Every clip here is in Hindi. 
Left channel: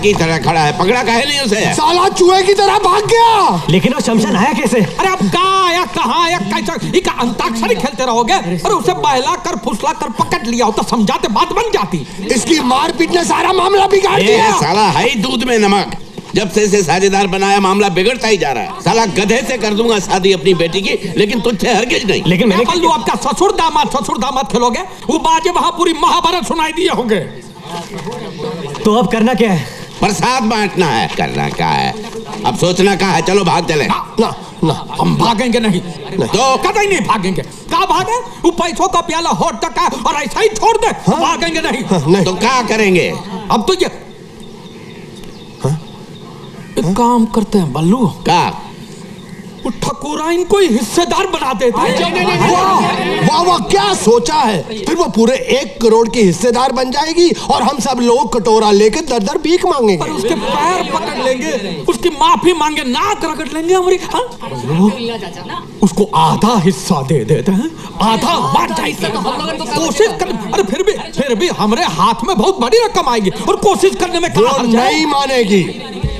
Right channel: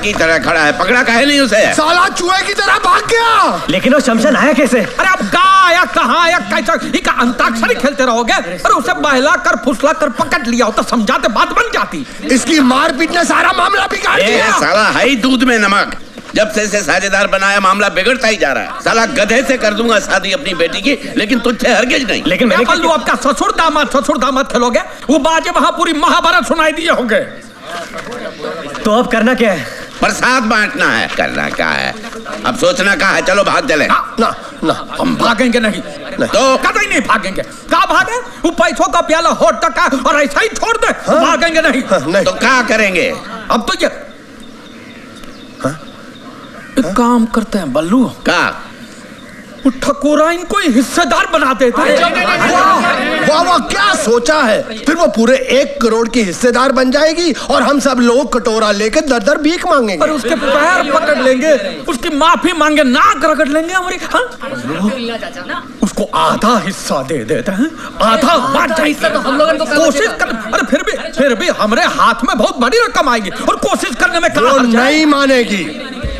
की तरह खड़ा है, पकड़ा काहे नहीं उसे? साला चूहे की तरह भाग गया। लेकिन वो शमशान आया कैसे? अरे अब कहाँ आया, कहाँ आया, कैसा? इका अंताक्षरी खेलते रहोगे? अरे उसे बहला कर फुसला कर पकड़ लिया हो तो समझाते बात बन जाती। इसकी मारपीट ने सारा मामला बिगाड़ दिया। साला है ही दूध में नमक। जब से इसे साझेदार बनाया मामला बिगड़ता ही जा रहा है। साला गधे से कर दूंगा शादी अपनी बेटी की, लेकिन तुझसे हरगिज नहीं। लेकिन मैंने पल्लू आपका ससुर दामाद खेलोगे? वो बाजे वहां पूरी महाभारत सुनाई दिए होंगे। तो अब करना क्या है? प्रसाद बांटना है। करना क्या है? अब सोचना क्या है? चलो भाग चले। ना ना हम भागेंगे नहीं, तो कतई नहीं भागेंगे। कहाँ भागे? वो पैसों का प्याला होठ तक है और ऐसा ही छोड़ दे। भागेंगे नहीं। नहीं तो क्या करेंगे? अब तो ये एक काम करते हैं बल्लू, का ठकुरा इनको हिस्सेदार बना देते हैं। वाह वाह, क्या सोचा है? फिर वो पूरे 1 करोड़ की हिस्सेदार बन जाएगी और हम सब लोग कटोरा लेकर दर दर भीख मांगेंगे। पर उसके पैर पकड़ लेंगे, उसकी माफी मांगे, नाक रगड़ लेंगे हमारी। उसको आधा हिस्सा दे देते हैं, आधा बांट जाएगी। कोशिश कर, अरे फिर भी हमारे हाथ में बहुत बड़ी रकम आएगी और कोशिश करने में वो नहीं मानेगी।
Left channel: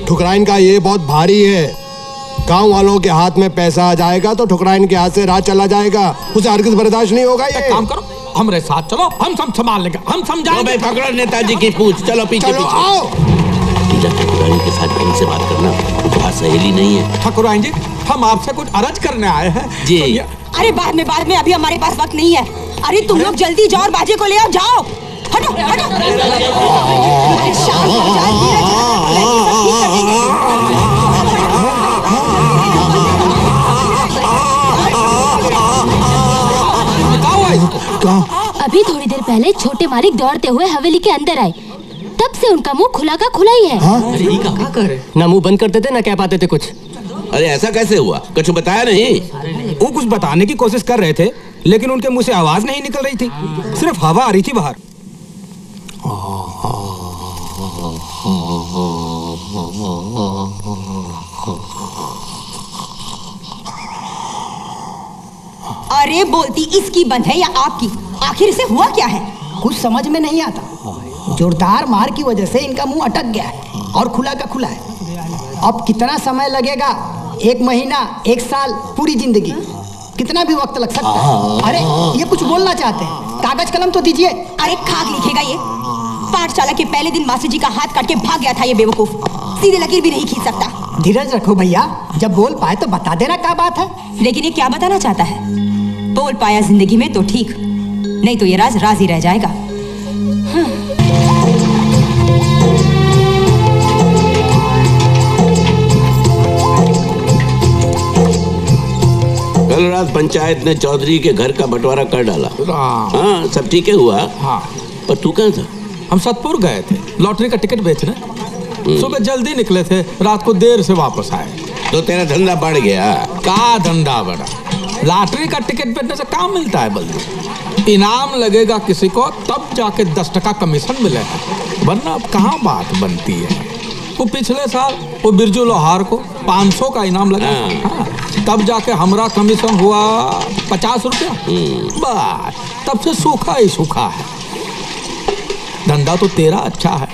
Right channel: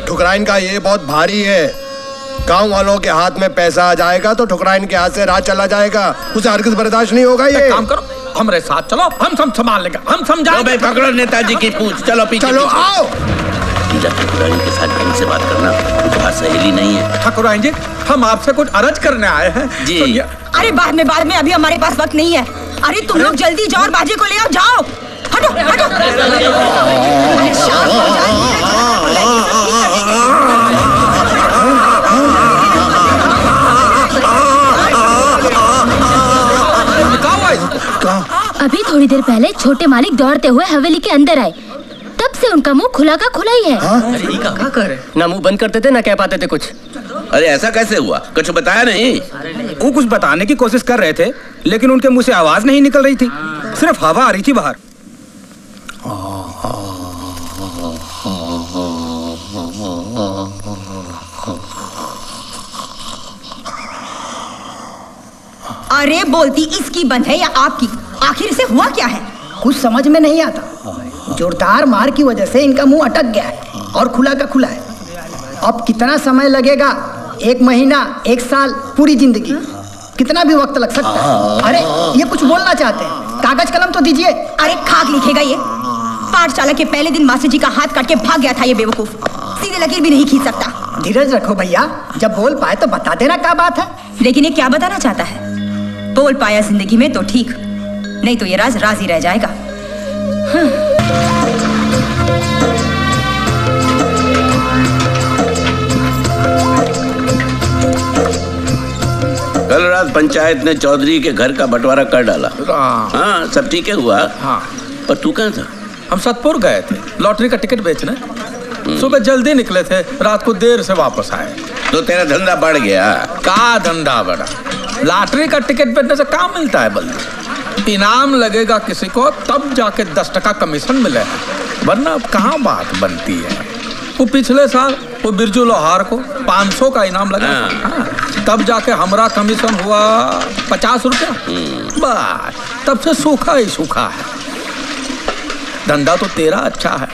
ठुकराइन का ये बहुत भारी है। गांव वालों के हाथ में पैसा आ जाएगा तो ठुकराइन के हाथ से राज चला जाएगा। उसे हरगिज़ बर्दाश्त नहीं होगा। ये काम करो, हमारे साथ चलो, हम सब संभाल लेंगे, हम समझाएंगे। पकड़ो नेताजी की पूछ। चलो पीछे। चलो आओ। ठकुराइन के साथ ढंग से बात करना, वो सहेली नहीं है। ठकुराइन जी, हम आपसे कुछ अर्ज करने आए हैं जी। अरे बाद में, अभी हमारे पास वक्त नहीं है। अरे तुम लोग जल्दी जाओ और बाजे को ले आओ। जाओ, हटो हटो। अरे शाम हो जाए, धीरे अभी थोड़ी देर पहले छोटे मालिक दौड़ते हुए हवेली के अंदर आए, तब से उनका मुंह खुला का खुला ही है। अरे ये क्या कर रहे? ना मुंह बंद करते थे ना कह पाते थे कुछ। अरे ऐसा कैसे हुआ? कुछ बताया नहीं? वो कुछ बताने की कोशिश कर रहे थे, लेकिन उनके मुंह से आवाज नहीं निकल रही थी, सिर्फ हवा आ रही थी बाहर। अरे बोलती इसकी बंद है या आपकी? आखिर इसे हुआ क्या है? कुछ समझ में नहीं आता। जोरदार मार की वजह से इनका मुंह अटक गया है और खुला का खुला है। अब कितना समय लगेगा? 1 महीना, 1 साल, पूरी जिंदगी, कितना भी वक्त लग सकता है। अरे ये कुछ बोलना चाहते हैं, कागज कलम तो दीजिए। अरे खाक लिखेगा ये। पाठशाला के पहले दिन मास्टर जी का हाथ काट के भाग गया था ये बेवकूफ। सीधे लकीर भी नहीं खींच सकता। धीरज रखो भैया, जब बोल पाए तो बता देना क्या बात है। लेकिन ये क्या बताना चाहता है? बोल पाया जिंदगी में तो ठीक, नहीं तो ये राज राज ही रह जाएगा। कल रात पंचायत ने चौधरी के घर का बंटवारा कर डाला। हाँ, सब ठीक है हुआ। हाँ, पर तू कहाँ था? हम सतपुर गए थे लॉटरी का टिकट बेचने। सुबह जल्दी निकले थे, रात को देर से वापस आए। तो तेरा धंधा बढ़ गया। का धंधा बढ़ा? लॉटरी का टिकट बेचने से काम मिलता है बल्लू? इनाम लगेगा किसी को तब जाके 10% कमीशन मिले, वरना अब कहाँ बात बनती है। वो पिछले साल वो बिरजू लोहार को 500 का इनाम लगा। हाँ, तब जाके हमारा कमीशन हुआ 50 रुपया। बस तब से सूखा ही सूखा है। धंधा तो तेरा अच्छा है,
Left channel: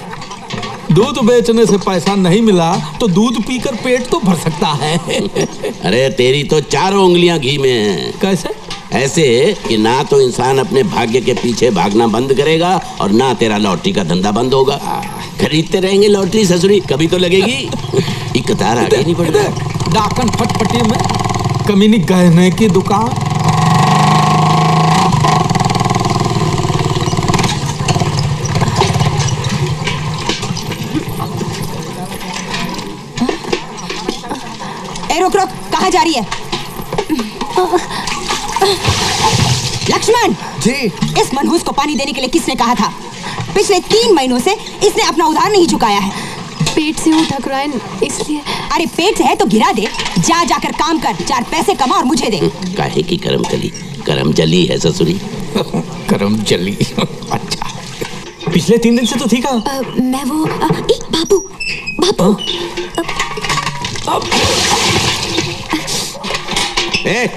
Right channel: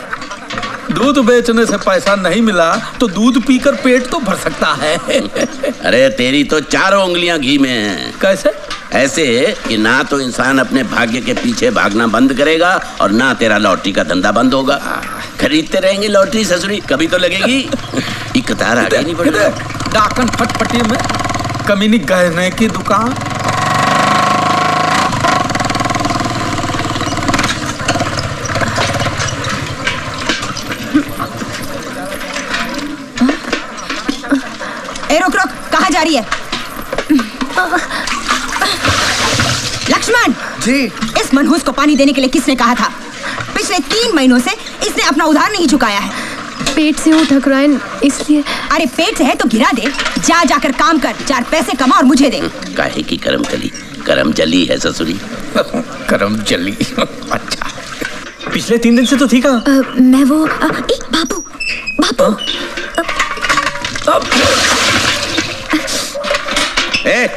दूध बेचने से पैसा नहीं मिला तो दूध पीकर पेट तो भर सकता है। अरे तेरी तो 4 उंगलियां घी में हैं। कैसे? ऐसे कि ना तो इंसान अपने भाग्य के पीछे भागना बंद करेगा और ना तेरा लॉटरी का धंधा बंद होगा। खरीदते रहेंगे लॉटरी ससुरी, कभी तो लगेगी। एक कतार आगे नहीं बढ़ रहा। डाकन फटपटी में कमीनी गहने की दुकान। ए रुक रुक, कहाँ जा रही है? लक्ष्मण जी। इस मनहूस को पानी देने के लिए किसने कहा था? पिछले 3 महीनों से इसने अपना उधार नहीं चुकाया है। पेट से हूँ ठकुराइन, इसलिए। अरे पेट से है तो गिरा दे, जा जाकर काम कर, 4 पैसे कमा और मुझे दे। काहे की करम जली है ससुरी। करम जली। अच्छा, पिछले 3 दिन से तो थी कहाँ? मैं वो बाबू बाबू।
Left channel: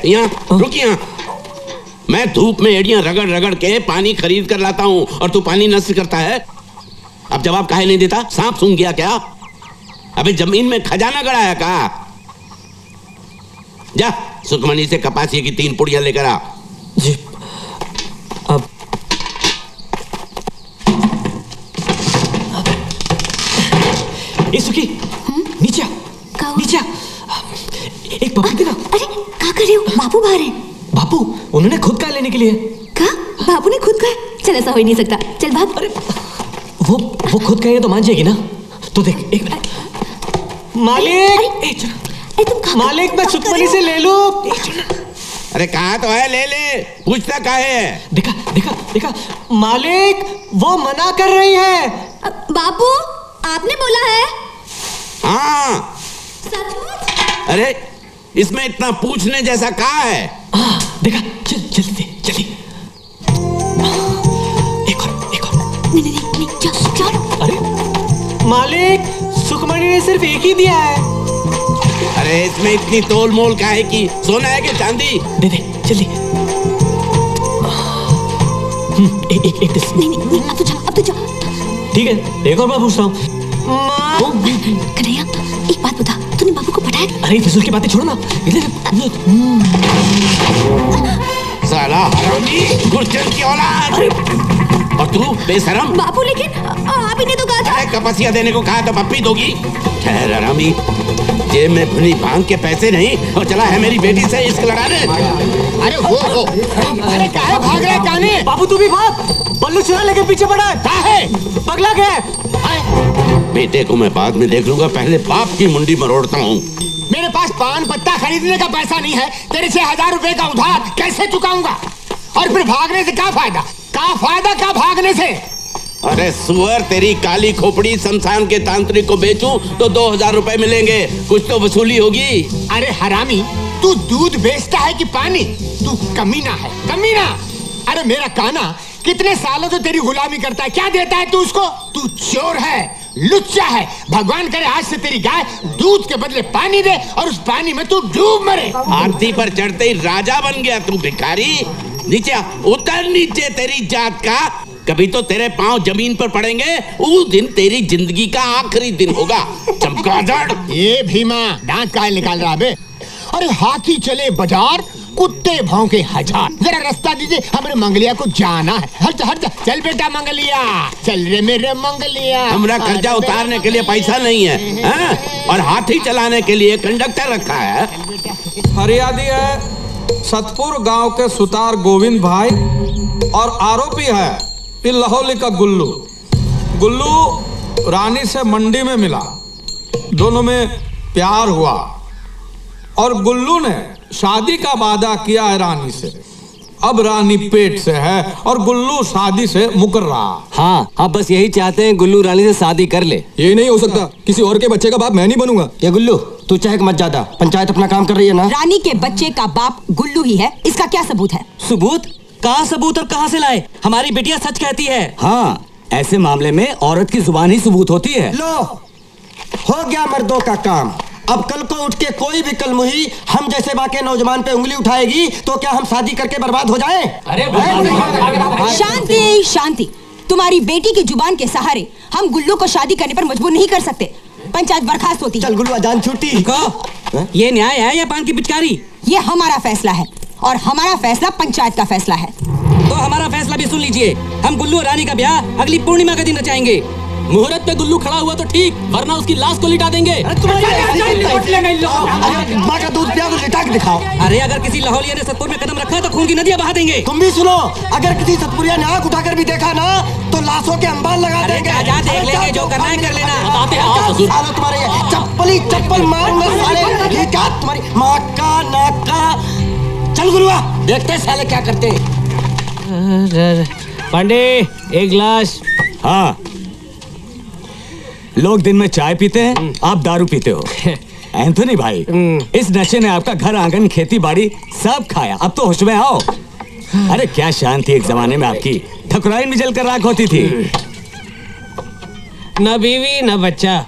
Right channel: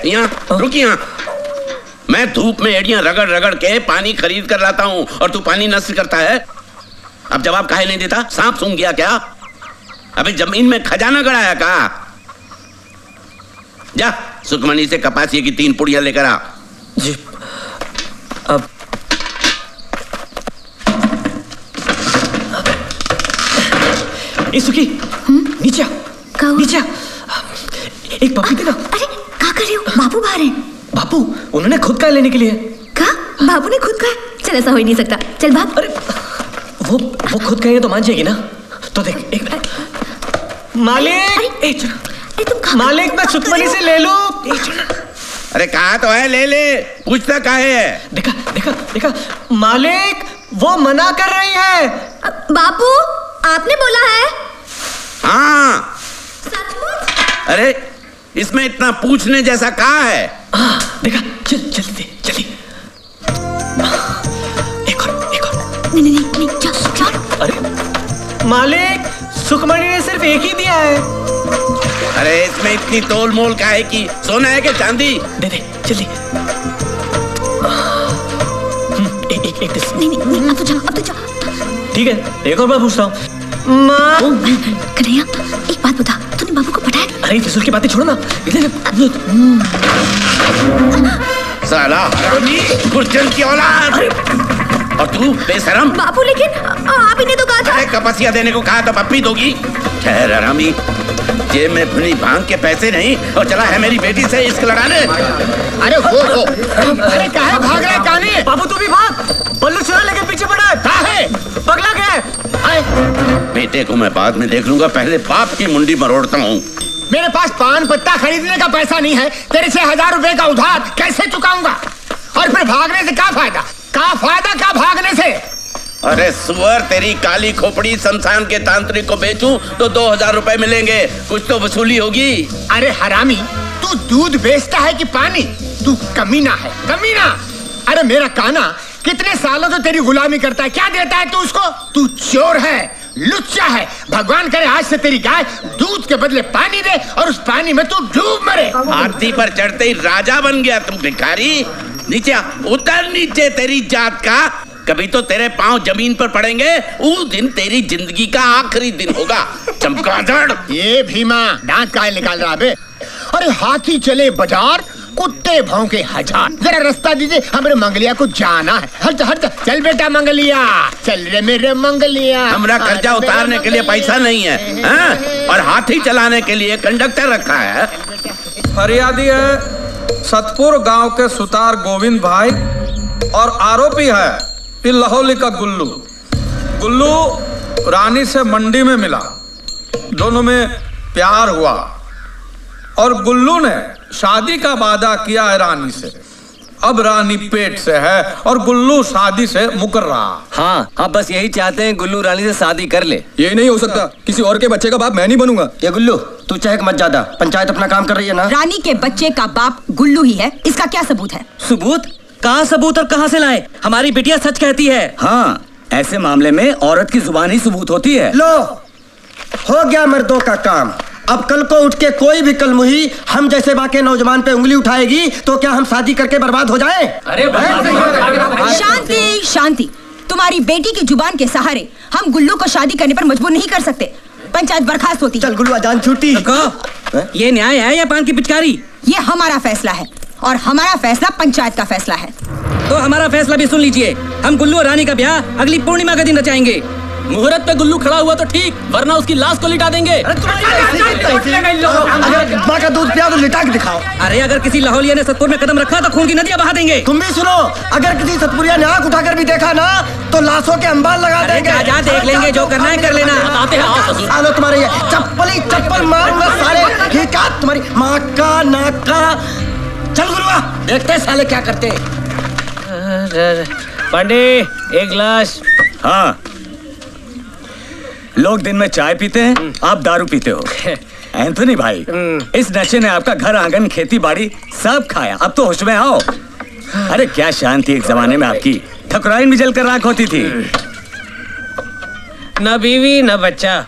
यहाँ रुक, यहाँ मैं धूप में एड़ियां रगड़ रगड़ के पानी खरीद कर लाता हूँ और तू पानी नष्ट करता है। अब जवाब काहे नहीं देता? सांप सूंघ गया क्या? अबे जमीन में खजाना गड़ाया का? जा सुखमनी से कपासिए की 3 पुड़ियां लेकर आ। जी अब सुखी नीचे का नीचे एक पप्पी देना। अरे क्या कर रहे हो? बापू बाहर हैं। बापू उन्होंने खुद का लेने के लिए। का बापू ने खुद का? चल ऐसा हो ही नहीं सकता, चल भाग। अरे वो खुद कहेंगे तो मान जाएगी ना? तो देख एक मालिक अरे तुम खा मालिक मैं सुखमनी से ले लूं। अरे कहा तो है, ले ले, पूछता काहे है? देखा देखा देखा मालिक वो मना कर रही है। बापू आपने बोला है? हाँ। सचमुच? अरे इसमें इतना पूछने जैसा कहा है? देखा चल जल्दी जल्दी एक और नहीं चल। अरे मालिक सुखमणि ने सिर्फ एक ही दिया है। अरे इसमें इतनी तोल मोल काहे की? सोना है कि चांदी? दे दे जल्दी। एक नहीं अब तो जा। ठीक है एक और बार पूछता हूँ। माँ कन्हैया एक बात बता, तूने बाबू को पटाया? अरे फिजूल की बातें छोड़ो ना। साला हरामी गुर्जन की औलाद। और तू बेशरम। बापू लेकिन आप ही ने तो कहा था। अरे कपसिया देने को कहा तो पप्पी दोगी? ठहर हरामी, जेब में भुनी भांग के पैसे नहीं और चला है मेरी बेटी से इश्क लड़ाने। अरे वो अरे काहे भाग रहा है काने? बाबू तू भी भाग। बल्लू चुरा लेके पीछे पड़ा। काहे? पगला गया। बेटे को मैं बाद में देख लूंगा, पहले बाप की मुंडी मरोड़ता हूँ। मेरे पास पान पत्ता खरीदने का पैसा नहीं है, तेरे से 1000 रुपए का उधार कैसे चुकाऊंगा? और फिर भागने से क्या फायदा? क्या भागने से? अरे सुअर, तेरी काली खोपड़ी शमशान के तांत्रिक को बेचूं तो 2000 रुपए मिलेंगे, कुछ तो वसूली होगी। अरे हरामी, तू दूध बेचता है कि पानी? तू कमीना है, कमीना। अरे मेरा काना कितने सालों से तेरी गुलामी करता है, क्या देता है तू उसको? तू चोर है, लुच्चा है। भगवान करे आज से तेरी गाय दूध के बदले पानी दे और उस पानी में तू डूब मरे। आरती पर चढ़ते ही राजा बन गया तू भिखारी। नीचे उतर नीचे, तेरी जात का कभी तो तेरे पांव जमीन पर पड़ेंगे, उस दिन तेरी जिंदगी का आखिरी दिन होगा। चमगादड़। ये भीमा दांत काहे निकाल रहा बे? अरे हाथी चले बाजार, कुत्ते भौंके हजार। जरा रास्ता दीजिए, हमारे मंगलिया को जाना है। हट हट चल बेटा मंगलिया, चल रे मेरे मंगलिया। हमरा कर्जा उतारने के लिए पैसा नहीं है, हाँ? और हाथी चलाने के लिए कंडक्टर रखा है। फरियादी है सतपुर गांव के सुतार गोविंद भाई और आरोपी है ये लाहौली का गुल्लू। गुल्लू रानी से मंडी में मिला, दोनों में प्यार हुआ और गुल्लू ने शादी का वादा किया है रानी से। अब रानी पेट से है और गुल्लू शादी से मुकर रहा। हाँ आप बस यही चाहते हैं गुल्लू रानी से शादी कर ले। ये नहीं हो सकता, किसी और के बच्चे का बाप मैं नहीं बनूंगा। ये गुल्लू तू चहक मत ज्यादा, पंचायत अपना काम कर रही है ना। रानी के बच्चे का बाप गुल्लू ही है, इसका क्या सबूत है? सबूत? कहाँ सबूत और कहाँ से लाए? हमारी बिटिया सच कहती है। हाँ ऐसे मामले में औरत की जुबान ही सबूत होती है। लो हो गया मर्दों का काम। अब कल को उठ के कोई भी कलमुही हम जैसे बाके नौजवान पे उंगली उठाएगी तो क्या हम शादी करके बर्बाद हो जाएं? शांति शांति, तुम्हारी बेटी की जुबान के सहारे हम गुल्लू को शादी करने पर मजबूर नहीं कर सकते। पंचायत बर्खास्त होती। चल गुल्लू जान छूटी। ये न्याय है या पान की पिचकारी? ये हमारा फैसला है और हमारा फैसला पंचायत का फैसला है। तो हमारा फैसला भी सुन लीजिए। हम गुल्लू और रानी का ब्याह अगली पूर्णिमा के दिन रचाएंगे। मुहूर्त पे गुल्लू खड़ा हुआ तो ठीक, वरना उसकी लाश को लिटा देंगे। माँ का दूध पिया तो लिटा के दिखाओ। अरे अगर किसी लाहौलिया ने सतपुर में कदम रखा तो खून की नदियां बहा देंगे। तुम भी सुनो, अगर किसी सतपुरिया ने आंख उठाकर भी देखा ना तो लाशों के अंबाल लगा देंगे। जा देख लेंगे, जो करना है कर लेना। आते हैं आओ ससुर। सालो तुम्हारे ये चप्पल मारूंगा साले। ये क्या तुम्हारी माँ का नाक का। चल गुरुआ देखते साले क्या करते हैं। पांडे एक गिलास। हाँ लोग दिन में चाय पीते हैं, आप दारू पीते हो। एंथोनी भाई इस नशे ने आपका घर आंगन खेती बाड़ी सब खाया, अब तो होश में आओ। अरे क्या शान थी एक जमाने में आपकी, ठकुराइन भी जलकर राख होती थी। न बीवी न बच्चा,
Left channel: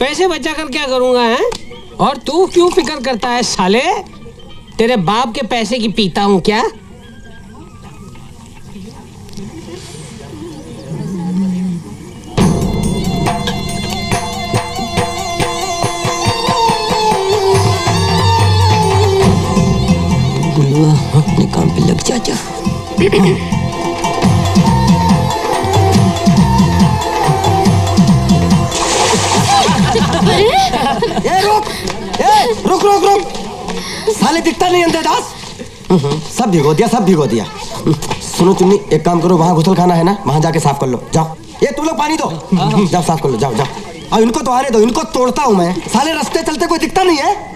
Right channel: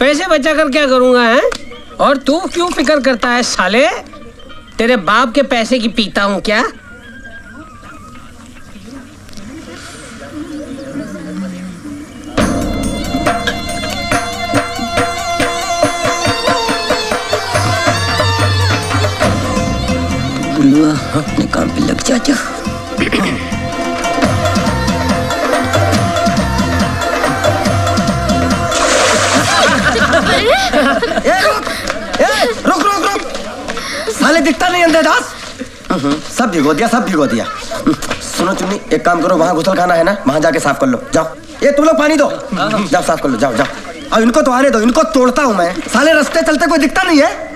पैसे बचा कर क्या करूंगा है? और तू क्यों फिक्र करता है साले? तेरे बाप के पैसे की पीता हूं क्या? गुरुआ अपने काम पे लग जा। रुक रुक रुक, साले दिखता नहीं अंधेदास। सब भिगो दिया। सुनो चुन्नी, एक काम करो, वहाँ घुसल खाना है ना, वहाँ जाके साफ कर लो। जाओ, ये तुम लोग पानी दो, जाओ साफ कर लो, जाओ। अब इनको तो आने दो, इनको तोड़ता हूँ मैं। साले रास्ते चलते कोई दिखता नहीं है।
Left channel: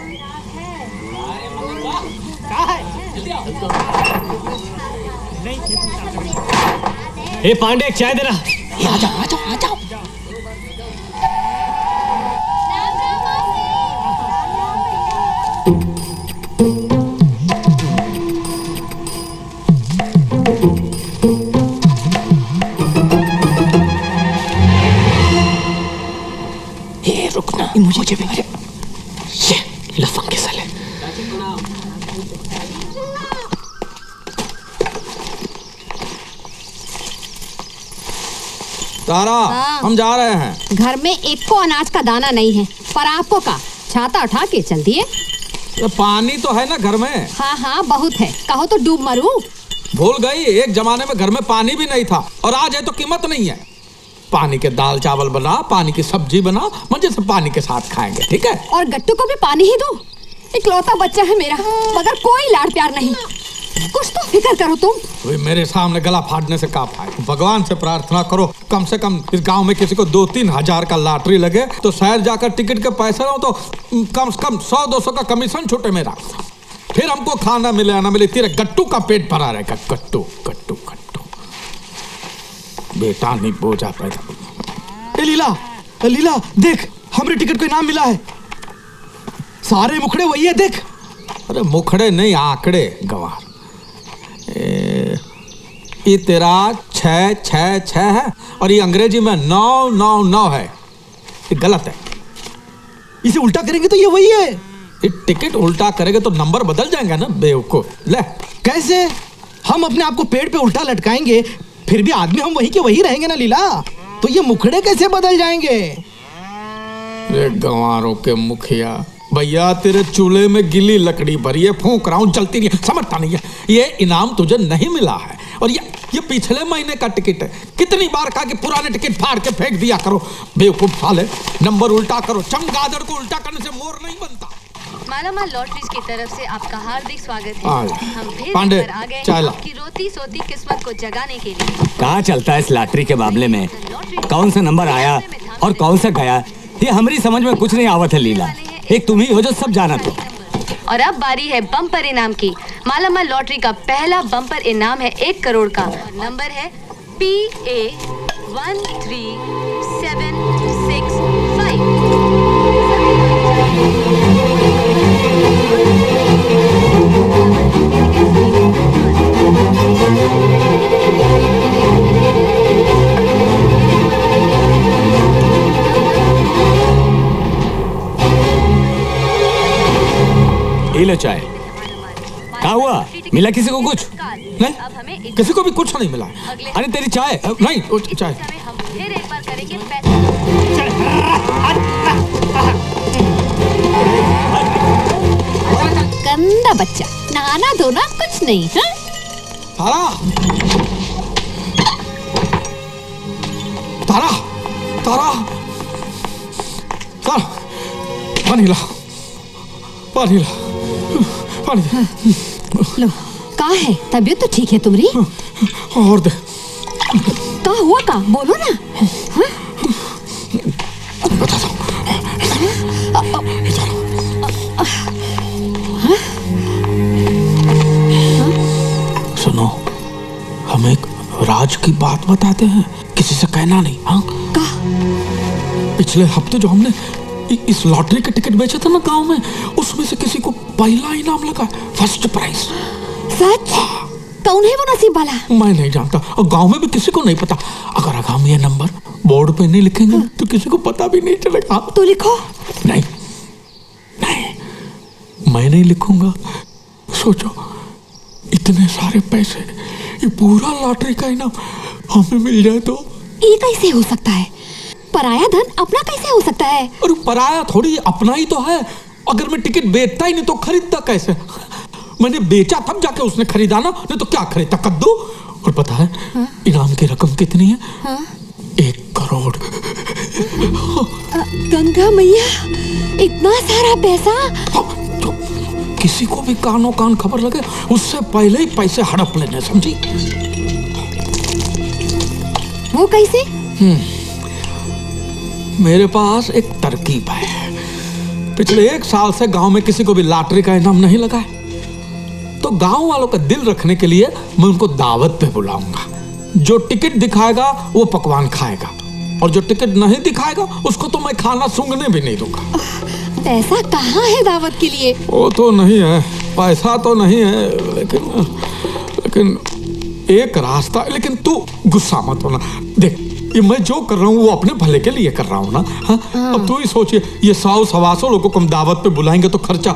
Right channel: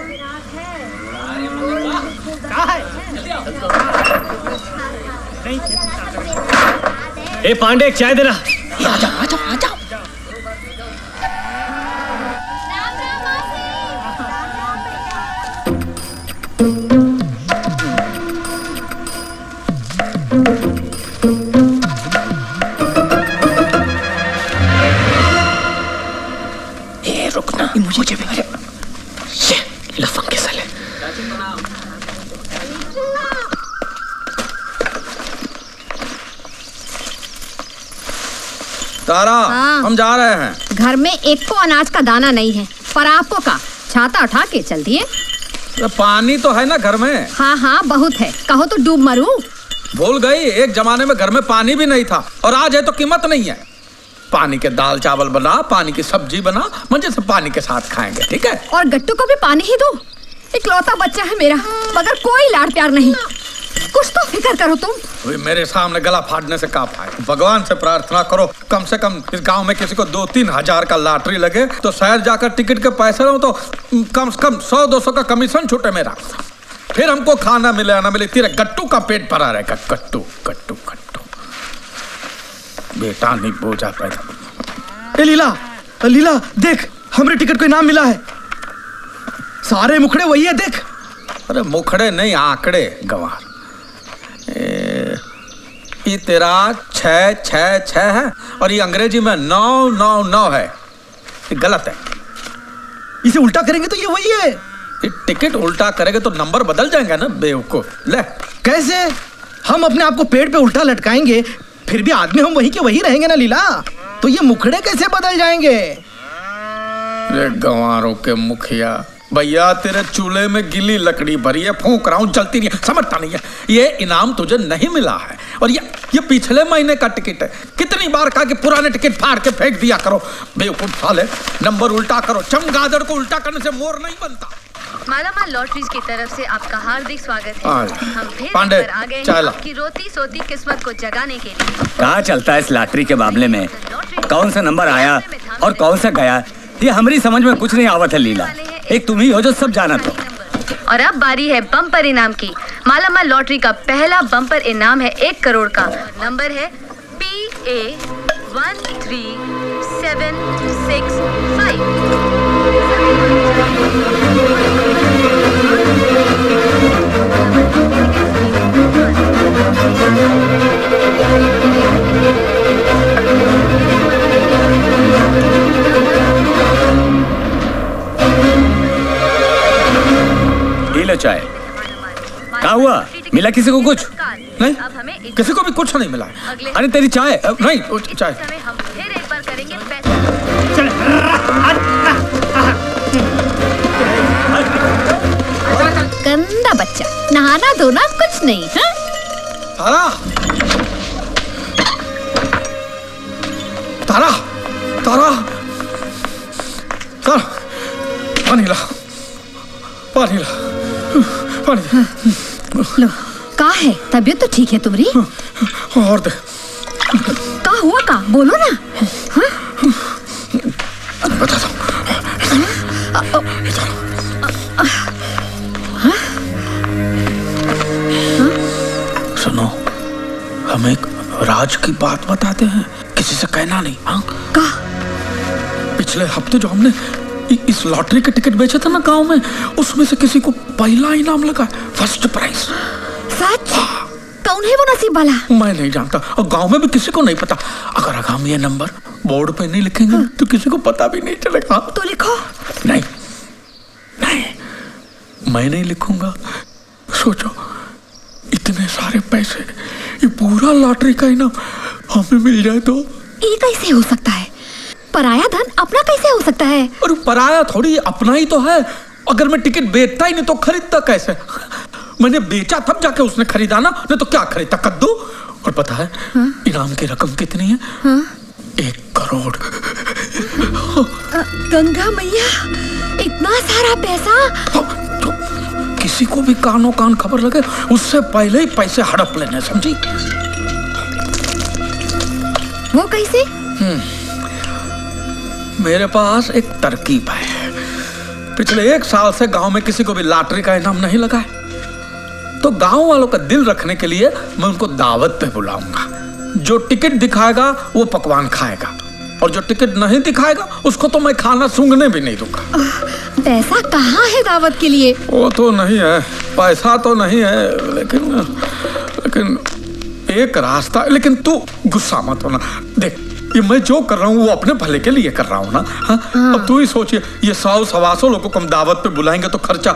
ए पांडे, एक चाय देना। आ जाओ। रुकना, मुझे भी ये लफंग के साले। तारा, हाँ। हम जा रहे हैं। घर में एक को अनाज का दाना नहीं है, पर आपको का छाता उठा के चल दिए। पानी तो है ना घर में। हाँ बहुत है, कहो तो डूब मरूं। भूल गई, एक जमाने में घर में पानी भी नहीं था, और आज है तो कीमत नहीं है। पानी के दाल चावल बना, पानी की सब्जी बना, मजे से पानी के साथ खाएंगे, ठीक है? और गट्टू को भी पानी ही दो। इकलौता बच्चा है मेरा, मगर कोई लाड़ प्यार नहीं। कुछ तो फिक्र करो तुम। वे मेरे सामने गला फाड़ने से का फायदा। भगवान से प्रार्थना करो, कम से कम इस गांव में किसी को 2-3 हजार का लॉटरी लगे तो शहर जाकर टिकट के पैसे रहो तो कम से कम 100-200 का कमीशन छूटे मेरा। फिर हमको खाना मिले या ना मिले, तेरे गट्टू का पेट भरा रहेगा। गट्टू बेटा नहीं बोझा पैदा। ए लीला देख, हमरे टिकट को इनाम मिला है। सारे मुखड़े वही है, देख। अरे मुखड़े नहीं, आंकड़े गंवार। ये तेरा 666 है और ये अंग्रेजी में 999 है। ये गलत है। इसे उल्टा करेंगे तो ये वही है। ये टिकट उल्टा करेंगे तो नंबर बदल जाएंगे ना बेवकूफ। ले, कैसे? हम अपने आप को पेड़ पे उल्टा लटकाएंगे, फिर भी आदमी हम वही के वही रहेंगे ना लीला। तो ये मुखड़े कैसे बदल जाएंगे? रे गंवारों के मुखिया, भैया तेरे चूल्हे में गिली लकड़ी भरी है, फूंक रहा हूं, जलती नहीं है, समझता नहीं है। ये इनाम तुझे नहीं मिला है, और ये पिछले महीने का टिकट है। कितनी बार कहा कि पुराने टिकट फाड़ के फेंक दिया करो। बेवकूफ साले, नंबर उल्टा करो। चमगादड़ को उल्टा करने से मोर नहीं बनता। मालामाल लॉटरीज की तरफ से आपका हार्दिक स्वागत है। हम फिर पांडे, आ गए चाय हैं ला। आपकी रोती सोती किस्मत को जगाने के लिए। कहाँ चलता है इस लॉटरी के मामले में? कौन सा नंबर आया और कौन सा गया, ये हमारी समझ में कुछ नहीं आवत है लीला। एक तुम ही हो जो सब जाना। तो और अब बारी है बम्पर इनाम की। मालामाल लॉटरी का पहला बम्पर इनाम है 1 करोड़ का। नंबर है PA ये लो चाय। क्या हुआ, मिला किसी को कुछ? नहीं, किसी को भी कुछ नहीं मिला। अरे तेरी चाय नहीं, चाय। हम फिर एक बार करेंगे गंदा बच्चा, नहाना धोना कुछ नहीं। हाँ? तारा, पानी ला। लो, का है? तबीयत तो ठीक है तुम्हारी? और दे। का हुआ का? बोलो ना। हाँ? बता दो। सुनो, हम एक राज की बात बताते हैं, किसी से कहना नहीं। हाँ? का? पिछले हफ्ते जो हमने इस लॉटरी के टिकट बेचे थे ना गांव में, उसमें से किसी को पहला इनाम लगा, फर्स्ट प्राइज। सच? कौन है वो नसीब वाला? मैं नहीं जानता, और गांव में भी किसी को नहीं पता। अगर हम ये नंबर बोर्ड पे नहीं लिखेंगे तो किसी को पता भी नहीं चलेगा। तो लिखो। नहीं, मैं नहीं लिखूंगा। सोचो, इतने सारे पैसे, ये पूरा लॉटरी का इनाम हमें मिल जाए तो? ये कैसे हो सकता है? पराया धन अपना कैसे हो सकता है? और पराया थोड़ी, अपना ही तो है। अगर मैं टिकट बेचता ही नहीं तो खरीदता कैसे? मैंने बेचा तब जाके उसने खरीदा ना, नहीं तो क्या खरीदा, कद्दू। और पता है इनाम की रकम कितनी है? 1 करोड़। गंगा मैया, इतना सारा पैसा! किसी को भी कानों कान खबर लगे उससे पहले ही पैसे हड़प लेने, समझी? वो कैसे? मेरे पास एक तरकीब है। पिछले 1 साल से गांव में किसी को भी लॉटरी का इनाम नहीं लगा है, तो गांव वालों का दिल रखने के लिए मैं उनको दावत पे बुलाऊंगा। जो टिकट दिखाएगा वो पकवान खाएगा, और जो टिकट नहीं दिखाएगा उसको तो मैं खाना सूंघने भी नहीं दूंगा। पैसा कहाँ है दावत के लिए? वो तो नहीं है, पैसा तो नहीं है, लेकिन एक रास्ता। लेकिन तू गुस्सा मत होना। देख, ये मैं जो कर रहा हूँ वो अपने भले के लिए कर रहा हूँ ना। हाँ? अब तू ही सोचिए, ये 100-125 लोगों को हम दावत पे बुलाएंगे तो खर्चा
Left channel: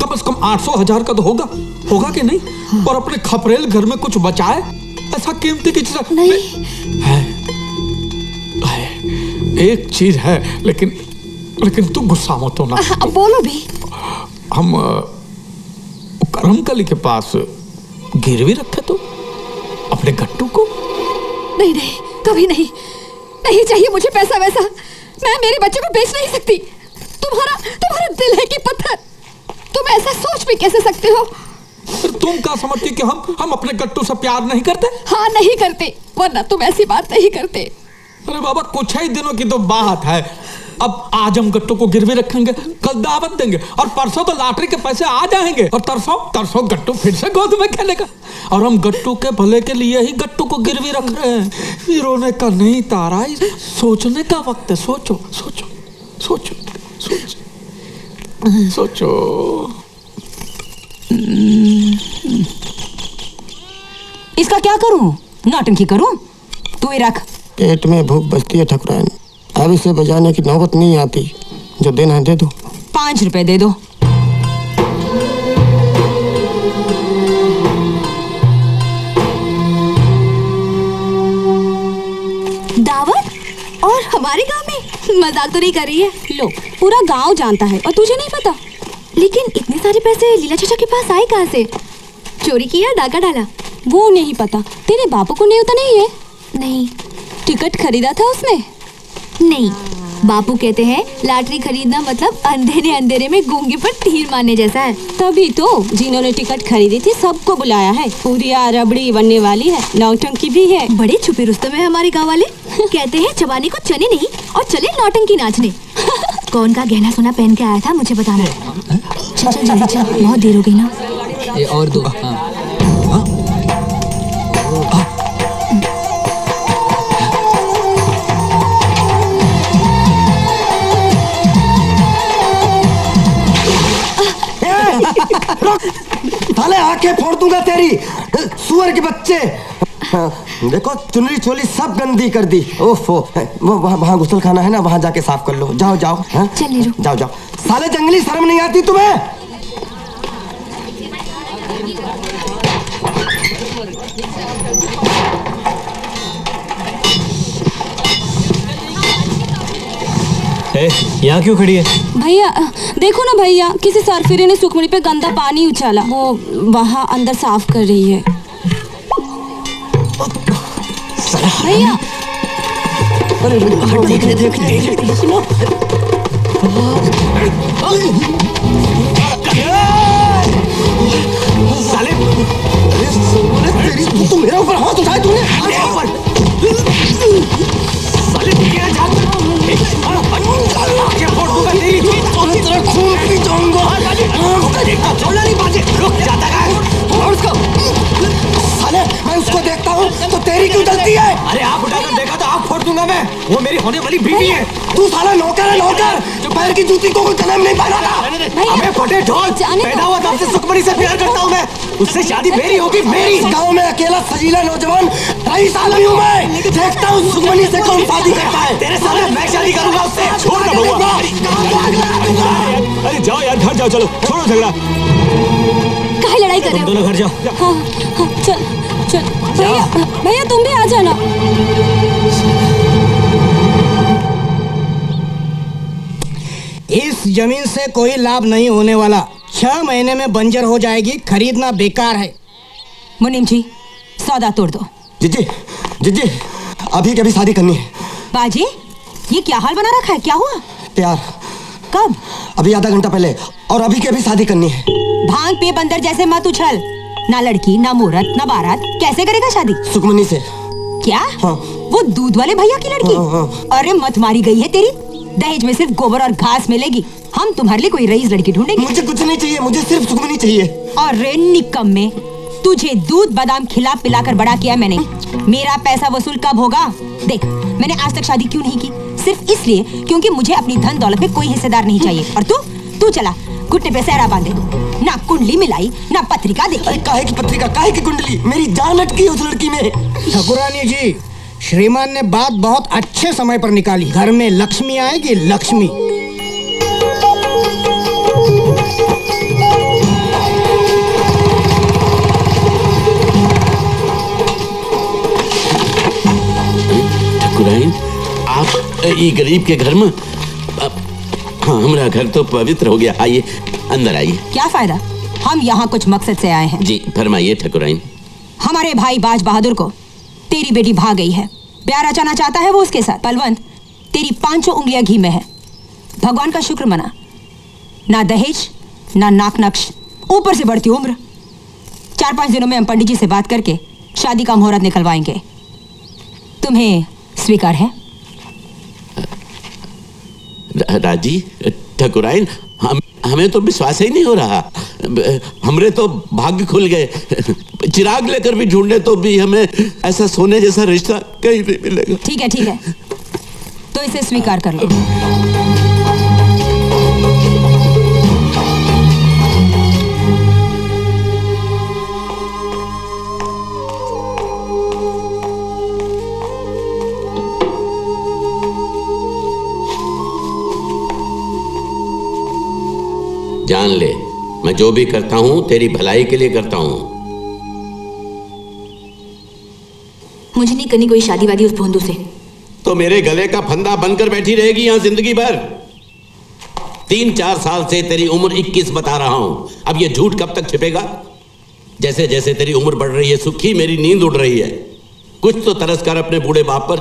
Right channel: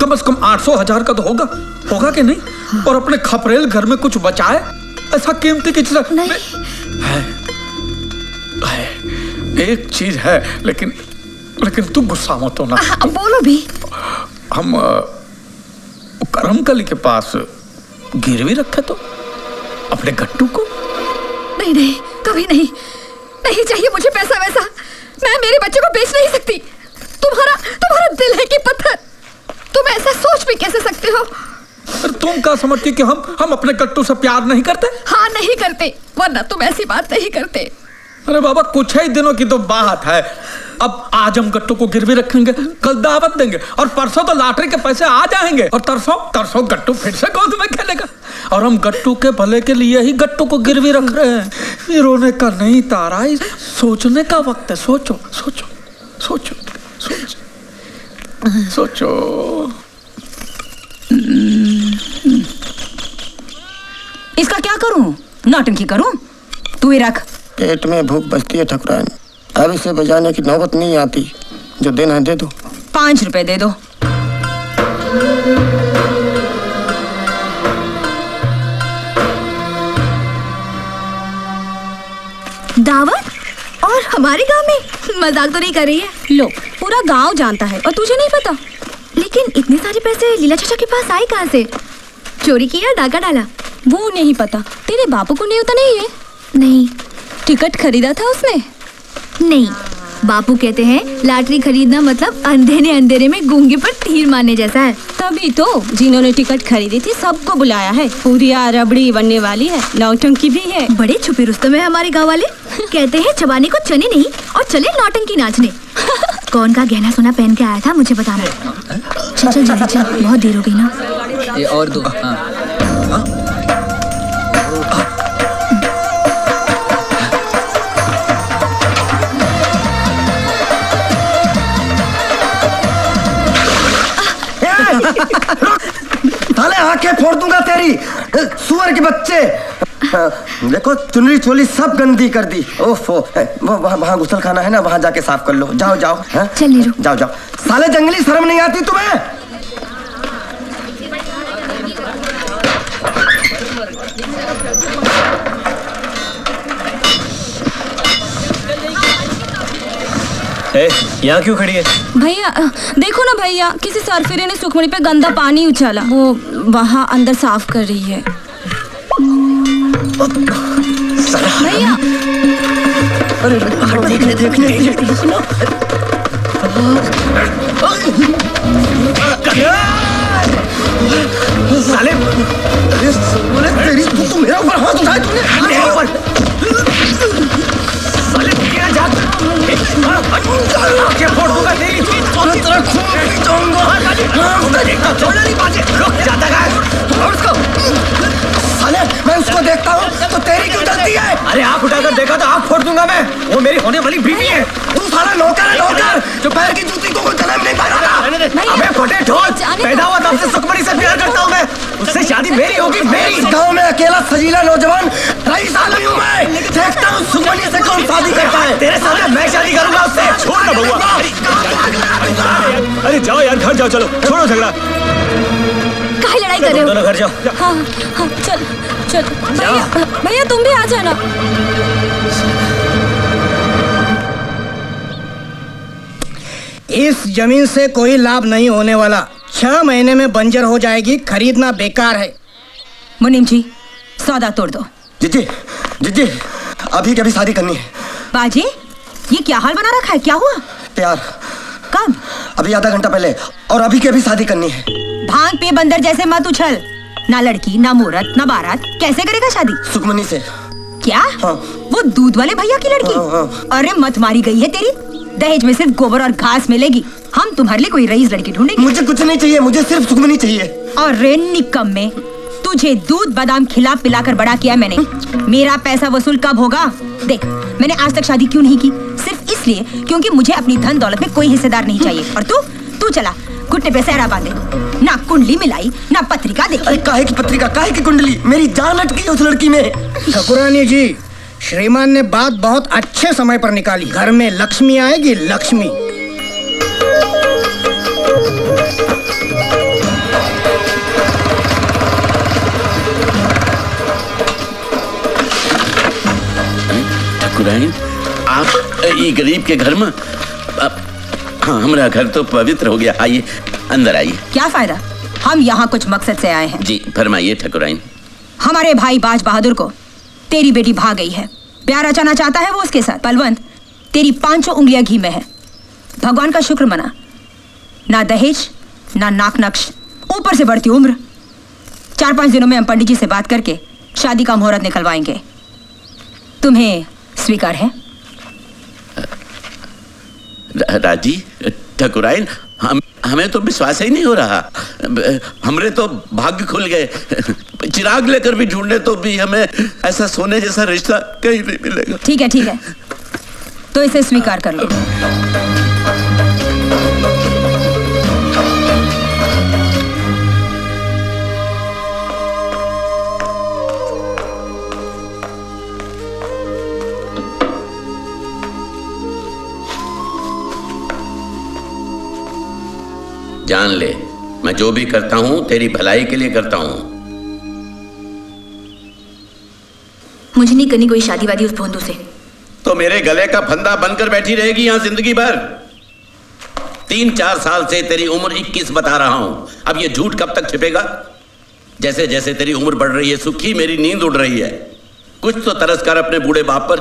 कम से कम 800-1000 का तो होगा कि नहीं? और अपने खपरेल घर में कुछ बचाए, ऐसा कीमती की चीज नहीं है। एक चीज है, लेकिन तू गुस्सा मत होना। बोलो भी। हम करमकली के पास गिरवी रखे तो अपने गट्टू को। नहीं, कभी नहीं। नहीं चाहिए मुझे पैसा वैसा। मैं मेरे बच्चे को बेच नहीं सकती। तुम्हारा दिल है कि पत्थर? तुम ऐसा सोच भी कैसे सकते हो? तुम क्या समझती कि हम अपने गट्टू से प्यार नहीं करते? हाँ, नहीं करते, वरना तुम ऐसी बात नहीं करते। अरे बाबा, कुछ ही दिनों की तो बात है। अब आज हम गट्टू को गिरवी रखेंगे, कल दावत देंगे, और परसों तो लॉटरी के पैसे आ जाएंगे, और तरसों गट्टू फिर से गोद में खेलेगा। और हम गट्टू के भले के लिए ही गट्टू को गिरवी रख रहे हैं। ये रोने का नहीं तारा, सोचने का वक्त है। सोचो। इसका क्या करूं? नौटंकी करूं? तू ही रख। पेट में भूख बचती है ठकुराइन, अब इसे बजाने की नौबत नहीं आती। जो देना है दे दो। 5 रुपए दे दो। दावत? और हमारे गांव में? मजाक तो नहीं कर रही है? लो, पूरा गांव जानता है और तुझे नहीं पता। लेकिन इतने सारे पैसे लीला चाचा के पास आए कहाँ से? चोरी किया, डाका डाला? वो नहीं पता। तेरे बापू को न्योता नहीं है? नहीं। टिकट खरीदा था उसने? नहीं। बापू कहते हैं लॉटरी खरीदना मतलब अंधेरे में गूंगे पर तीर मारने जैसा है। तभी तो जिन्होंने टिकट खरीदी थी सबको बुलाया है। पूरी रबड़ी बनने वाली है, नौटंकी भी है। बड़े छुपे रुस्तम है हमारे गाँव वाले। कहते हैं चबाने को चने नहीं और चले नौटंकी नाचने। कौन का गहना सोना पहन के आया था मुझे बताना। चल जल्दी चल, बहुत देर हो गई ना। ये और दो। साले आंखें फोड़ दूंगा तेरी, सुअर के बच्चे। देखो, चुनरी चोली सब गंदी कर दी। ओफो, वो वहाँ गुसल खाना है ना, वहाँ जाके साफ कर लो। जाओ। चल नीरू, जाओ। साले जंगली, शर्म नहीं आती तुम्हें? यहाँ क्यों खड़ी है? भैया देखो ना भैया, किसी सरफिरे ने सुखमणी पे गंदा पानी उछाला। वो वहाँ अंदर साफ कर रही है। भैया देखने सुनो। साले तेरी, तू मेरे ऊपर हाथ उठाए तूने? साले क्या जाता? आंखें फोड़ दूंगा तेरी, तेरा खून पी जाऊंगा। छोड़ना नहीं बाजे, रुक जाता है। और उसको साले, मैं उसको देखता हूँ तो तेरी क्यों जलती है? अरे आँख उठाकर देखा तो आँख फोड़ दूंगा मैं। वो मेरी होने वाली बीवी है। तू साला नौकर है, नौकर जो पैर की जूती को कोई कलम नहीं पहनाता। अबे फटे ढोल, पैदा हुआ तब से सुखमणी से प्यार करता हूँ मैं। उससे शादी मेरी होगी, मेरी। गाँव में अकेला सजीला नौजवान 23 आदमी हूँ मैं। देखता हूँ सुखमणी से कौन शादी करता है। तेरे सामने मैं शादी करूंगा उससे। छोड़ ना बउआ। अरे जाओ यार, घर जाओ, चलो छोड़ो झगड़ा। काहे लड़ाई कर रहे हो? दोनों घर जाओ। हाँ, चल भैया तुम भी आ जाना। इस जमीन से कोई लाभ नहीं होने वाला। 6 महीने में बंजर हो जाएगी, खरीदना बेकार है। मुनीम जी सौदा तोड़ दो। जीजी जीजी अभी के अभी शादी करनी है। बाजी ये क्या हाल बना रखा है, क्या हुआ? प्यार। कब? अभी आधा घंटा पहले, और अभी के अभी शादी करनी है। भांग पे बंदर जैसे मत उछल। ना लड़की ना मुहूर्त ना बारात, कैसे करेगा शादी? सुखमनी से। क्या? हाँ। वो दूध वाले भैया की लड़की? हाँ। अरे मत मारी गई है तेरी। दहेज में सिर्फ गोबर और घास मिलेगी। हम तुम्हारे लिए कोई रईस लड़की ढूंढेंगे। मुझे कुछ नहीं चाहिए, मुझे सिर्फ सुखमनी चाहिए। अरे निकम्मे, तुझे दूध बादाम खिला पिलाकर बड़ा किया मैंने। मेरा पैसा वसूल कब होगा? देख मैंने आज तक शादी क्यों नहीं की? सिर्फ इसलिए क्योंकि मुझे अपनी धन दौलत में कोई हिस्सेदार नहीं चाहिए। और तू चला घुटने पे सहरा बांधे, ना कुंडली मिलाई ना पत्रिका देखी। अरे काहे की पत्रिका, काहे की कुंडली? मेरी जान अटकी है उस लड़की में। ठाकुरानी जी, श्रीमान ने बात बहुत अच्छे समय पर निकाली। घर में लक्ष्मी आएगी, लक्ष्मी। ठाकुराइन, आप ये गरीब के घर में? हाँ, हमारा घर तो पवित्र हो गया। आइए अंदर आइए। क्या फायदा, हम यहाँ कुछ मकसद से आए हैं। जी फरमाइए ठाकुराइन। हमारे भाई बाज बहादुर को तेरी बेटी भाग गई है। प्यार रचाना चाहता है वो उसके साथ। बलवंत, तेरी 5 उंगलियां घी में है। भगवान का शुक्र मना। ना दहेज ना नाक नक्श, ऊपर से बढ़ती उम्र। 4-5 दिनों में हम पंडित जी से बात करके शादी का मुहूर्त निकलवाएंगे। तुम्हें स्वीकार है? राजी ठाकुराइन, हमें तो विश्वास ही नहीं हो रहा। हमरे तो भाग्य खुल गए। चिराग लेकर भी ढूंढने तो भी हमें ऐसा सोने जैसा रिश्ता कहीं नहीं मिलेगा। ठीक है तो इसे स्वीकार कर लो। जान ले, मैं जो भी करता हूं तेरी भलाई के लिए करता हूं। मुझे नहीं करनी कोई शादी वादी उस भोंदू से। तो मेरे गले का फंदा बनकर बैठी रहेगी यहां जिंदगी भर। 3-4 साल से तेरी उम्र 21 बता रहा हूं। अब ये झूठ कब तक छिपेगा? जैसे जैसे तेरी उम्र बढ़ रही है सुखी, मेरी नींद उड़ रही है। कुछ तो तरस कर अपने बूढ़े बाप पर।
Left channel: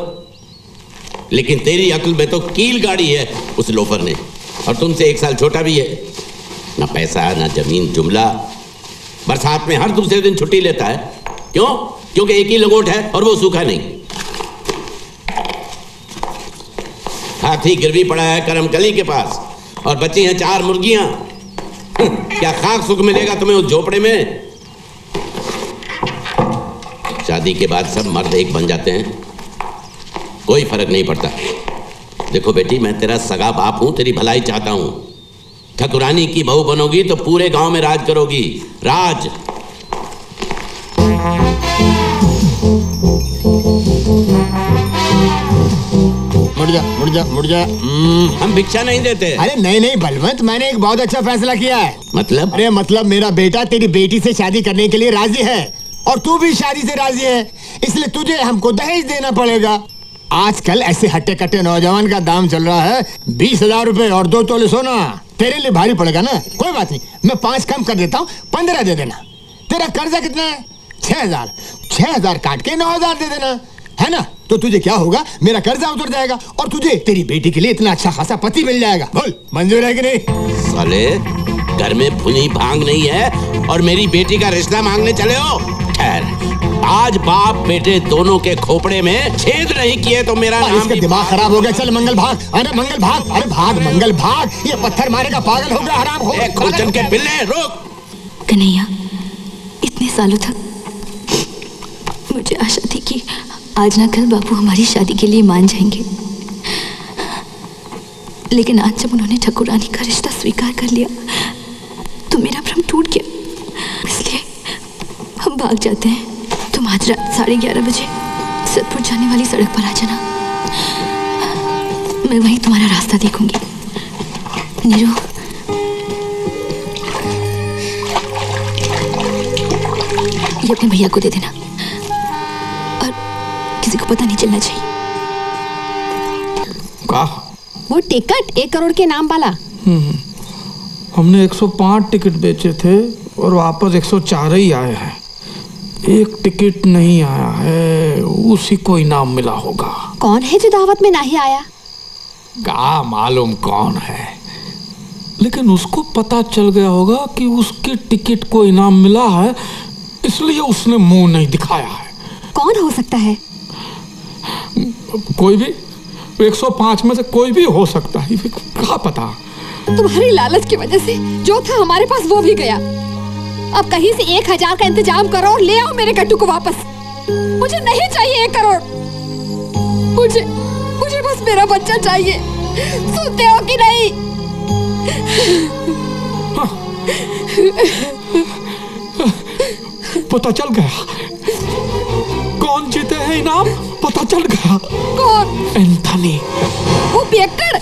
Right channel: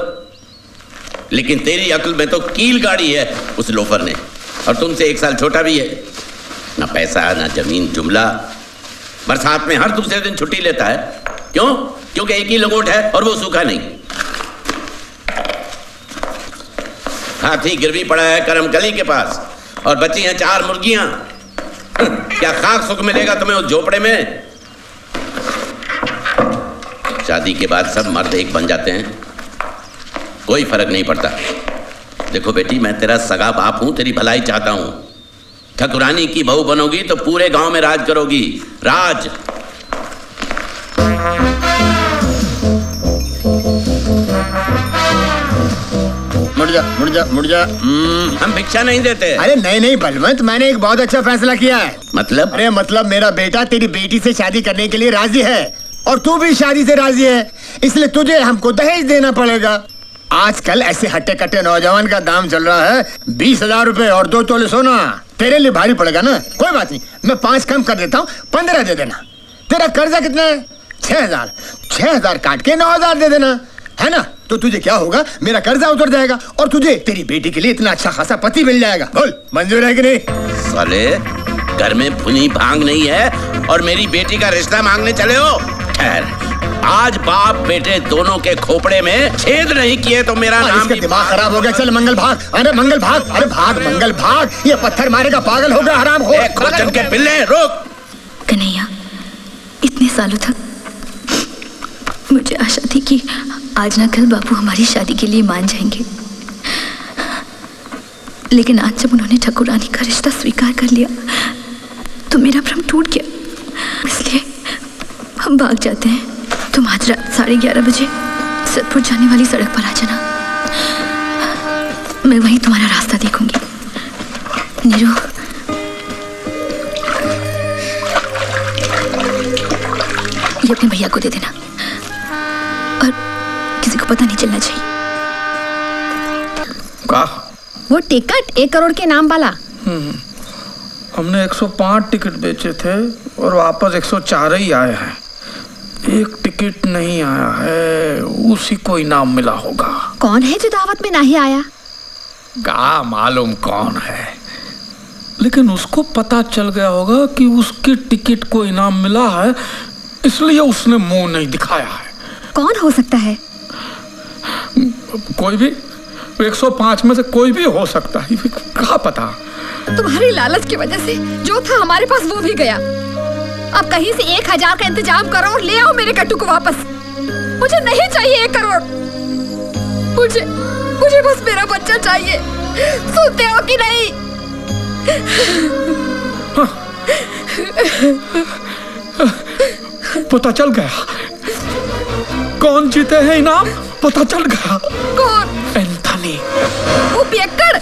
लेकिन तेरी अक्ल में तो कील गाड़ी है उस लोफर ने, और तुमसे 1 साल छोटा भी है। ना पैसा ना जमीन जुमला। बरसात में हर दूसरे दिन छुट्टी लेता है। क्यों? क्योंकि एक ही लंगोट है और वो सूखा नहीं। हाथी गिरवी पड़ा है करमकली के पास, और बची हैं 4 मुर्गियां। क्या खाक सुख मिलेगा तुम्हें उस झोपड़े में? शादी के बाद सब मर्द एक बन जाते हैं, कोई फर्क नहीं पड़ता। देखो बेटी, मैं तेरा सगा बाप हूं, तेरी भलाई चाहता हूं। ठकुरानी की बहू बनोगी तो पूरे गांव में राज करोगी। राज। मुड़ जा। हम भिक्षा नहीं देते। अरे नहीं बलवंत, मैंने एक बहुत अच्छा फैसला किया है। मतलब? अरे मतलब मेरा बेटा तेरी बेटी से शादी करने के लिए राजी है, और तू भी शादी से राजी है। इसलिए तुझे हमको दहेज देना पड़ेगा। आजकल ऐसे हट्टे कट्टे नौजवान का दाम चल रहा है 20,000 रुपए और 2 तोले सोना। तेरे लिए भारी पड़ेगा ना? कोई बात नहीं, मैं 5 कम कर देता हूँ, 15 दे देना। तेरा कर्जा कितना है? 6,000। 6,000 काट के 9,000 दे देना, है ना? तो तुझे क्या होगा, मेरा कर्जा उतर जाएगा और तुझे तेरी बेटी के लिए इतना अच्छा खासा पति मिल जाएगा। बोल मंजूर है कि नहीं? साले, घर में भुनी भांग नहीं है और मेरी बेटी का रिश्ता मांगने चले हो? खैर, आज बाप बेटे दोनों के खोपड़े में छेद नहीं किए तो मेरा नाम इसका दिमाग खराब हो गया। चल मंगल भाग। अरे मंगल भाग, अरे भाग मंगल भाग। ये पत्थर मारेगा, पागल हो गया, हराम हो। खुरचन के पिल्ले, रोक। कन्हैया, इतने सालों तक मुझे आशा थी कि आज ना कल बापू हमारी शादी के लिए मान जाएंगे, लेकिन आज जब उन्होंने ठाकुरानी का रिश्ता स्वीकार कर लिया तो मेरा भ्रम टूट गया। इसलिए हम भाग जाते हैं। तुम आज रात 11:30 बजे सतपुर जाने वाली सड़क पर आ जाना। मैं वहीं तुम्हारा रास्ता देखूंगी। नीरू, ये अपने भैया को दे देना और किसी को पता नहीं चलना चाहिए। का? वो टिकट 1 करोड़ के नाम वाला। हमने 105 टिकट बेचे थे और वापस 104 ही आए हैं। एक टिकट नहीं आया है, उसी को इनाम मिला होगा। कौन है जो दावत में नहीं आया? क्या मालूम कौन है, लेकिन उसको पता चल गया होगा कि उसकी टिकट को इनाम मिला है, इसलिए उसने मुंह नहीं दिखाया है। कौन हो सकता है? कोई भी, 105 में से कोई भी हो सकता है, क्या पता। तुम्हारी लालच की वजह से जो था हमारे पास वो भी गया। अब कहीं से 1000 का इंतजाम करो और ले आओ मेरे कट्टू को वापस। मुझे नहीं चाहिए 1 करोड़। मुझे बस मेरा बच्चा चाहिए। सुनते हो कि नहीं? पता चल गया कौन जीते हैं इनाम, पता चल गया। कौन? एंथनी। वो पियक्कड़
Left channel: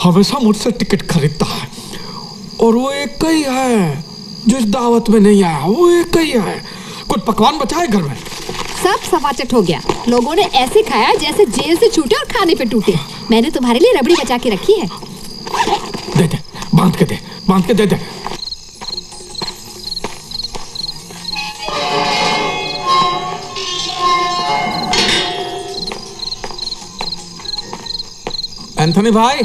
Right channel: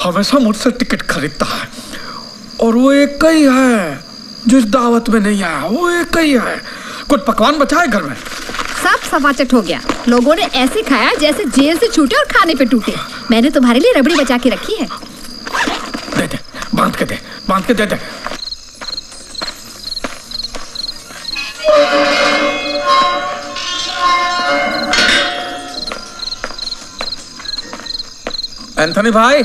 हमेशा मुझसे टिकट खरीदता है और वो एक ही है जो इस दावत में नहीं आया। वो एक ही है। कुछ पकवान बचा है घर में? सब सफाचट हो गया। लोगों ने ऐसे खाया जैसे जेल से छूटे और खाने पे टूटे। मैंने तुम्हारे लिए रबड़ी बचा के रखी है। दे दे, बांध के दे दे। एंथनी भाई,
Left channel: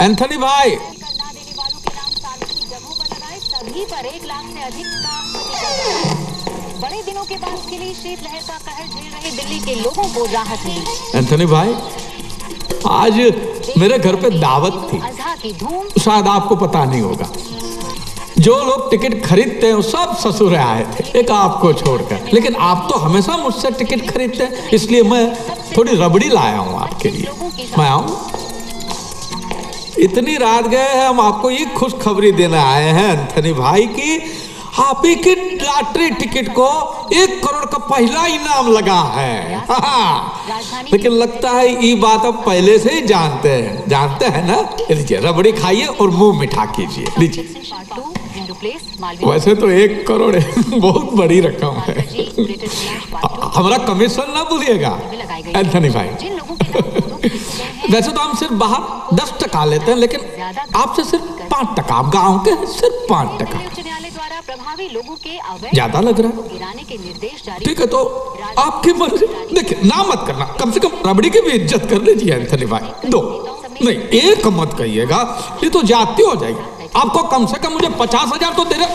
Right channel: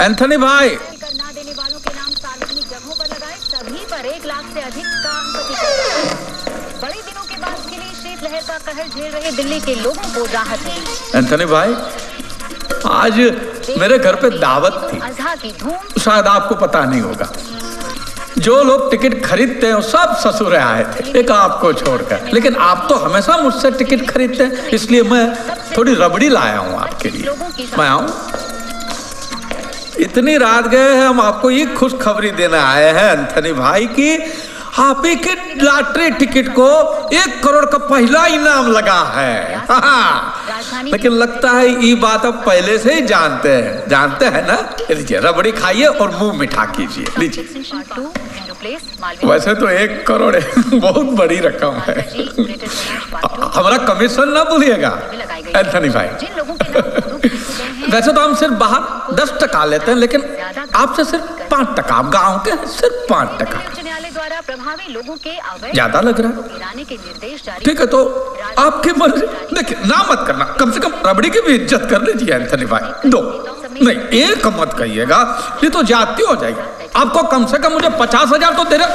एंथनी भाई, ना देने वालों के नाम सार्वजनिक जगहों पर लगाए, सभी पर 1 लाख से अधिक का अंपति। बड़े दिनों के बाद खिली शीतलहर का कहर झेल रहे दिल्ली के लोगों को राहत मिली। एंथनी भाई, आज मेरे घर पे दावत थी। अज़हा की धूम शायद आपको पता नहीं होगा। जो लोग टिकट खरीदते हैं वो सब ससुर आए थे, एक आपको छोड़कर। लेकिन आप तो हमेशा मुझसे टिकट खरीदते हैं, इसलिए मैं थोड़ी रबड़ी लाया हूँ आपके लिए। मैं आऊँ? इतनी रात गए हैं, हम आपको ये खुशखबरी देने आए हैं एंथनी भाई की आप ही की लॉटरी टिकट को 1 करोड़ का पहला इनाम लगा है। लेकिन लगता है ये बात आप पहले से ही जानते हैं ना। लीजिए रबड़ी खाइए और मुंह मिठा कीजिए। लीजिए। वैसे तो 1 करोड़ बहुत बड़ी रकम है। हमारा कमीशन ना भूलिएगा एंथनी भाई। वैसे तो हम सिर्फ बाहर 10 टका लेते हैं, लेकिन आपसे सिर्फ 5 टका। आप गाँव के सिर्फ 5 टका। प्रभावी लोगों के ज्यादा लग रहा है। गिराने के निर्देश जारी। ठीक है, तो आपकी मर्जी। देखिए ना मत करना, कम से कम रबड़ी की भी इज्जत कर लीजिए एंथनी भाई। 2 नहीं, 1 मत कहिएगा, ये तो जाती हो जाएगी। आपको कम से कम मुझे 50,000 तो दे रहे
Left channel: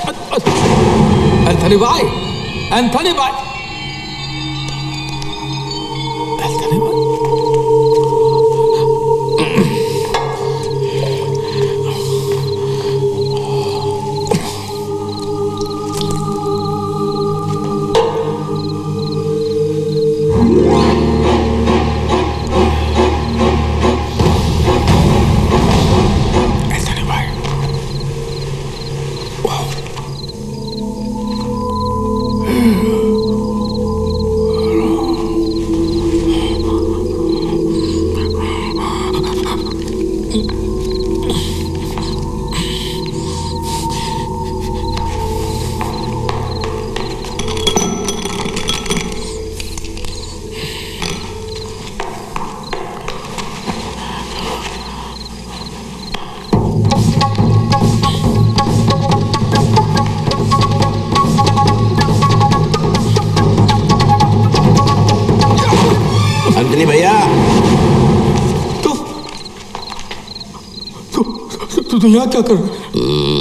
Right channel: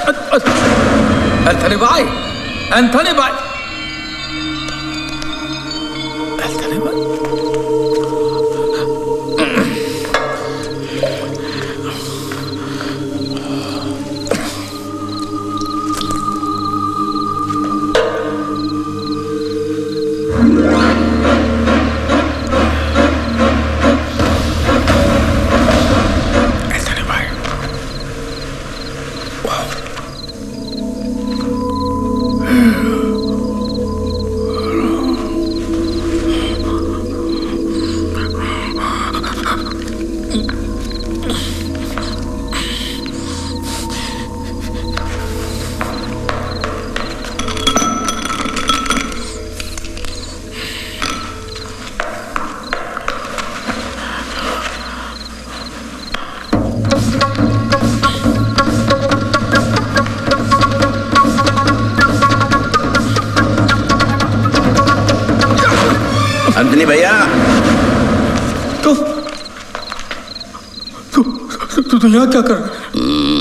एंथनी भाई। एंथनी भाई, एंथनी भाई, अंजनी भैया, तू यहाँ क्या कर?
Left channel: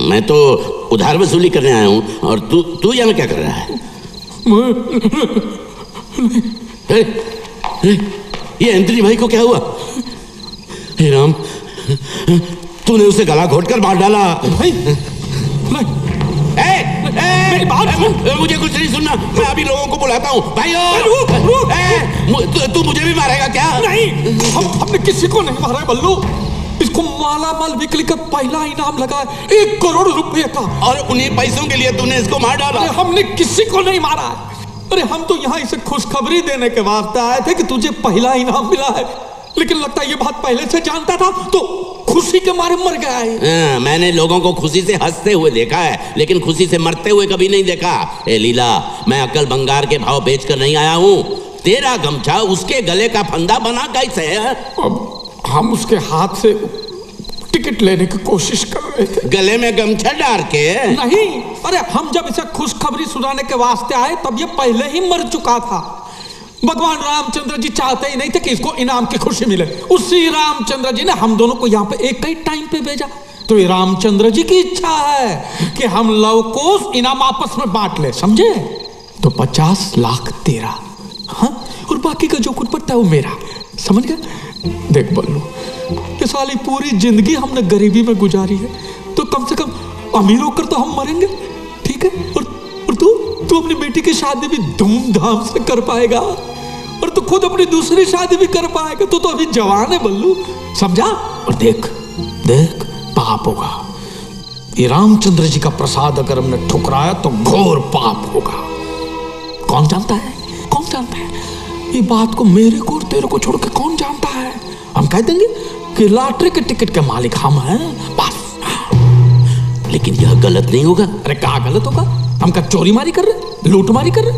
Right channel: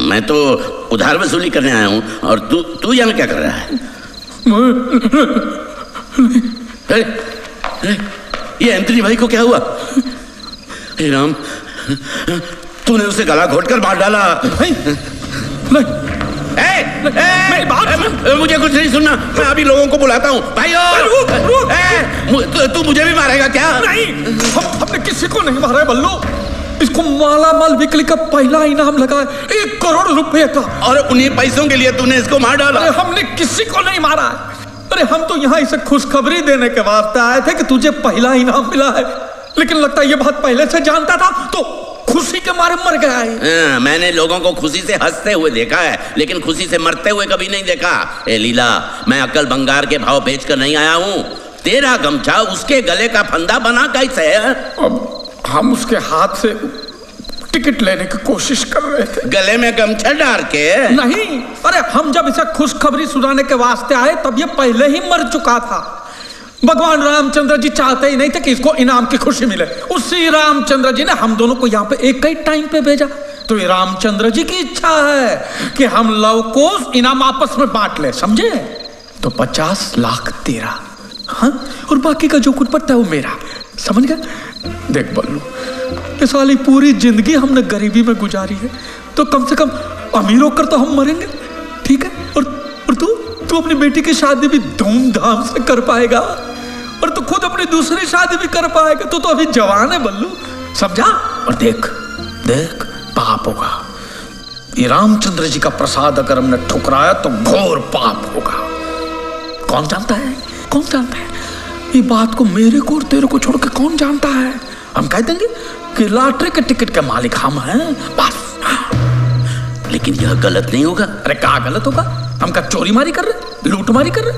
मैं तो उधार वसूली करने आया हूँ, और तू यहाँ क्या कर रहा है? ये एंथनी भाई को क्या हुआ? हे राम, तूने उसे गला घोटकर मार डाला। नहीं, नहीं। मेरी बात सुन। मुझे कुछ नहीं सुनना, मैं अभी लोगों को बुलाता हूँ। भाइयों, तू मुझे भी मारेगा क्या? नहीं, हमने किसी को नहीं मारा है बल्लू। इसको मालामाल बिक्री का पहला इनाम लगा है 1 करोड़ रुपए का, और उन्हीं पैसों के लिए तूने इसको मार डाला? अरे हमने किसी को नहीं मारा है। अरे हम तो यहाँ इसे खुशखबरी देने के वास्ते आए थे कि तुझे पहला इनाम मिला है, लेकिन लगता है ये बात पहले से जानता था तो खुशी के मारे मर गया है। मैंने लोगों को खुशी से हंसते हुए देखा है, लेकिन खुशी से मरते हुए कभी नहीं देखा। ए लीला, मैं अक्ल बंगार के भाव बेचकर नहीं आया हूँ। तेरा गमछा उसके गले का फंदा बना कैसे है? अब हम उसके हाथ से टिकट लेने की कोशिश कर रहे थे। गले में गमछा डाल के? नहीं, अरे हम जब इसे खुशखबरी सुनाने के वास्ते आए तब ये पहले ही मर चुका था। भगवान रामचंद्र जी चाहते ही नहीं थे कि इसको इनाम की खुशी मिले। उसी रामचंद्र जी ने हम दोनों को यहाँ पे एक ही टाइम पे भेजा। तो ये रामचंद्र जी की इच्छा है कि हम लव को इनाम आपस में बांट ले, समझे? तो 50 लाख तेरा, हाँ, और बाकी का जो कुछ पड़ता है वो मेरा, समझ गया? देख बल्लू, ये साली पूरी जिंदगी हमने गरीबी में गुजारी है, तो कम से कम अमीर होकर तो हम मरेंगे, ठीक है? और तू अपनी बेटी की शादी भी धूमधाम से कर पाएगा, और तू खुद अपनी दूसरी शादी भी कर पाएगा। तू तो अभी जवान है बल्लू, समझा? और देख देख, पाप होगा। ये रामचंद्र जी का प्रसाद अगर हमने ठुकराया तो घोर पाप होगा। कौन जानता है, कौन जानता है? ये बात को मेरे को और तेरे को छोड़ के कौन जानता है? हम कह देंगे कि लॉटरी के टिकट के मालिक हम हैं, बस। लेकिन यह गलत नहीं होगा। अरे क्या गलत होगा? हम क्या चोरी मारी कर रहे, लूट मारी कर रहे?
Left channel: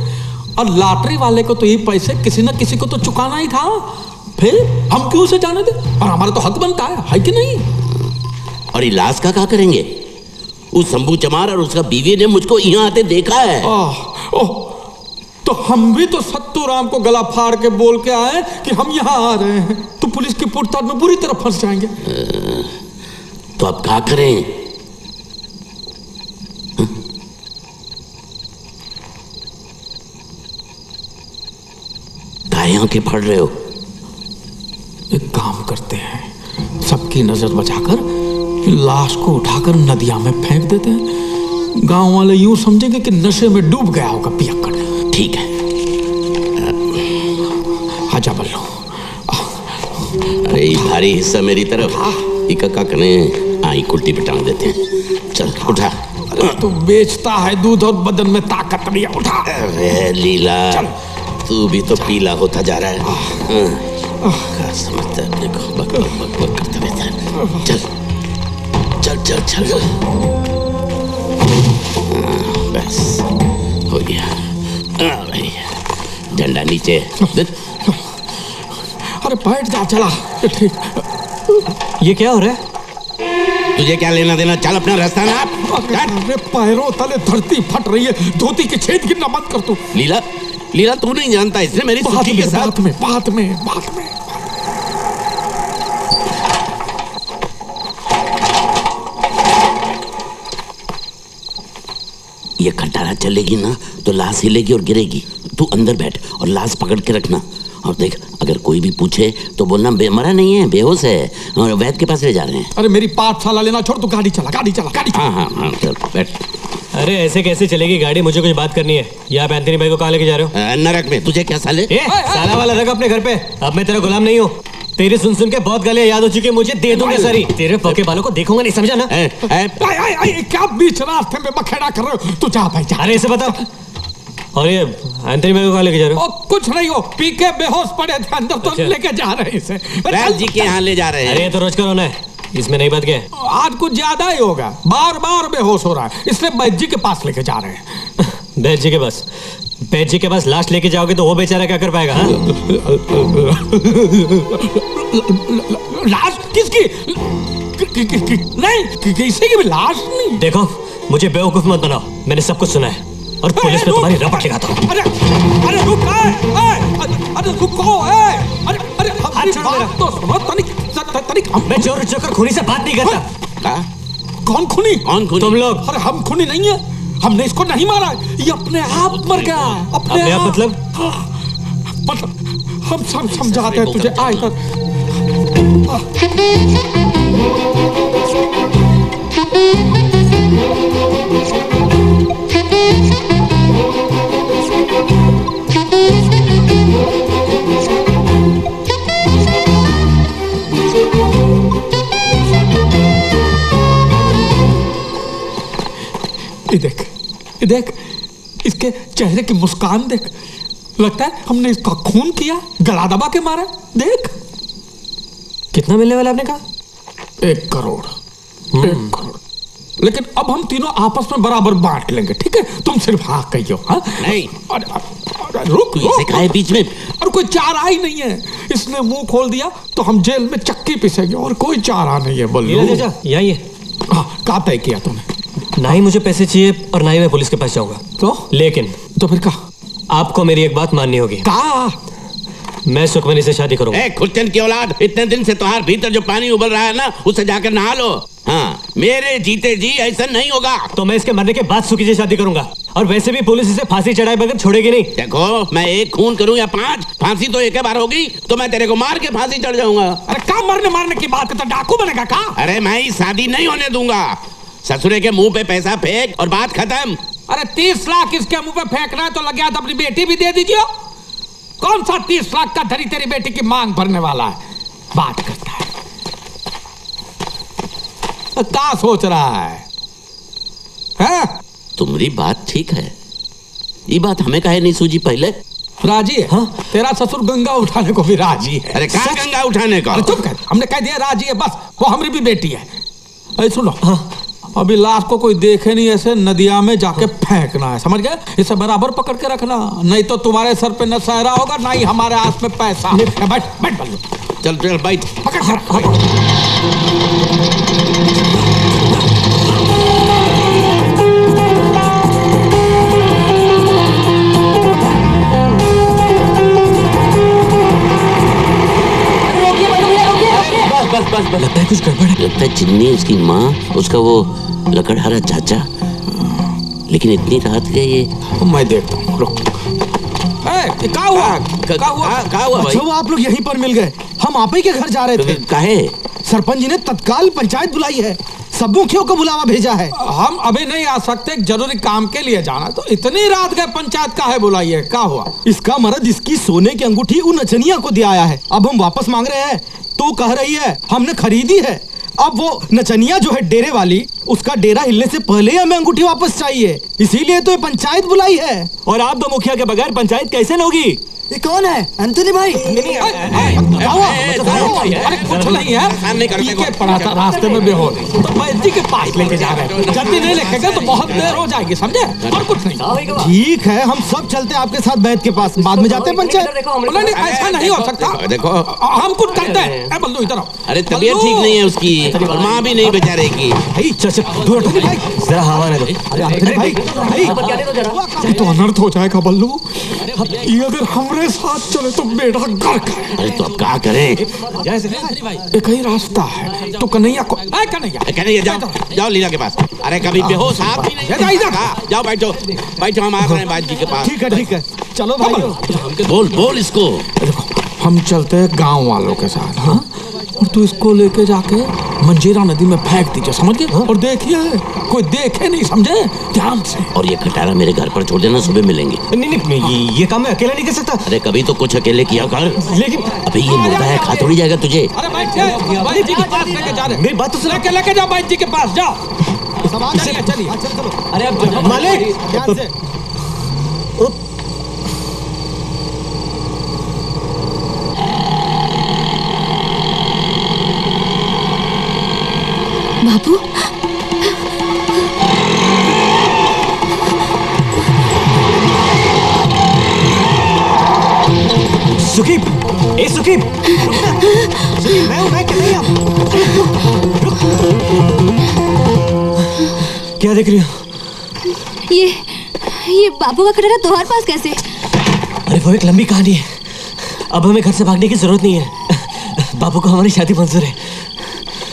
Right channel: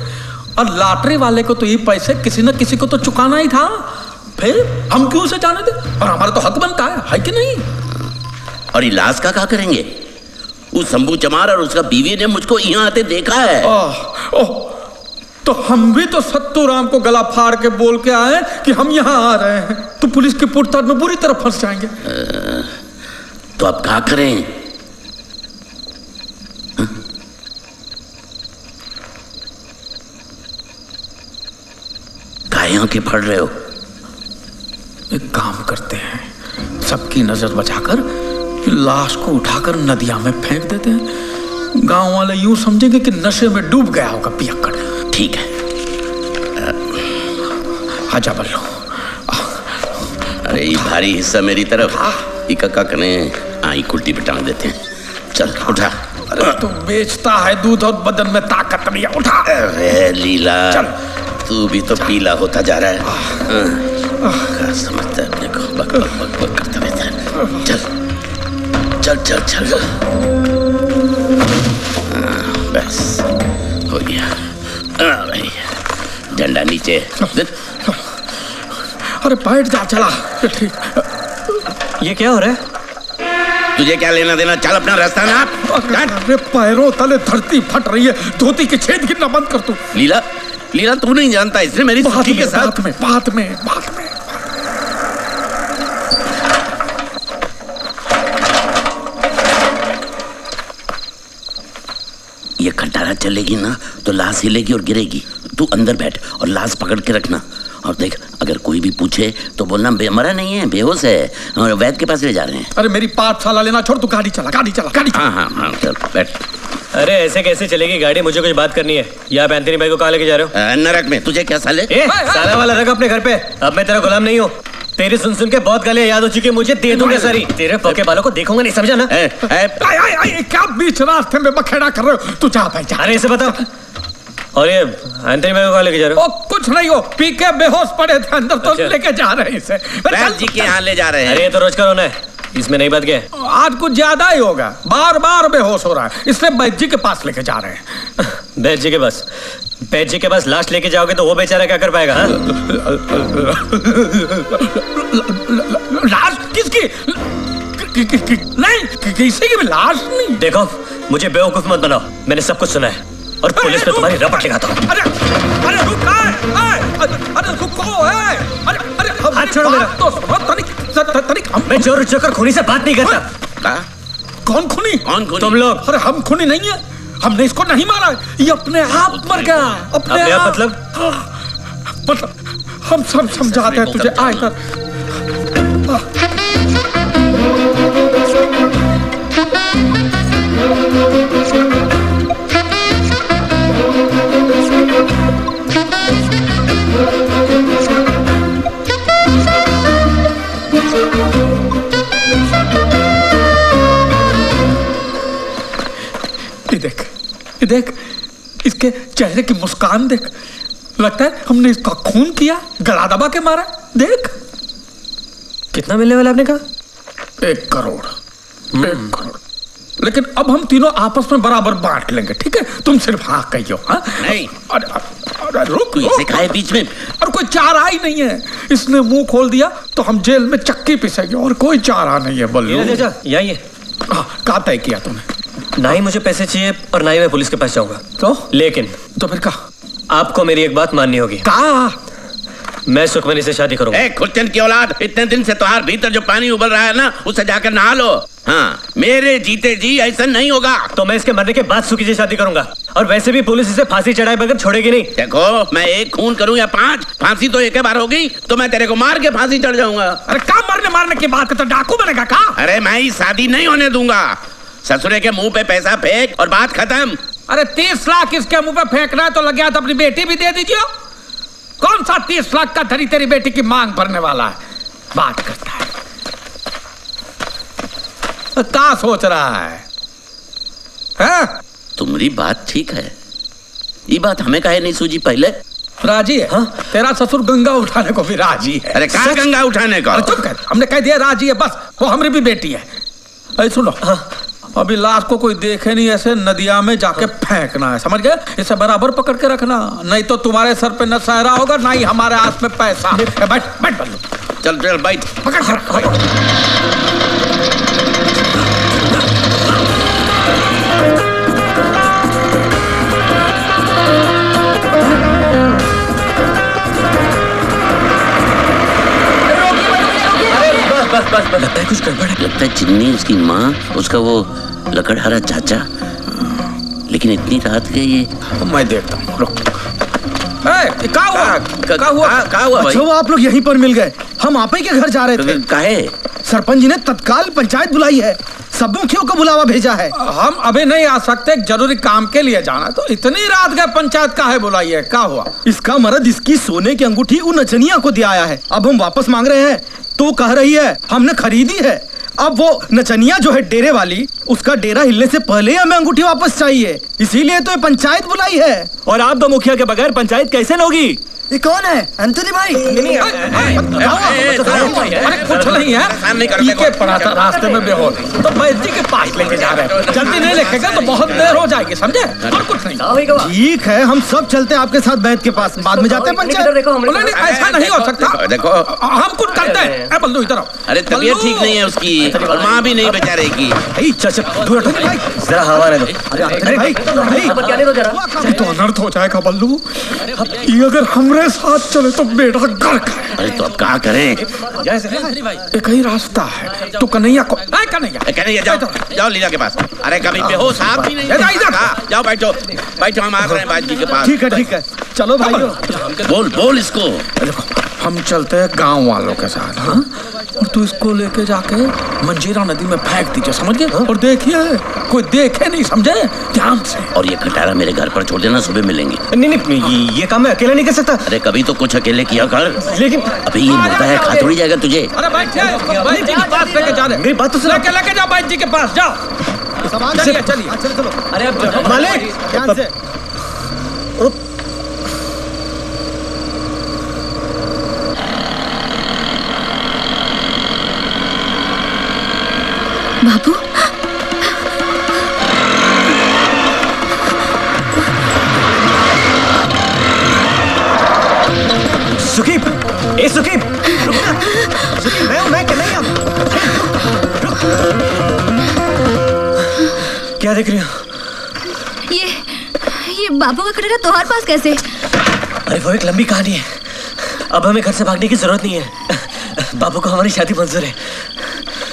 और लॉटरी वाले को तो ये पैसे किसी न किसी को तो चुकाना ही था, फिर हम क्यों उसे जाने दे? और हमारा तो हक बनता है कि नहीं? और इलाज का क्या करेंगे? उस शंभू चमार और उसका बीवी ने मुझको यहाँ आते देखा है। ओह, तो हम भी तो सत्तू राम को गला फाड़ के बोल के आए कि हम यहाँ आ रहे हैं, तो पुलिस की पूछताछ में बुरी तरह फंस जाएंगे। तो अब क्या करें? काहे आंखें फाड़ रहे हो? एक काम करते हैं, सबकी नजर बचाकर लाश को उठाकर नदिया में फेंक देते हैं। गांव वाले यूं समझेंगे कि नशे में डूब गया होगा पियक्कड़। ठीक है। आजा बल्लू। अरे ये भारी हिस्सा मेरी तरफ, इका करें, आई कुल्टी पे टांग देते हैं। चल उठा। अरे तू बेचता है दूध और बदन में ताकत नहीं है, उठा। अरे लीला, चल। तू भी तो पीला होता जा रहा है। क्या समझता है अपने को? बक बक बक बक करता रहता है। चल चल चल चल, बस हो गया। भाई डंडा नीचे। अरे बैठ जा, चला। ठीक। ये क्या हो रहा है? तुझे क्या लेना देना? चल अपना रास्ता नाप। अरे पैरों तले धरती फट रही है, धोती के छेद गिरना बंद कर तू। लीला, लीला तू नहीं जानता, इसने मेरी सुखी के साथ। बात में ये खटारा चलेगी ना तो लाश हिलेगी और गिरेगी। तू अंदर बैठ और लाश पकड़ के रखना। और देख, अगर कोई भी पूछे तो बोलना मरा नहीं है, बेहोश है, और वैद्य के पास ले जा रहे हैं। अरे मेरी पाठशाला लेना छोड़, तू गाड़ी चला, गाड़ी चला, गाड़ी चला। हाँ, चल बैठ। अरे ऐसे कैसे चलेगी गाड़ी? मुझे कुछ बात करनी है। ये आप एंथनी भाई को कहाँ लेके जा रहे हो? नरक में। तुझे क्या साले? साला वाला रख अपने घर पे। अब मैं तेरा गुलाम नहीं हूँ। तेरी सुन सुन के बहुत गालियां याद हो चुकी है मुझे, दे दूंगा सारी। तेरे पके बालों को देखूंगा नहीं, समझा ना? क्या बीच रास्ते में बखेड़ा कर रहे हो? तू जा भाई जा। अरे इसे बताओ। और ये एंथनी भाई को कहाँ लेके जा रहे हो? कुछ नहीं हो, पी के बेहोश पड़े थे अंदर, तो लेके जा रहे हैं इसे। वैद्य जी के यहाँ ले जा रहे हैं। अरे ये तो रोज का रोना है, इसमें नहीं बात क्या है? आज कुछ ज्यादा ही होगा, बार बार बेहोश हो रहा है, इसलिए वैद्य जी के पास लेके जा रहे हैं। वैद्य जी के पास? वैद्य जी के पास लाश लेके जाओगे तो वो बेचारा क्या कर पाएगा? लाश किसकी? नहीं, किसी की भी लाश नहीं। देखो, मुझे बेवकूफ मत बनाओ, मैंने सब कुछ सुना है और पुलिस में तुम्हारी रपट लगाता हूँ। अरे रुक, अरे रुको, अरे हाथ छोड़ो मेरा। तो सुनो, तनिक मैं चोर चोकर खूनी से बात नहीं करता। कौन खूनी? तुम लोग। अरे हम खूनी नहीं है, हमने इसको नहीं मारा, ये अपने आप मर गया। अपने आप मतलब हम सब समझाते हैं तुझे। आ इधर। ये देख, इसके चेहरे की मुस्कान देख, लगता है हमने इसका खून किया, गला दबा के मारा। देख। कितना मिलने वाला आपने कहा? 1 करोड़। 1 करोड़। लेकिन अब हम तीनों आपस में बराबर बांट लेंगे, ठीक है? तुम सिर्फ हाँ कहियो। हाँ नहीं। रुक कोई इसे खाए बीच में। और कोई चारा ही नहीं है। इसने मुंह खोल दिया तो हम जेल में चक्की पिसेंगे और कोई चारा नहीं है बल्लू। यही है। क्या तय किया तूने? ना ही मुझे पैसे चाहिए और ना ही मैं पुलिस के पास जाऊंगा। तो लेकिन तो फिर कहा आपको मेरी एक बात माननी होगी। कहा मैं सुखमनी से शादी करूंगा। ए खुर्चन की औलाद, इतने दिन से तुम्हारे भीतर जो पानी उबल रहा है ना, उससे जाकर नहा लो। हाँ, मेरे जीते जी ऐसा नहीं होगा। तो मैं इसके मरने के बाद सुखी से शादी करूंगा। और वैसे भी पुलिस इसे फांसी चढ़ाए बगैर छोड़ेगी नहीं। देखो, मैं एक खून करूं या 5, फांसी तो एक ही बार होगी, तो मैं तेरे को मार के फांसी चढ़ जाऊंगा। अरे क्या मारने की बात करता, डाकू बनेगा का? अरे मैं ही शादी नहीं होने दूंगा। ससुरे के मुंह पे पैसा फेंक और बात खत्म। अरे 30 लाख इसके मुंह पे फेंकना है तो लग गया तो अपनी बेटी भी दे दीजिए। कौन सा 30 लाख का धरी तेरी बेटी की मांग भरने वाला है? बात करता है। क्या सोच रहा है? तुम्हारी बात ठीक है, ये बात हमें काहे नहीं सूझी पहले? राजी है? हाँ? तेरा ससुर गंगा उठाने को भी राजी है। अरे कहाँ गंगा उठाने का? अरे चुप कर, हमने कह दिया राजी है, बस वो हमारी भी बेटी है। अरे सुनो, अभी लाश को कोई देखे नहीं, ऐसे नदिया में जाके फेंकना है, समझ गए? इसे बराबर पकड़ के रखना, नहीं तो तुम्हारे सर पे न सहरा होगा ना ही हमारे हाथ में पैसा। बैठ बैठ बल्लू, चल चल बैठ, पकड़ के रख। बस लगता है कुछ गड़बड़ है। लगता है चिन्नी, उसकी माँ, उसका वो लकड़हारा चाचा। लेकिन इतनी रात के ये मैं देखता हूँ। रुक, क्या हुआ भाई? अच्छा वो आप लोग यहीं पर मिल गए। हम आप ही के घर जा रहे थे। काहे? सरपंच जी ने तत्काल पंचायत बुलाई है, सब मुखियों को बुलावा भेजा है। हम अभी नहीं आ सकते, जरूरी काम के लिए जाना। तो इतनी रात गए पंचायत काहे बुलाई है? क्या हुआ? इसका मर्द इसकी सोने की अंगूठी उन नचनिया को दिया आया है। अब हम वापस मांग रहे हैं तो कह रही है हमने खरीदी है। अब वो नचनिया जो है डेरे वाली, उसका डेरा हिलने से पहले ही हमें अंगूठी वापस चाहिए, इसीलिए तो ये पंचायत बुलाई है। और आप दो मुखिया के बगैर पंचायत कैसे होगी? ये कौन है? एंथोनी भाई। अरे कुछ नहीं है, पीके पड़ा था रास्ते में बेहोश, तो वैद्य जी के पास लेके जा रहे हैं। जल्दी नहीं लेके तो बहुत देर हो जाएगी, समझे? और कुछ नहीं। ठीक है, हम सब चलते हैं आपके साथ वैद्य के पास, बाद में जाते हैं पंचायत। नहीं, ऐसा नहीं हो सकता। देखो हम कुछ करते हैं। बल्लू इधर आओ। अरे तबीयत ठीक नहीं है उसकी, और माँ भी नहीं बेचारे की। जरा हवा दे दो। अरे भाई ये तो अनर्थ हो जाएगा बल्लू। ये अगर हमरे साथ चले तो बेटा गर्क है। अरे तो अब क्या करें? एक ही रास्ता है, तो कन्हैया को कन्हैया जाओ लीला के पास। अरे कभी बेहोश आप भी नहीं। जाओ बैठो, हम आ रहे हैं बाजी के पास। ठीक है, चलो भाई। बोल इसको। देखो, हम चलते हैं गांव वालों के साथ, हाँ? और तू इसको लेके जाके मंजीरा नदी में फेंक दीजिए, समझ गए? और देखिए कोई देखे नहीं, समझे? ध्यान से। और ये खटारा मेरे घर पर छोड़ देना, सुबह मिलेंगे। नहीं, ये काम मैं अकेला नहीं कर सकता। अरे कभी तो कुछ अकेले किया कर। लेकिन अभी ये मुर्दा है, खा थोड़ी जाएगा तुझे। अरे भाई जी के पास लेके जा रहे। मेरी बात तो सुनो। लेके जाओ भाई जी के पास, जाओ। चलिए। अरे अब मालिक ध्यान से। बाबू, सुकीब, ए सुकीब, मैं कन्हैया। क्या देख रही हो? ये बाबू का कटोरा तुम्हारे पास कैसे? अरे वो एक लंबी कहानी है। अब हमें घर से भागने की जरूरत नहीं है। बाबू को हमारी शादी मंजूर है।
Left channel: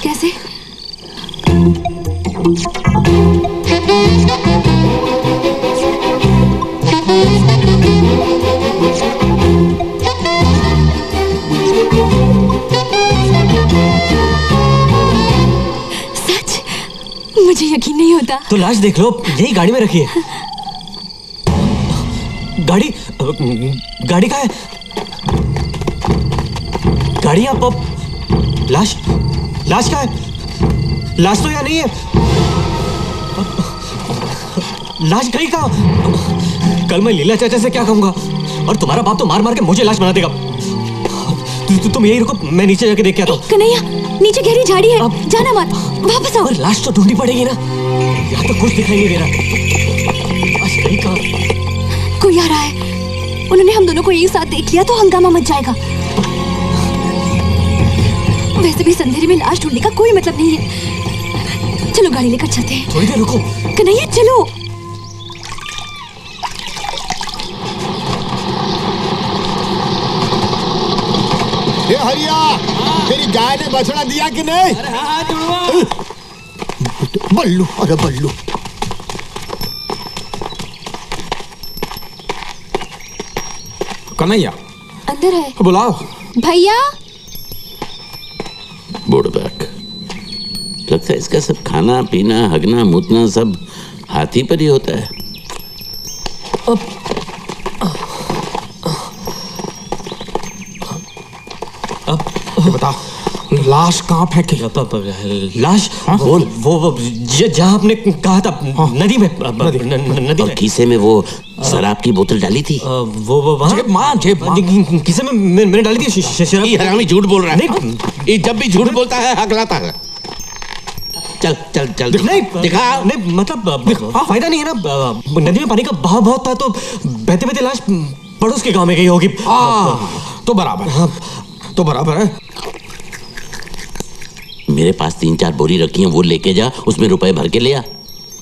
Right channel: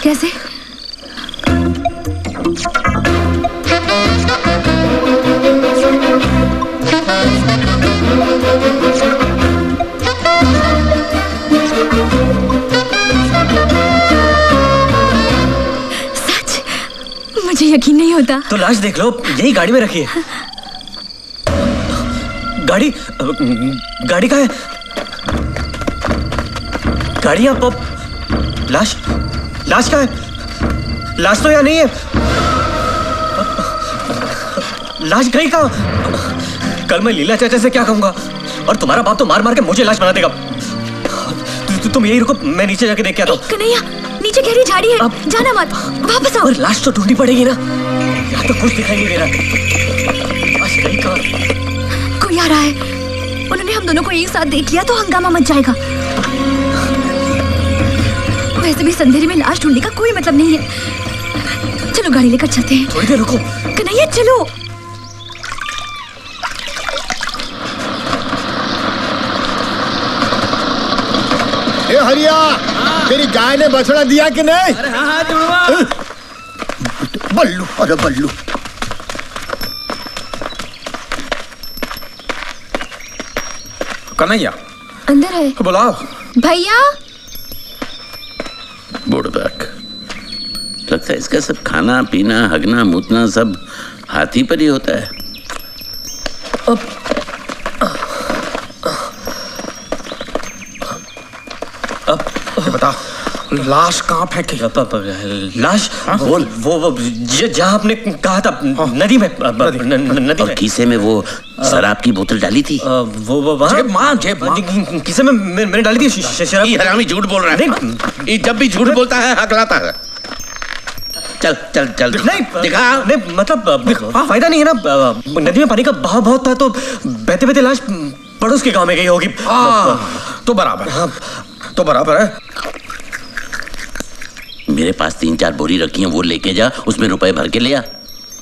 कैसे? सच? मुझे यकीन नहीं होता। तो लाश देख लो, यही गाड़ी में रखी है। गाड़ी कहाँ है? गाड़ी यहाँ पर। लाश कहाँ है? लाश तो यहाँ नहीं है। लाश गई कहाँ? कल मैं लीला चाचा से क्या कहूंगा? और तुम्हारा बाप तो मार मार के मुझे लाश बना देगा। तुम यही रुको, मैं नीचे जाके देख के आता हूँ। कन्हैया, नीचे गहरी झाड़ी है, जाना मत, वापस आओ। और लाश तो ढूंढनी पड़ेगी ना, यहाँ तो कुछ दिखाई नहीं दे रहा। लाश गई कहाँ? कोई आ रहा है। उन्होंने हम दोनों को एक साथ देख लिया तो हंगामा मच जाएगा। वैसे भी अंधेरे में लाश ढूंढने का कोई मतलब नहीं है। चलो गाड़ी लेकर चलते हैं। थोड़ी देर रुको। कन्हैया चलो। ए हरिया, तेरी गाय ने बछड़ा दिया कि नहीं? अरे हाँ जुड़वा। बल्लू, अरे बल्लू। कन्हैया अंदर है, बुलाओ। भैया। बुड़बक, लगता है इसका सब खाना पीना हगना मुतना सब हाथी पर ही होता है। ये बताओ, लाश कहाँ फेंकी? लाश वो जहाँ आपने कहा था, नदी में। नदी और में। खीसे में वो शराब की बोतल डाली थी। वो वहाँ जेब मां। किसे में मैंने डाली थी शराब। ये हरामी झूठ बोल रहा है। ये जब भी झूठ बोलता है हकलाता है। चल चल चल नहीं दिखा। नहीं मतलब फायदा नहीं है ना। नदी में पानी का बहाव बहुत था तो बहते बहते लाश पड़ोस के गांव में गई होगी। तो बराबर। हाँ तो बराबर है। मेरे पास 3-4 बोरी रखी हैं, वो लेके जा, उसमें रुपए भर के ले आ।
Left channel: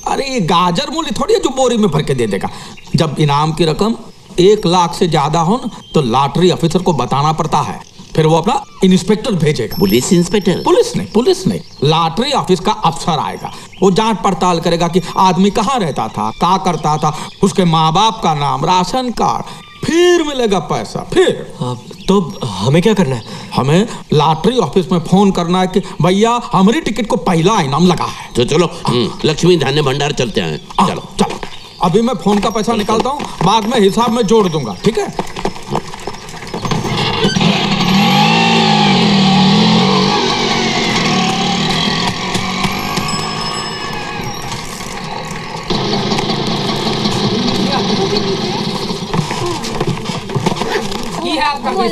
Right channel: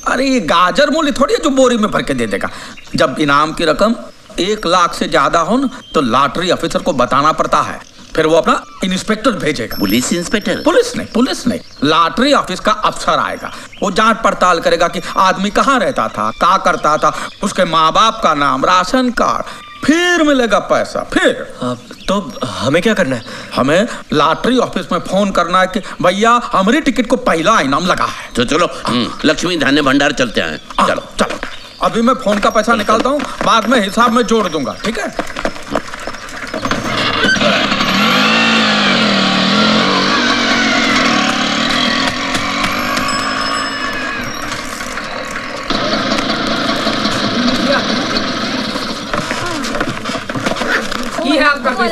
अरे ये गाजर मूल्य थोड़ी है जो बोरी में भर के दे देगा। जब इनाम की रकम 1 लाख से ज्यादा हो न, तो लॉटरी ऑफिसर को बताना पड़ता है, फिर वो अपना इंस्पेक्टर भेजेगा। Police inspector? पुलिस नहीं, लॉटरी ऑफिस का अफसर आएगा। वो जांच पड़ताल करेगा कि आदमी कहाँ रहता था, क्या करता था, उसके माँ बाप का नाम, राशन कार्ड, फिर मिलेगा पैसा। फिर तो हमें क्या करना है? हमें लॉटरी ऑफिस में फोन करना है कि भैया हमारी टिकट को पहला इनाम लगा है। तो चलो लक्ष्मी धान्य भंडार चलते हैं। चलो चलो, अभी मैं फोन का पैसा निकालता हूँ, बाद में हिसाब में जोड़ दूंगा, ठीक है?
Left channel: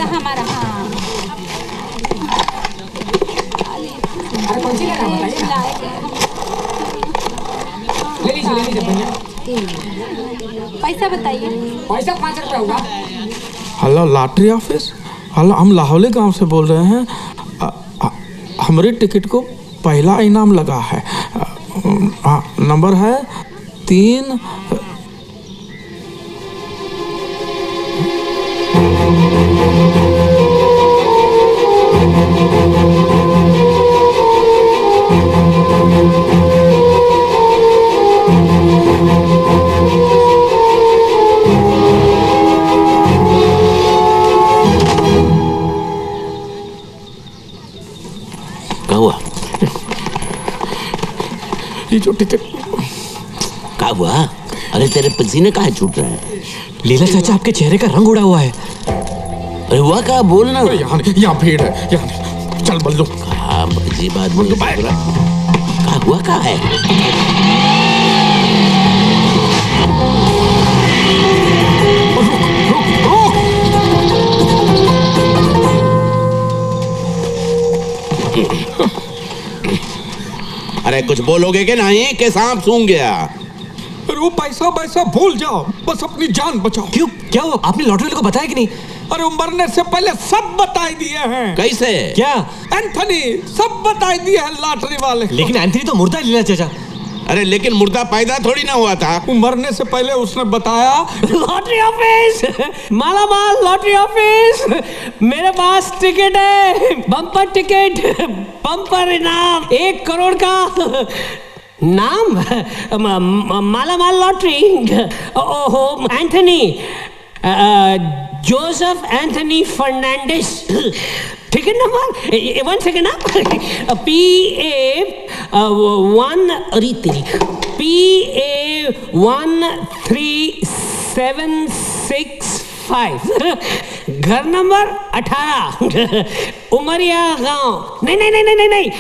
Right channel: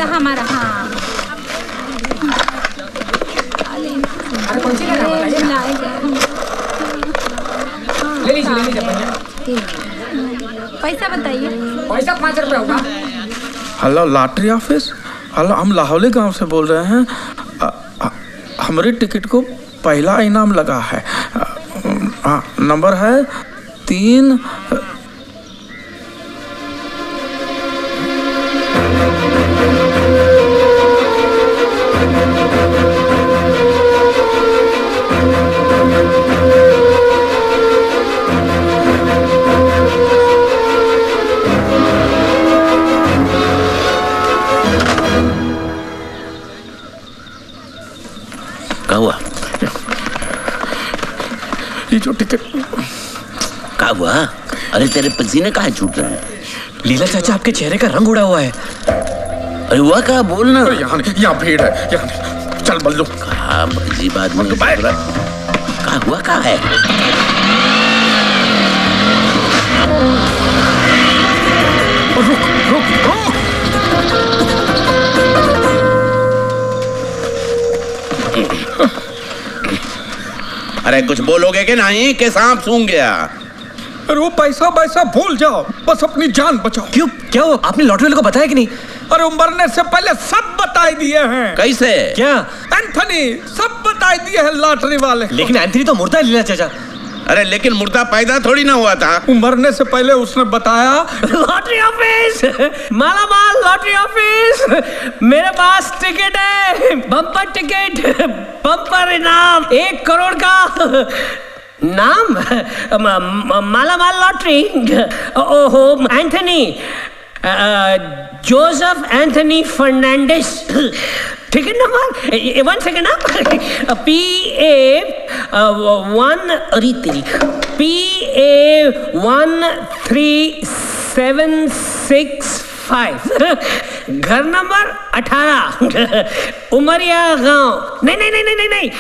हमारा हाँ। कौन सी लेना बताइए? ले लीजिए भैया। पैसा बताइए। पैसा 5 रुपए होगा। Hello lottery office. हेलो, हम लाहौली गांव से बोल रहे हैं। हमारी टिकट को पहला इनाम लगा है। नंबर है 3। क्या हुआ? ये जो टिकट। क्या हुआ? अरे तेरे पसीने कहाँ छूट रहे हैं? लीला चाचा, आपके चेहरे का रंग उड़ा हुआ है। अरे हुआ क्या? बोलना। यहाँ भीड़ है, यहाँ चल बल्लू। कहा अजीब आदमी। क्या हुआ? क्या है? अरे कुछ बोलोगे कि नहीं कि सांप सूंघ गया? अरे वो पैसा भूल जाओ, बस अपनी जान बचाओ। क्यों? क्या हुआ? आपने लॉटरी वाले को बताया कि नहीं? अरे मरने से पहले सब बता दिए हैं। कैसे? क्या? एंथनी सब बता दिए हैं लॉटरी वाले। लेकिन एंथनी तो मुर्दा है लीला चाचा। अरे लेकिन मुर्दा पैदा थोड़ी ना हुआ था। मरने से पहले उसने बताया। Lottery office, Malamaal lottery office, मेरे पास टिकट है, बम्पर टिकट, बम्पर इनाम 1 करोड़ का। नाम मालामाल लॉटरी। ओहो, Anthony, Joseph Anthony Fernandes. Ticket number 1 second ना, PA13765, घर नंबर 18, उमरिया गांव। नहीं,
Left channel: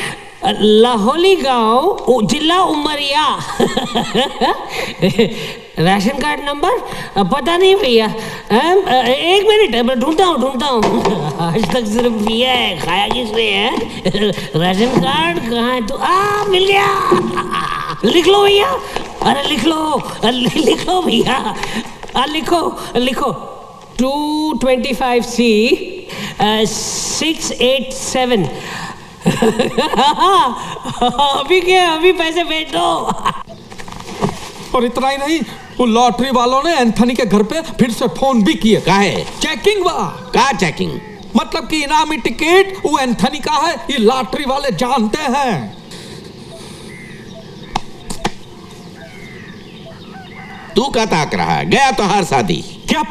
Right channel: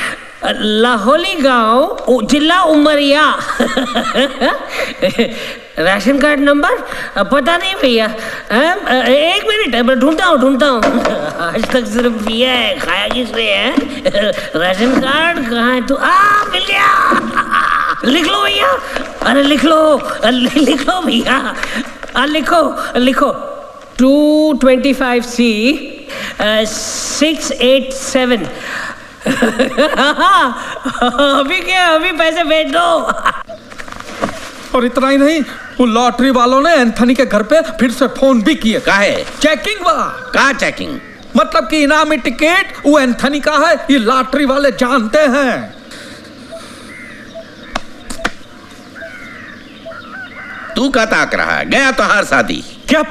लाहौली गांव, जिला उमरिया। राशन कार्ड नंबर पता नहीं भैया। 1 मिनट ढूंढता हूँ। आज तक सिर्फ पिया है, खाया किसने है? राशन कार्ड कहाँ है? तू मिल गया। लिख लो भैया। अरे लिख लो भैया। लिखो। 225C 687। अभी क्या, अभी पैसे भेज दो। और इतना ही नहीं, वो लॉटरी वालों ने एंथनी के घर पे फिर से फोन भी किए। काहे? चेकिंग बा। का चेकिंग? मतलब कि इनामी टिकट वो एंथनी का है, ये लॉटरी वाले जानते हैं। तू का ताक रहा है? गया तो हर शादी। क्या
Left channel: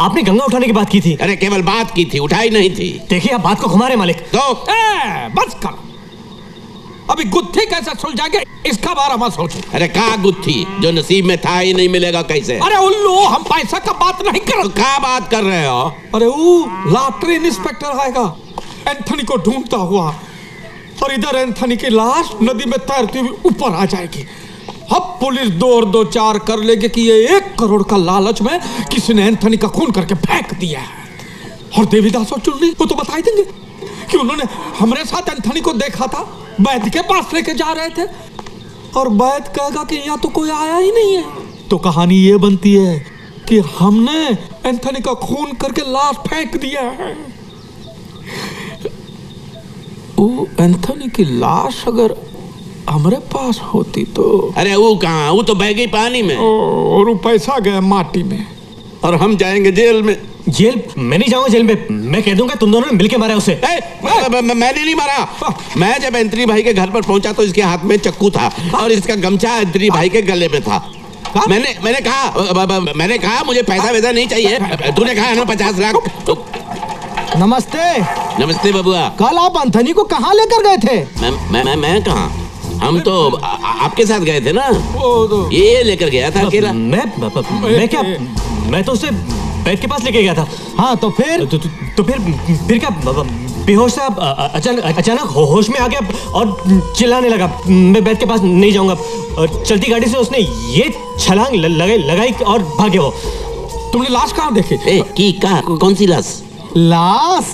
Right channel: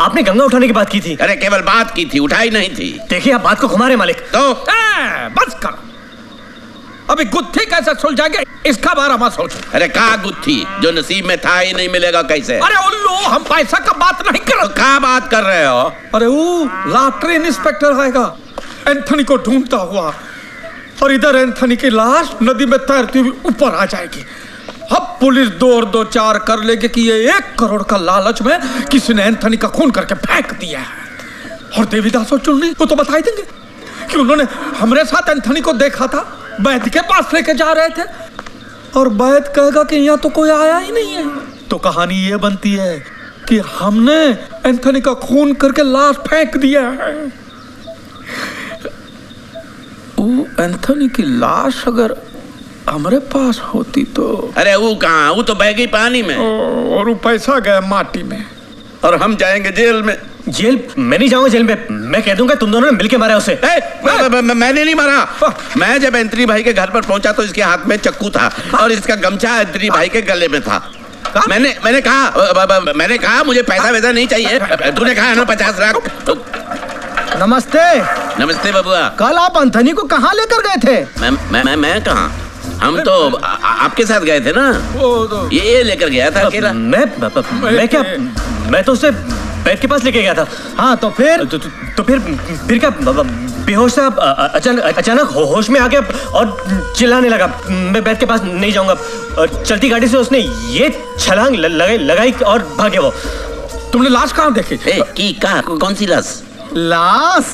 आपने गंगा उठाने की बात की थी? अरे केवल बात की थी, उठाई नहीं थी। देखिए आप बात को घुमा रहे मालिक। तो बस कर, अभी गुत्थी कैसे सुलझाएंगे इसका बारे में सोचो। अरे का गुत्थी, जो नसीब में था ही नहीं मिलेगा कैसे? अरे उल्लू, हम पैसा का बात नहीं कर रहे। का बात कर रहे हो? अरे वो लॉटरी इंस्पेक्टर आएगा एंथनी को ढूंढता हुआ, और इधर एंथनी की लाश नदी में तैरती हुई ऊपर आ जाएगी। अब पुलिस दो चार कर लेगी कि ये 1 करोड़ का लालच में किसी ने एंथनी का खून करके फेंक दिया है। और देवीदास और चुन्नी वो तो बता ही देंगे कि उन्होंने हमारे साथ एंथनी को देखा था, वैद्य के पास लेके जा रहे थे, और वैद्य कहेगा कि यहाँ तो कोई आया ही नहीं है। तो कहानी ये बनती है कि हमने एंथनी का खून करके लाश फेंक दिया है। वो एंथनी की लाश अगर हमारे पास होती तो। अरे वो कहाँ, वो तो बह गई पानी में। और वो पैसा गया माटी में, और हम जाएंगे जेल में। जेल? मैं नहीं जाऊंगा जेल में। मैं कह दूंगा तुम दोनों ने मिलके मारा उसे। मैंने नहीं मारा। मैं जब एंथनी भाई के घर पर पहुंचा तो इसके हाथ में चक्कू था और इसका गमछा एंथनी भाई के गले में था। मैंने कहा मुझे पैसा वैसा नहीं चाहिए। तूने कहा ना 50 लाख। नमस्ते। नमस्ते बबुआ। कल आप एंथनी को कहाँ लेकर गए थे? मैं कहाँ, हम तो आपके साथ गए थे ना। ये लेकर गया था अकेला। मैं तो उसे बैठ के पास लेके गया था। हाँ तो फिर? तो फिर क्या, बेहोश था, अचानक होश में आ गया और चिल्लाने लगा। मैं बैठ के पास नहीं जाऊंगा। चलती गाड़ी से उसने ये छलांग लगाई और भाग गया वो। तुमने लाश कहाँ देखी? कौन सी लाश? लाश?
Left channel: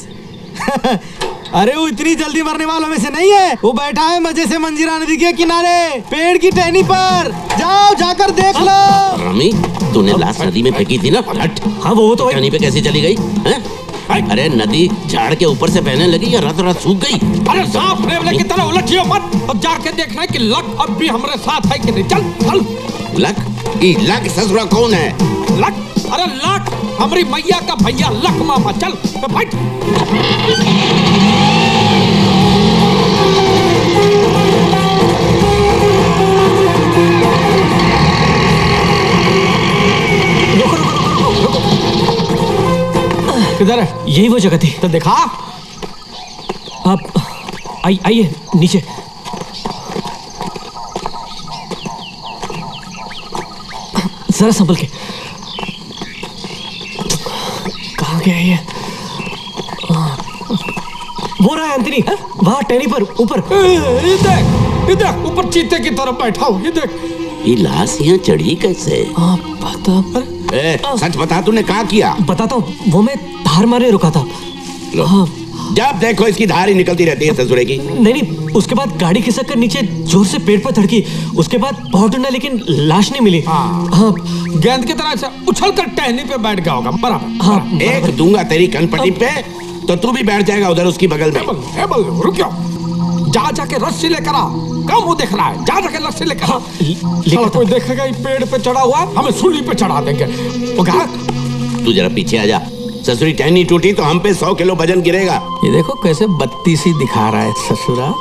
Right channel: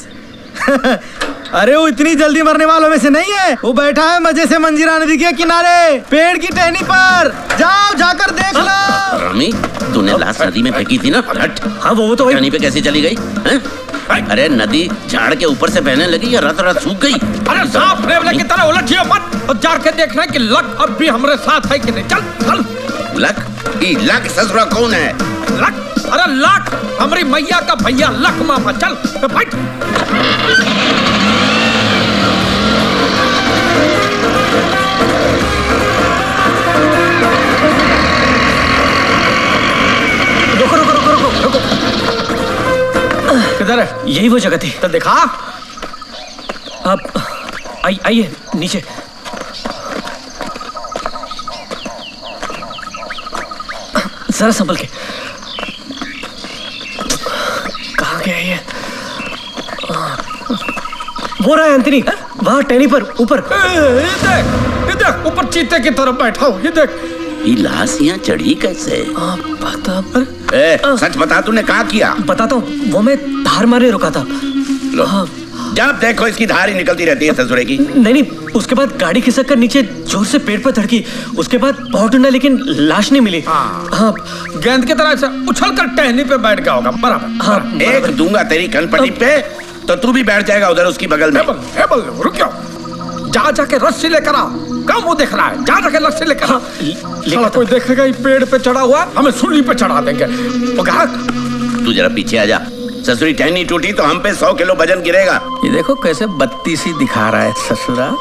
अरे वो इतनी जल्दी मरने वालों में से नहीं है। वो बैठा है मजे से मंजीरा नदी के किनारे पेड़ की टहनी पर। जाओ जाकर देख लो। रामी, तूने लाश नदी में फेंकी थी ना? हट। हाँ वो तो टहनी पे कैसे चली गई हैं? अरे नदी झाड़ के ऊपर से बहने लगी या रात सूख गई? अरे सांप नेवले की तरह उलझियो मत और जाके देखना कि लक अब भी हमारे साथ है कि नहीं। चल चल। लक? लक ससुरा कौन है? लक? अरे लक हमारी मैया का भैया लक मामा। चल बैठ। किधर है? यही वो जगह थी। तो दिखा। आप आइए नीचे। जरा संभल के। कहाँ गया ये? वो रहा है एंथनी, वहाँ टहनी पर ऊपर। देख ऊपर चीते की तरफ बैठा हो। ये देख। ये लाश यहाँ चढ़ी कैसे? सच बता, तूने क्या किया? बताता हूँ। वो मैं धार मारने रुका था। लो। जब देखो इसकी धार ही निकलती रहती है ससुरे की। नहीं, उसके बाद गाड़ी खिसक कर नीचे जोर से पेड़ पर धड़की। उसके बाद बहुत ढूंढा लेकिन लाश नहीं मिली। हाँ, गेंद की तरह से उछल कर टहनी पे बैठ गया होगा। बराबर। हाँ, एक दूंगा तेरी कनपट्टी पे तो तू भी बैठ जाएगा उधर उसकी बगल में। रुक जाओ। जाके रस्सी लेकर आ। कम वो देख रहा है, जा जाके रस्सी लेकर आ। साला कोई देखेगा ये पेड़ पे चढ़ा हुआ, हमें सूली पे चढ़ा देंगे। तू जरा पीछे आ जा। ससुरी टहनी टूटी तो हम पे 100 किलो वजन गिरेगा। ये देखो कैसे बत्ती सी दिखा रहा है ससुरा।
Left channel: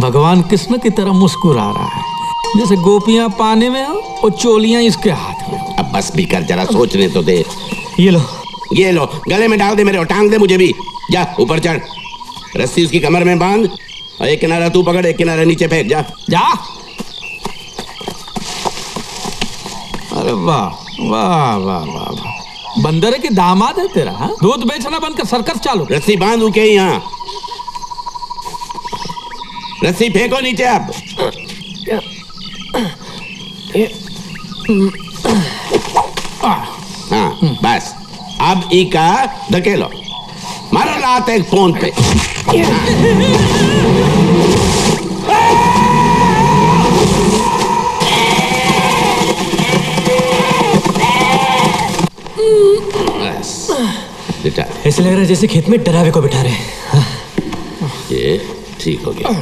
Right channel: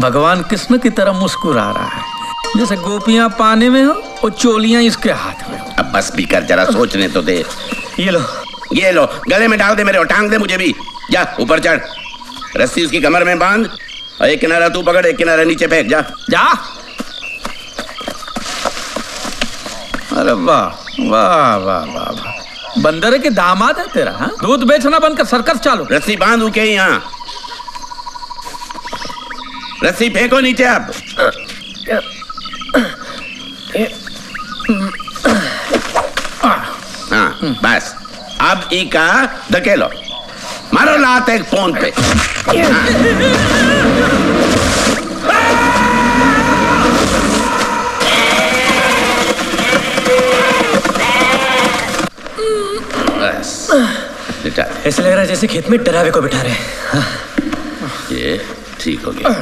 भगवान कृष्ण की तरह मुस्कुरा रहा है, जैसे गोपियां पानी में हो और चोलियां इसके हाथ में हो। अब बस भी कर, जरा सोचने तो दे। ये लो, गले में डाल दे मेरे और टांग दे मुझे भी। जा ऊपर चढ़, रस्सी उसकी कमर में बांध और एक किनारा तू पकड़, एक किनारा नीचे फेंक। जा। अरे वाह वाह वाह वाह, बंदर के दामाद है तेरा। हाँ, दूध बेचना बंद कर, सर्कस चालू। रस्सी बांध उके यहाँ, रस्सी फेंको नीचे। आप हाँ बस, अब इका धकेलो, मारो लात एक फोन पे। बस लिटा दे। ऐसे लग रहा है जैसे खेत में डरावे को बिठा रहे हैं। हाँ। ये ठीक हो गया।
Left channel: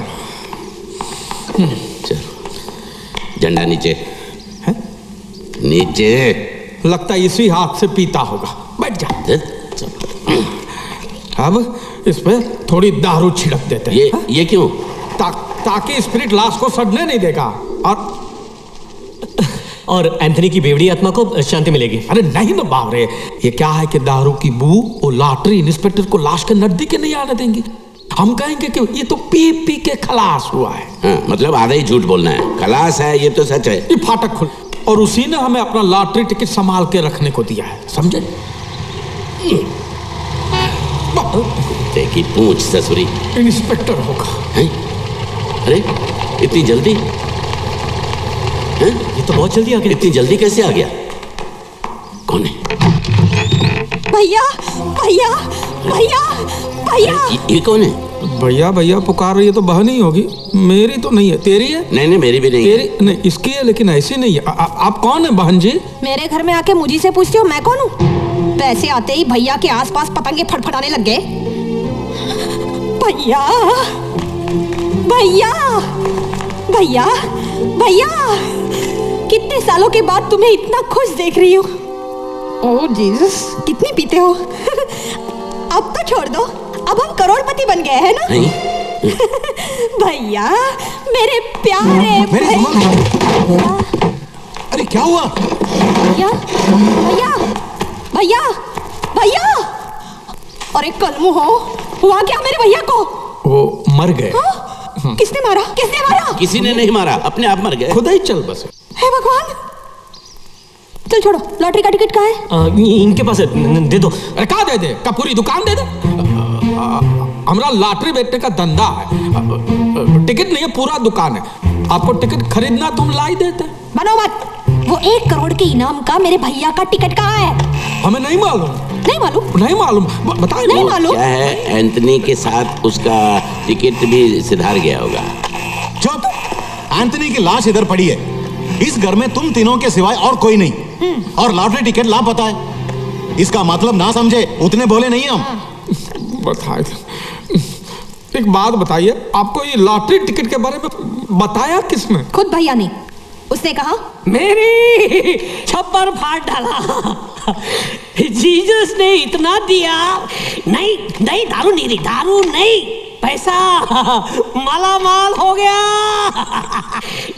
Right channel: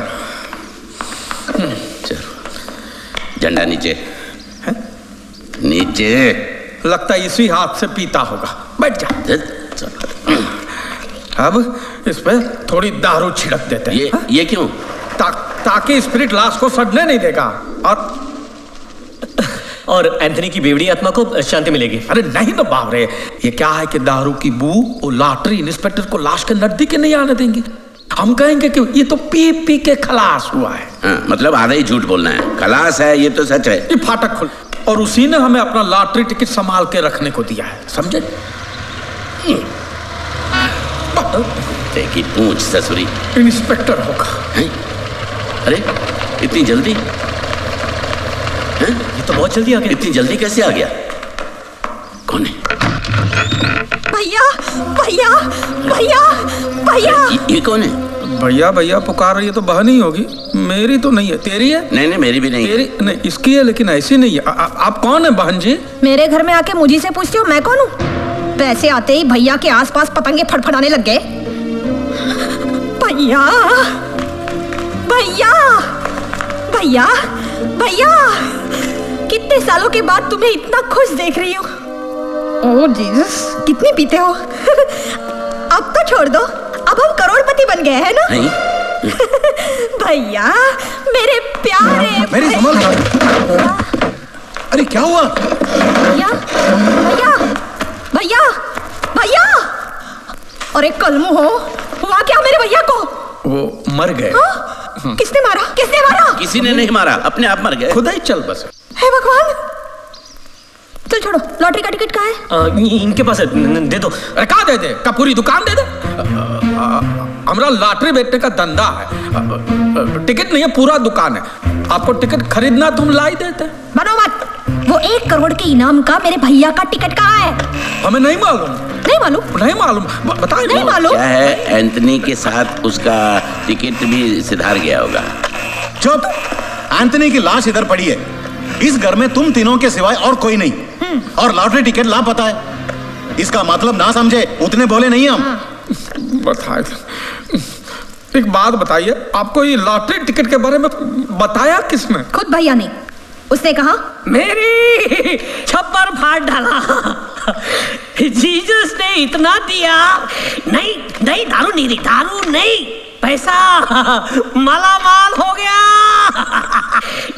चलो झंडा नीचे है? नीचे। लगता है इसी हाथ से पीता होगा। बैठ जा। अब इस पे थोड़ी दारू छिड़क देते हैं। ये क्यों? ताकि स्पिरिट लाश को सड़ने नहीं देगा और एंथनी की बेवड़ी आत्मा को शांति मिलेगी। अरे नहीं तो बाप रे, ये क्या है कि दारू की बू वो लॉटरी इंस्पेक्टर को लाश के नजदीक ही नहीं आने देंगे। हम कहेंगे कि ये तो पी पी के खलास हुआ है। हाँ, मतलब आधा ही झूठ बोलना है। खलास है ये तो सच है। ये फाटक खुल और उसी ने हमें अपना लॉटरी टिकट संभाल के रखने को दिया है, समझे? देखी पूछ ससुरी। इंस्पेक्टर होगा। हैं? अरे इतनी जल्दी? हैं? ये तो बहुत जल्दी आ गया। इतनी जल्दी कैसे आ गया? कौन है? भैया भैया भैया भैया। ये कौन है? भैया भैया पुकार रही है तो बहन ही होगी। मेरी तो नहीं है। तेरी है? नहीं नहीं मेरी भी नहीं तेरी है। नहीं इसकी है लेकिन ऐसी नहीं है। आप कौन है बहन जी? मेरे घर में आके मुझे से पूछते हो मैं कौन हूँ? पैसे आते ही भैया के आसपास पतंगे फड़फड़ाने लग गए। भैया भैया भैया भैया, कितने सालों के बाद तुम्हें इतना खुश देख रही हूँ। ओह जीसस, कितनी पीते हो? अब तो छोड़ दो, अब हम करोड़पति बन गए हैं ना? भैया मेरे प्यारे मेरी संभल। अरे क्या हुआ? भैया भैया भैया भैया, अरे कलमू हो, हुआ क्या मेरे भैया को? वो मर गए। किसने मारा? किसने मारा? किसी ने नहीं मारा, अपने आप मर गए। खुदा ही चल बस। हे भगवान, चल छोड़ो, लॉटरी का टिकट कहाँ है? इनके पास है, दे दो। अरे कहाँ दे दे? का पूरी दुकान दे दे? हमारा लॉटरी बेचने का धंधा है, टिकट नहीं है, पूरा दुकान है। आपको टिकट खरीदना तुम लाई देते। बनो मत, वो 1 करोड़ के इनाम का मेरे भैया का टिकट कहाँ है? हमें नहीं मालूम। नहीं मालूम? नहीं मालूम, बताइए। नहीं मालूम। क्या है, एंथनी के साथ उसका टिकट भी सिधार गया होगा। चुप, एंथनी की लाश इधर पड़ी है। इस घर में तुम तीनों के सिवाय और कोई नहीं, और लॉटरी टिकट लापता है। इसका मतलब ना समझे, उतने बोले नहीं हम। बताए, एक बात बताइए, आपको ये लॉटरी टिकट के बारे में बताया किसने? खुद भैया ने। उसने कहा मेरी छप्पर फाड़ डाला। जीसस ने इतना दिया। नहीं नहीं, दारू नहीं दी, दारू नहीं, पैसा माला माल हो गया।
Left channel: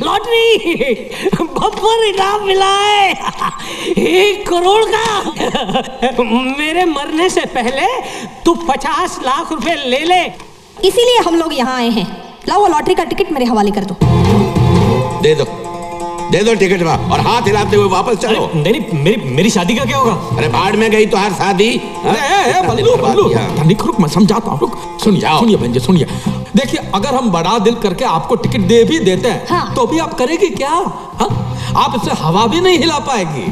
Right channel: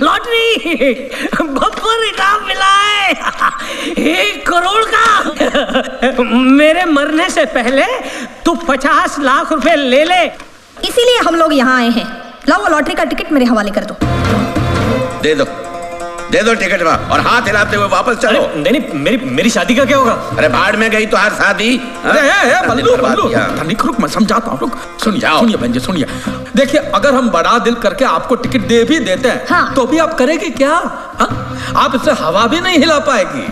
लॉटरी बम्पर इनाम मिला है 1 करोड़ का। मेरे मरने से पहले तू 50 लाख रुपए ले ले। इसीलिए हम लोग यहाँ आए हैं। लाओ वो लॉटरी का टिकट मेरे हवाले कर दो। दे दो टिकट वहाँ, और हाथ हिलाते हुए वापस चलो। नहीं, मेरी शादी का क्या होगा? अरे भाड़ में गई तो हर शादी। रुक, मैं समझाता हूँ। सुनिए बहन जी, सुनिए। देखिए, अगर हम बड़ा दिल करके आपको टिकट दे भी देते हैं, हाँ। तो भी आप करेगी क्या? आप इससे हवा भी नहीं हिला पाएगी।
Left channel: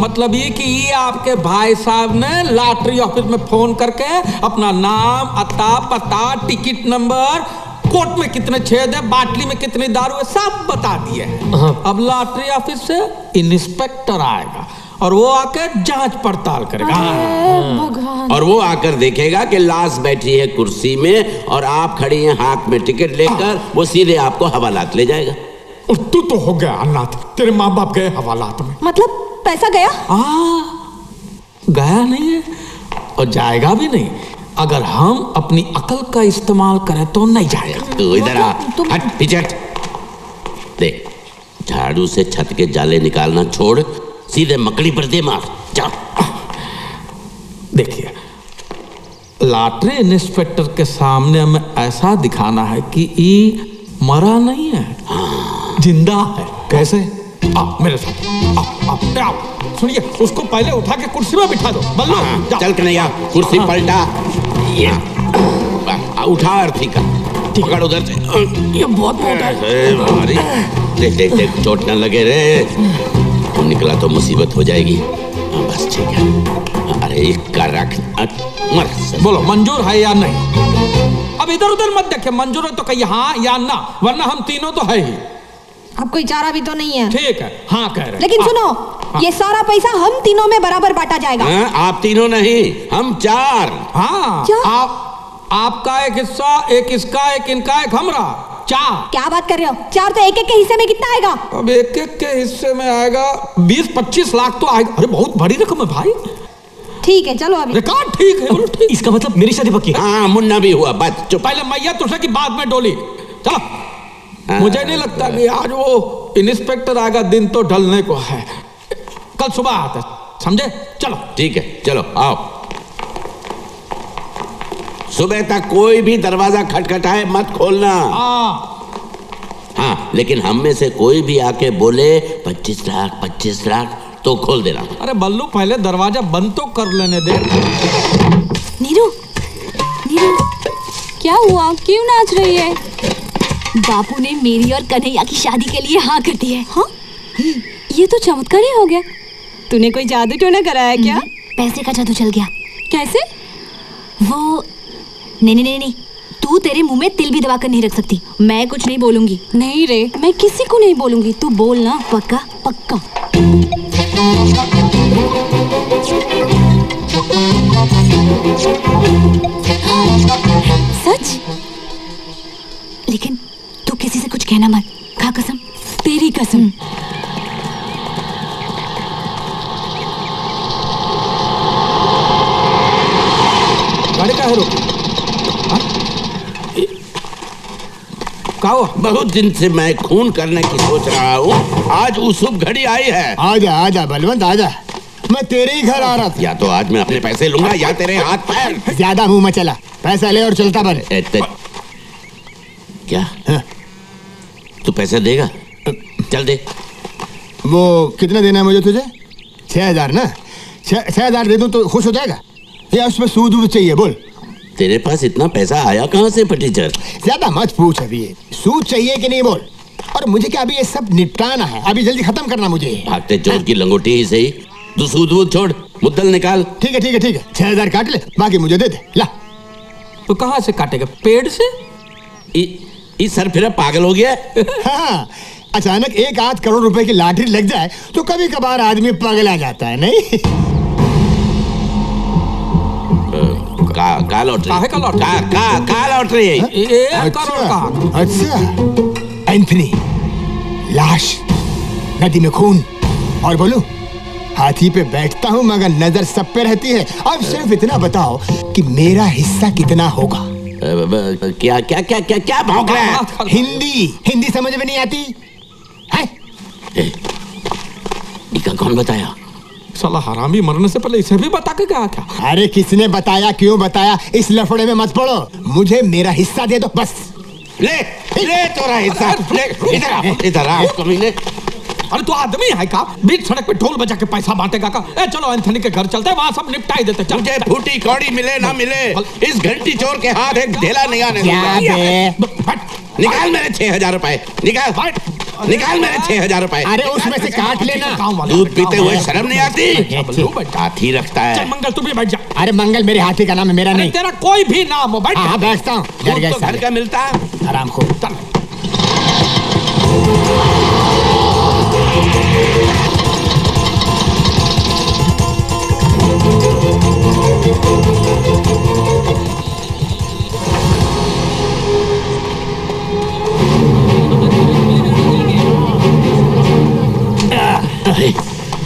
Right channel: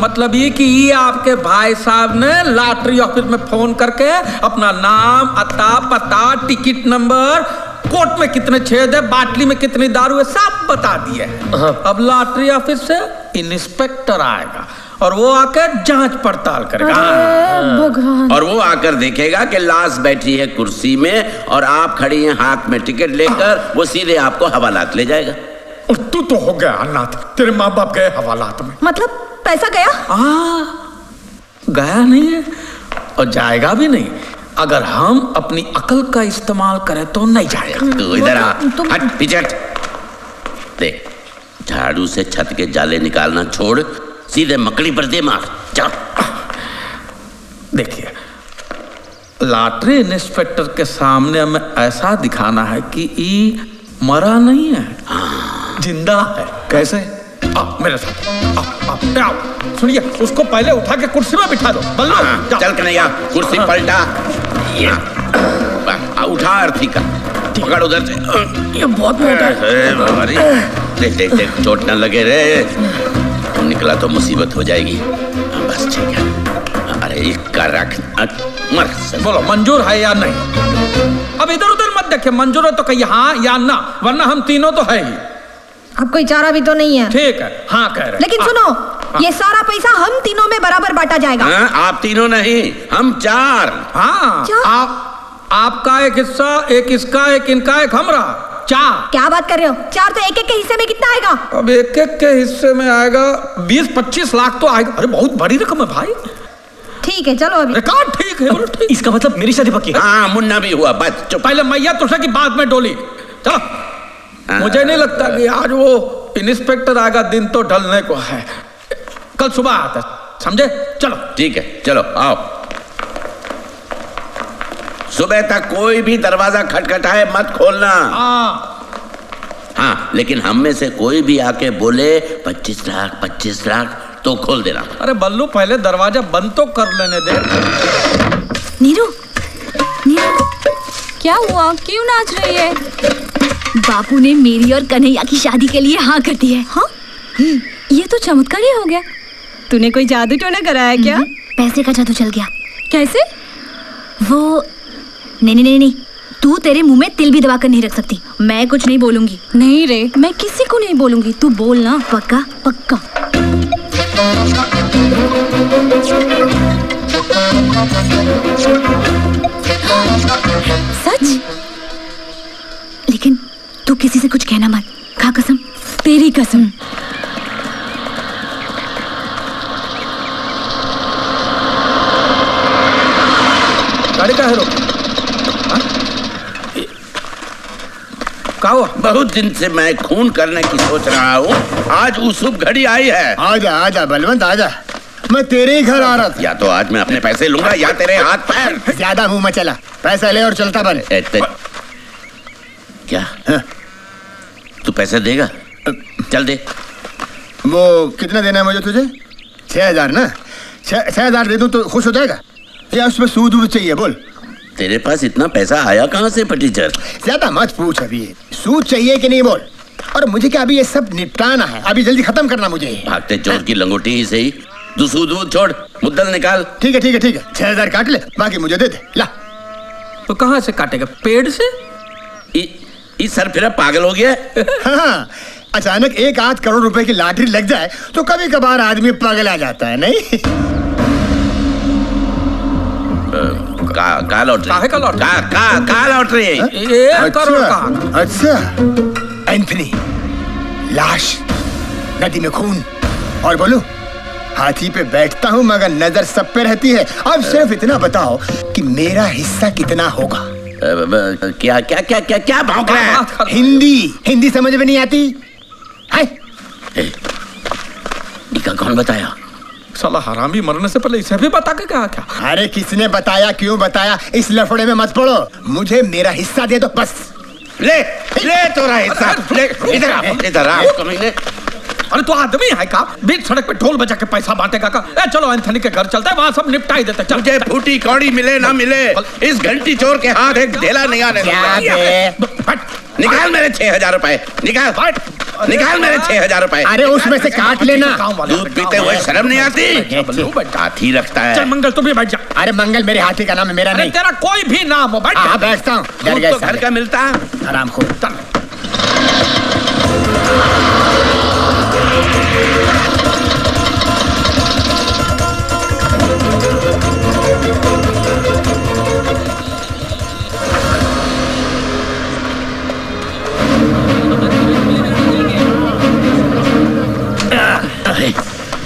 मतलब ये कि ये आपके भाई साहब ने लॉटरी ऑफिस में फोन करके अपना नाम, अता, पता, टिकट नंबर, कोट में कितने छेद है, बाटली में कितनी दारू है, सब बता दिए। अब लॉटरी ऑफिस से इंस्पेक्टर आएगा और वो आकर जांच पड़ताल करेगा। भगवान। और वो आकर देखेगा कि लाश बैठी है कुर्सी में और आप खड़ी हैं हाथ में टिकट लेकर, वो सीधे आपको हवालात ले जाएगा। और तू तो हो गया अनाथ, तेरे माँ बाप गए हवालात में। मतलब पैसा गया? गया नहीं है और जाएगा भी नहीं। अगर हम अपनी अकल का इस्तेमाल करें तो नहीं जाएगा। तू इधर आ, हट पीछे हट। देख, झाड़ू से छत के जाले निकालना छोड़, सीधे मकड़ी पर दे मार। जा। देखिए, लॉटरी इंस्पेक्टर के सामने हमें ऐसा दिखाना है कि ये मरा नहीं है, जिंदा है। कैसे? मेरे साथ आओ। सुनिए, उसको पहले उठा के कुर्सी में बिठा दो। बल्लू चल कन्हैया, कुर्सी पलटा। उठा अर्थी का, पकड़ उधर से। ये बहुत मोटा है। देख चोट न लगे रे। तू निकला तो मुसीबत हो जाएगी। बस ठीक है। अरे इसका रख, मर। बोलो मंजूर है या नहीं? अब इधर उधर मत देखे, मंजूर है तो कहिए हाँ या ना, वरना हम तीनों तो है ही। अब कोई चारा भी तो नहीं है। ठीक है, हाँ कह रहे। लेकिन सुनो, ये सारा पैसा हम तीनों में बराबर बांटा जाएगा। हाँ, आप तीनों नहीं, हम 4। हाँ क्या? आपका एक हिस्सा, एक इसका, एक इनका, एक हमरा, 4। क्या बात कर रहे हो? 4 तो एक एक के हिस्से में कितना आएगा? अब एक एक के हिस्से में आएगा 20-25 लाख तो आएगा। अरे बहुत बड़ी रकम है भाई। ठीक है चलो अभी। रिकॉर्ड ठीक है, बोलो ठीक। इसका मतलब मेरी शादी पक्की है? हाँ, मुन्ना भी हुआ, बस चुप। पहले मैया तुझे की बाद में डोली। चलो। मुझे नहीं लगता कि आज वो इंस्पेक्टर आएगा, दिन तो ढलने को है, कल सुबह आता है, समझे? चलो ठीक है, चलो आओ। सुबह तक कोई भी दरवाजा खटखटाए मत खोलना। हाँ, लेकिन हम में से कोई भी आके बोले 25 लाख तो खोल देना। अरे बल्लू पहले दरवाजा बंद तो कर लेने दे। नीरू, नीरू, क्या हुआ? क्यों नाच रही है? बापू ने मेरी और कन्हैया की शादी के लिए हाँ कर दी है। हाँ? ये तो चमत्कार ही हो गया। तूने कोई जादू टोना कराया क्या? पैसे का जादू चल गया। कैसे? वो नहीं, तू तेरे मुंह में तिल भी दबा कर नहीं रख सकती। मैं कुछ नहीं बोलूंगी। नहीं रे, मैं किसी को नहीं बोलूंगी, तू बोलना। पक्का? पक्का। सच? लेकिन तू किसी से कुछ कहना मत, खा कसम। तेरी कसम। गाड़ी का है रोक। क्या हुआ? बहुत दिन से मैं खून करने की सोच रहा हूँ, आज वो शुभ घड़ी आई है। आजा आजा बलवंत आजा, मैं तेरे ही घर आ रहा था। या तो आज मैं अपने पैसे लूंगा या तेरे हाथ पैर। ज्यादा मुंह में चला, पैसा ले और चलता बन। क्या? हाँ? तू पैसे देगा? चल दे। वो कितना देना है मुझे तुझे? 6,000 ना? 6,000 दे दूं तो खुश हो जाएगा या उसमें सूद वूद चाहिए? बोल। तेरे पास इतना पैसा आया कहाँ से फटीचर? ज्यादा मत पूछ, अभी सूद चाहिए कि नहीं बोल। और मुझे क्या अभी ये सब निपटाना है, अभी जल्दी खत्म करना मुझे। भागते चोर की लंगोटी ही सही, तू सूद वूद छोड़, मुद्दल निकाल। ठीक है 6,000 काट ले, बाकी मुझे दे दे। ला। तो कहाँ से काटेगा? पेड़ से? इस सर फिर पागल हो गया। हाँ, अचानक 1-8 करोड़ रुपए की लॉटरी लग जाए तो कभी कभार आदमी पागल आ जाता है, नहीं? का लॉटरी? काहे का लॉटरी? का लॉटरी? 1 करोड़ का। अच्छा, एंथनी, लाश, नदी में खून, और बोलूं हाथी पे बैठता हूं मगर नजर सब पे रहती है। अब सिर्फ इतना बताओ कि मेरा हिस्सा कितना होगा? क्या क्या क्या क्या क्या भौंक रहा है? हिंदी समझ में नहीं आती है? इका कौन बताया? साला हरामी मरने से पहले इसे भी बता के क्या? अरे किसने बताया, क्यों बताया, इस लफड़े में मत पड़ो। मुझे मेरा हिस्सा दे दो बस। ले तोरा हिस्सा ले। इधर आ कमीने। अरे तू आदमी है का? बीच सड़क पे ढोल बजा के पैसा बांटेगा का? चलो एंथनी के घर चलते हैं, वहां सब निपटा ही देते। मुझे फूटी कौड़ी मिले ना मिले, इस घंटी चोर के हाथ एक ढेला नहीं आने दूंगा। निकाल मेरे 6,000 रुपए, निकाल मेरे 6,000 रुपए। अरे उसमें से काट लेना। दूध पीते हुए शर्म नहीं आती? हाथी रखता है। चल मंगल तू भी बैठ जा। अरे मंगल मेरे हाथी का नाम है, मेरा नहीं। तेरा कोई भी नाम हो, बैठ। हाँ बैठता हूँ। डर गए तो घर का मिलता आराम को।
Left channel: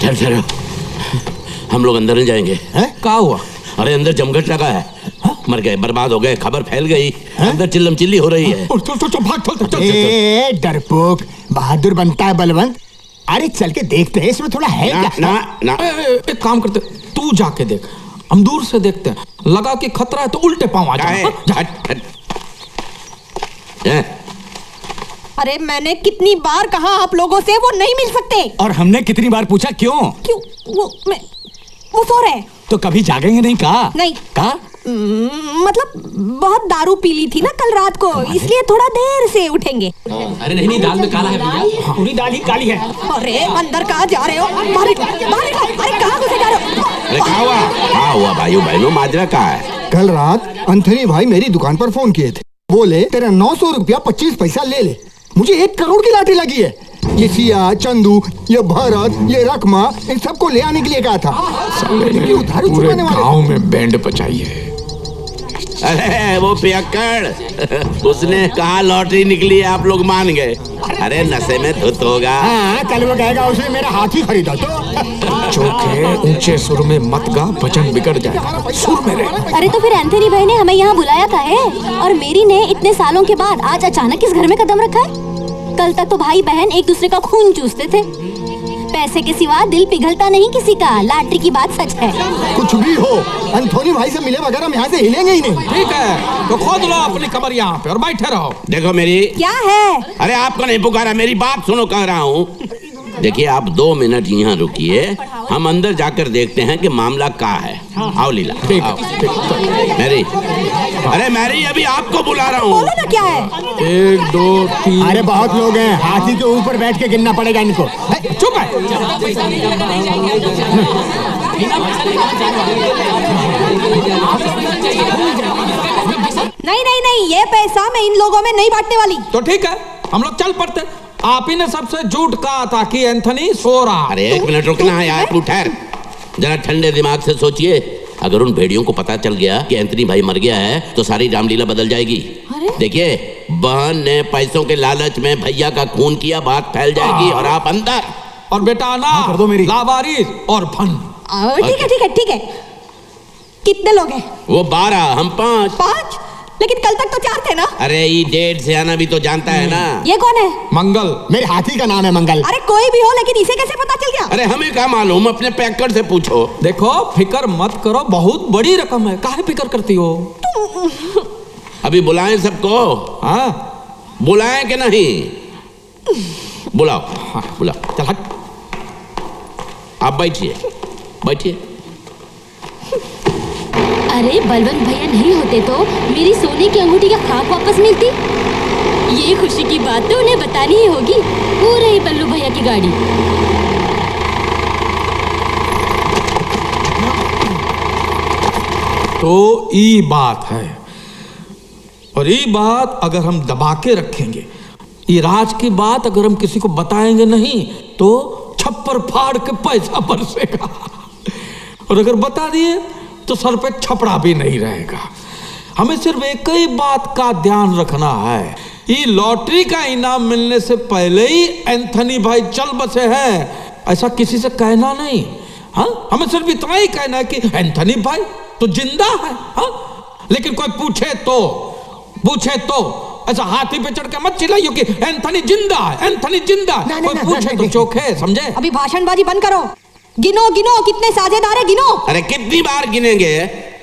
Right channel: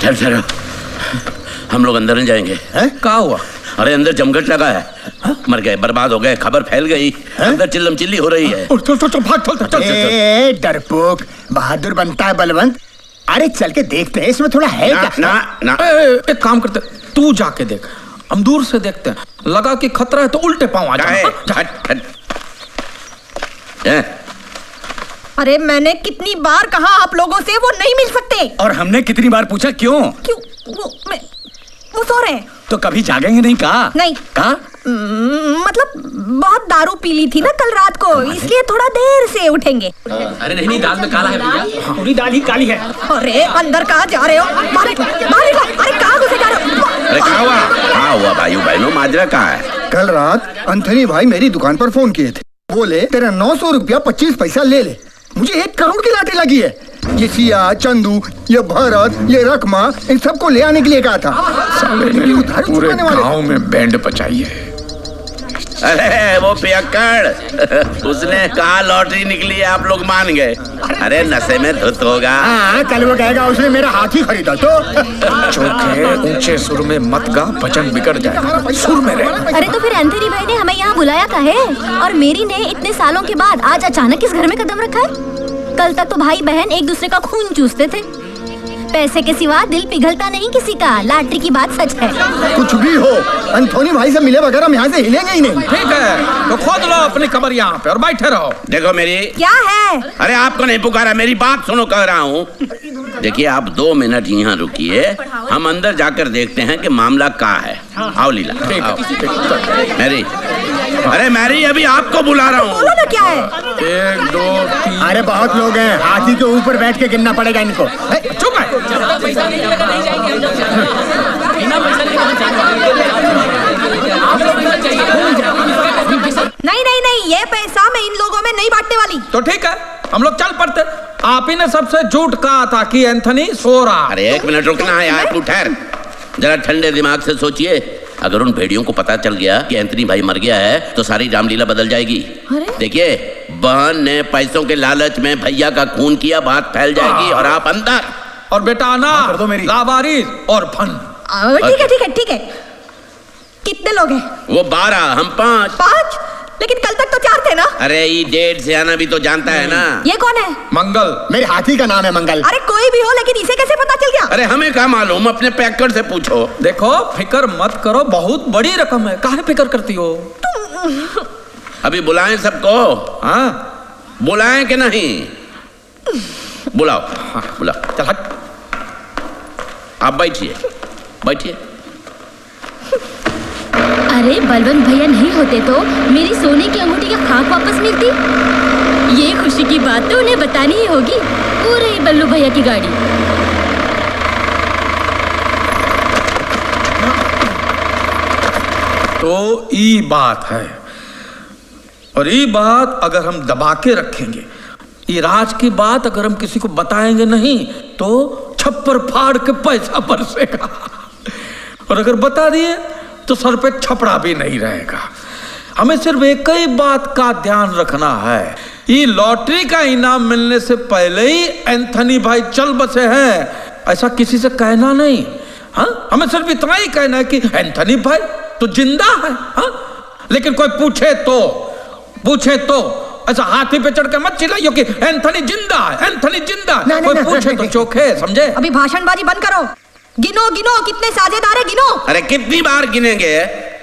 चल हम लोग अंदर नहीं जाएंगे। क्या हुआ? अरे अंदर जमघट लगा है। मर गए, बर्बाद हो गए, खबर फैल गई, अंदर चिल्लम चिल्ली हो रही है। चल डरपोक, बहादुर बनता है बलवंत। अरे चल के देखते हैं इसमें थोड़ा है क्या? ना। एक काम करते, तू जाके देख, हम दूर से देखते हैं, लगा कि खतरा है तो उल्टे पांव आ जाए। अरे मैंने कितनी बार कहा आप लोगों से वो नहीं मिल सकते। और हमने कितनी बार पूछा क्यों? वो सो रहे। तो कभी जागेंगे नहीं कहा? नहीं कहा? मतलब बहुत दारू पी ली थी ना कल रात को, इसलिए थोड़ा देर से उठेंगे। अरे नहीं, दाल में काला है भैया, पूरी दाल ही काली है। अरे अंदर कहाँ जा रहे हो? बाहर निकलो। अरे कहाँ घुसे जा रहे हो? अरे क्या हुआ भाइयों बहनों, माजरा कहाँ है? कल रात अंथनी भाई मेरी दुकान पर फोन किए थे, बोले तेरा 900 रुपया 25 पैसा ले ले, मुझे 1 करोड़ की लॉटरी लगी है। ये सिया, चंदू, ये भरत, ये रकमा, इन सबको ले आने के लिए कहा था। इनकी उधारी पूरे चुकाने वाले गांव में बैंड बचाई है। अरे वो पियक्कड़, उसने कहा लॉटरी निकली है, आप लोग मान गए। अरे नशे में धुत होगा। हाँ, कल वो कहेगा उसने मेरा हाथी खरीदा तो। चौके ऊंचे सुर में मत गा, भजन बिगड़ जाएगा, सुर में रहे। अरे तो फिर एंथनी भाई ने हमें यहाँ बुलाया था है, और मेरी ने इतने सालों के बाद आज अचानक इस घर में कदम रखा है। कल तक तो भाई बहन एक दूसरे का खून चूसते थे। पैसे के सिवा दिल पिघलता नहीं किसी का। लॉटरी की बात सच है। कुछ भी हो, एंथोनी भाई से मिले बगैर हम यहाँ से हिलेंगे ही नहीं। ठीक है, तो खोद लो अपनी कब्र यहाँ पे और बैठे रहो। देखो मेरी। क्या है? अरे आपको नहीं पुकारा, मेरी बात सुनो, कह रहा हूँ। देखिए आप 2 मिनट यहाँ रुकिए, हम अंदर जाकर देखते हैं कि मामला क्या है। आओ लीला। ठीक है। मैरी, अरे मैरी अभी आपको बुला रहा हूँ। बोलो ना क्या है? 1 2 3। अरे बहुत लोग हैं, हाथी के ऊपर बैठ के गिनना पड़ेगा इनको। चुप है। नहीं नहीं नहीं, ये पैसा मैं इन लोगों में नहीं बांटने वाली। तो ठीक है, हम लोग चल पड़ते। आप ही ने सबसे झूठ कहा था कि एंथनी सो रहा। अरे 1 मिनट रुकना है यार, तू ठहर जरा, ठंडे दिमाग से सोचिए। अगर उन भेड़ियों को पता चल गया कि एंथनी भाई मर गया है तो सारी रामलीला बदल जाएगी। देखिए बहन ने पैसों के लालच में भैया का खून किया, बात फैल जाएगी और आप अंदर। और बेटा ना कर दो मेरी लावारिस और फन। ठीक है ठीक है ठीक है। कितने लोग हैं? वो 12, हम 5। 5? लेकिन कल तक तो 4 थे ना। अरे ये डेढ़ से आना भी तो जानता है ना। ये कौन है? मंगल। मेरे हाथी का नाम है मंगल। अरे कोई भी हो, लेकिन इसे कैसे पता चल गया? अरे हमें क्या मालूम, अपने पैकर से पूछो। देखो फिकर मत करो, बहुत बड़ी रकम है, काहे फिकर करती हो? अभी बुलाएं सबको? हाँ बुलाएं कि नहीं? बुलाओ। हाँ बुलाओ। चल हट। आप बैठिए, बैठिए। अरे बलवंत भैया नहीं होते तो मेरी सोने की अंगूठी का खाक वापस मिलती। ये खुशी की बात तो उन्हें बतानी ही होगी। वो रही बल्लू भैया की गाड़ी। तो ये बात है, और ये बात अगर हम दबा के रखेंगे, ये राज की बात अगर हम किसी को बताएंगे नहीं तो छप्पर फाड़ के पैसा बरसेगा, और अगर बता दिए तो सर पे छपड़ा भी नहीं रहेगा। हमें सिर्फ एक ही बात का ध्यान रखना है, ये लॉटरी का इनाम मिलने से पहले ही एंथनी भाई चल बसे हैं, ऐसा किसी से कहना नहीं। हाँ, हमें सिर्फ इतना ही कहना है कि एंथनी भाई तो जिंदा है। हाँ, लेकिन कोई पूछे तो ऐसा हाथी पे चढ़ के मत चिल्लाइयो कि एंथनी जिंदा है, एंथनी जिंदा है। कोई पूछे तो चोखे, समझे? अभी भाषणबाजी बंद करो। गिनो गिनो, कितने साझेदार है, गिनो। अरे कितनी बार गिनेंगे?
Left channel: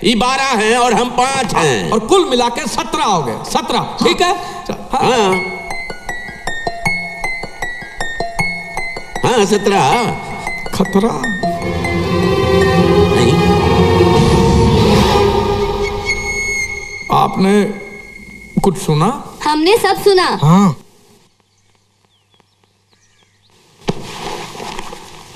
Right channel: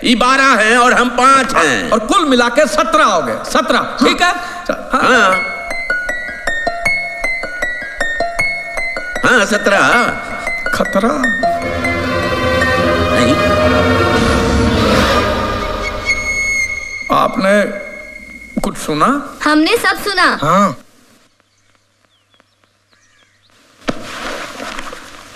ये 12 हैं और हम 5 हैं, और कुल मिला के 17 हो गए। 17, ठीक है। हाँ हाँ 17। खतरा नहीं। आपने कुछ सुना? हमने सब सुना। हाँ।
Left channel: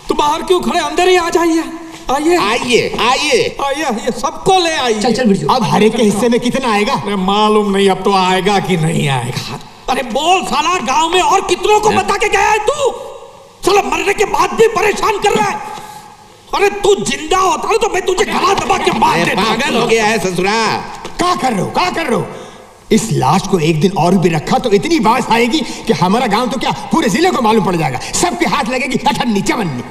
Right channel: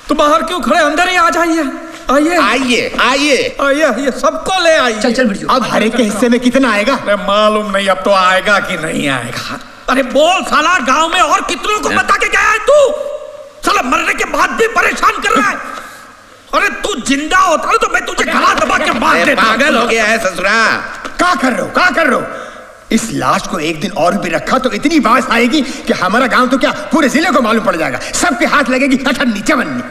तो बाहर क्यों खड़े, अंदर ही आ जाइए। आइए आइए आइए आइए आइए, सबको ले आइए। चल बिरजू। अब हर एक के हिस्से में कितना आएगा? अरे मालूम नहीं अब तो आएगा कि नहीं आएगा। अरे बोल साला, गांव में और कितनों को बता के गया है तू? साला मरने के बाद भी परेशान कर रहा है। अरे तू जिंदा होता है तो मैं तुझे गला दबा के मार देता। पागल हो गया है ससुरा। क्या कर रहे हो? इस लाश को एक दिन और भी रखा तो इतनी बात आएगी कि हमारा गांव तो क्या पूरे जिले को मालूम पड़ जाएगा। सबके हाथ लगेगी अठन्नी चवन्नी।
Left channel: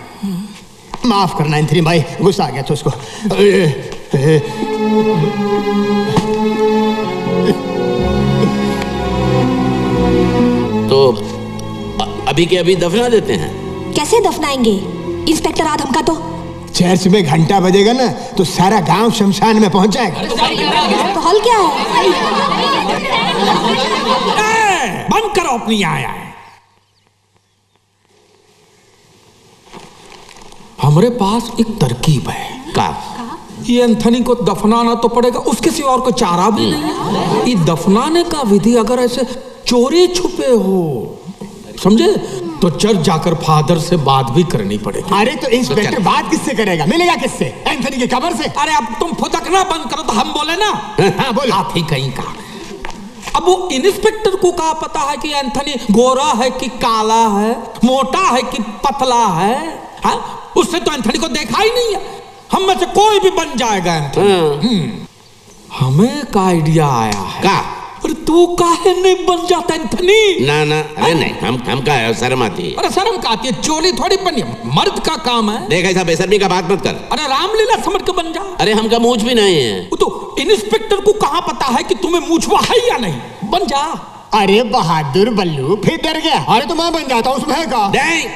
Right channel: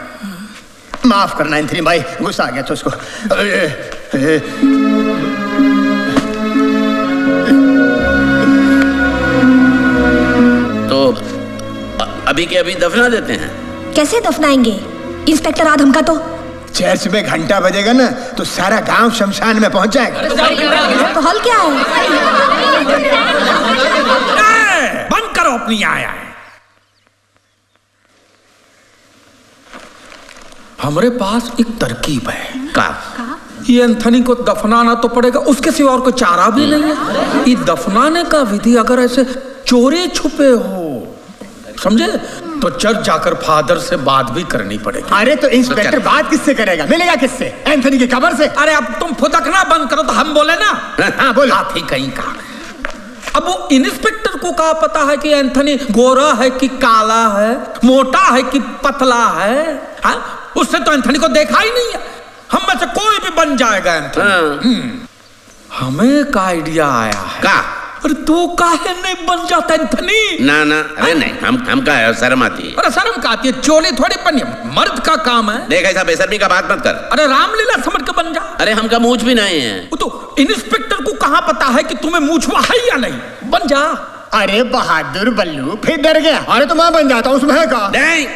माफ करना एंथनी भाई, गुस्सा आ गया तो उसको। तो अभी के अभी दफना देते हैं। कैसे दफनाएंगे? इंस्पेक्टर आदम का तो चर्च में घंटा बजेगा ना तो सारा गांव शमशान में पहुंच जाएगा। तो हल क्या है? बंद करो अपनी आया है। हमारे पास एक तरकीब है। का? ये एंथनी को दफनाना तो पड़ेगा, उसके सिवा और कोई चारा भी नहीं है। ये दफनाने का विधि अगर ऐसे चोरी छुपे हो, समझे, तो चर्च जाकर फादर से बात भी करनी पड़ेगी। अरे तो इंस्पेक्टर बात किससे करेगा? मिलेगा किससे? एंथनी की कब्र से। अरे अब तुम फुदकना बंद करो तो हम बोले ना। हाँ बोलो। आप ही कहीं का अब वो इंस्पेक्टर को क्या पता है कि एंथनी गोरा है कि काला है, मोटा है कि पतला है? हा? उसने तो एंथनी को देखा ही नहीं है। हम में से कोई भी बन जाएगा एंथनी। हमें एक आइडिया आया है। का? अरे तू काहे नहीं बन जाता एंथनी? ना ना, अरे नहीं, हम का है, शर्म आती है। अरे शर्म का आती है? चोली थोड़ी बनी, मर्द का काम है। देख ऐसा बेशर्मी का बात मत कर। अरे रामलीला समझ के बन जा। अरे हमका मूछ भी नहीं है। वो तो इंस्पेक्टर को कहाँ पता है कि तुम्हें मूछवा है या नहीं? बन जा। अरे बहादुर बल्लू फिर डर गया। अरे तो मैं बन जाता हूँ, उसमें है का? नहीं,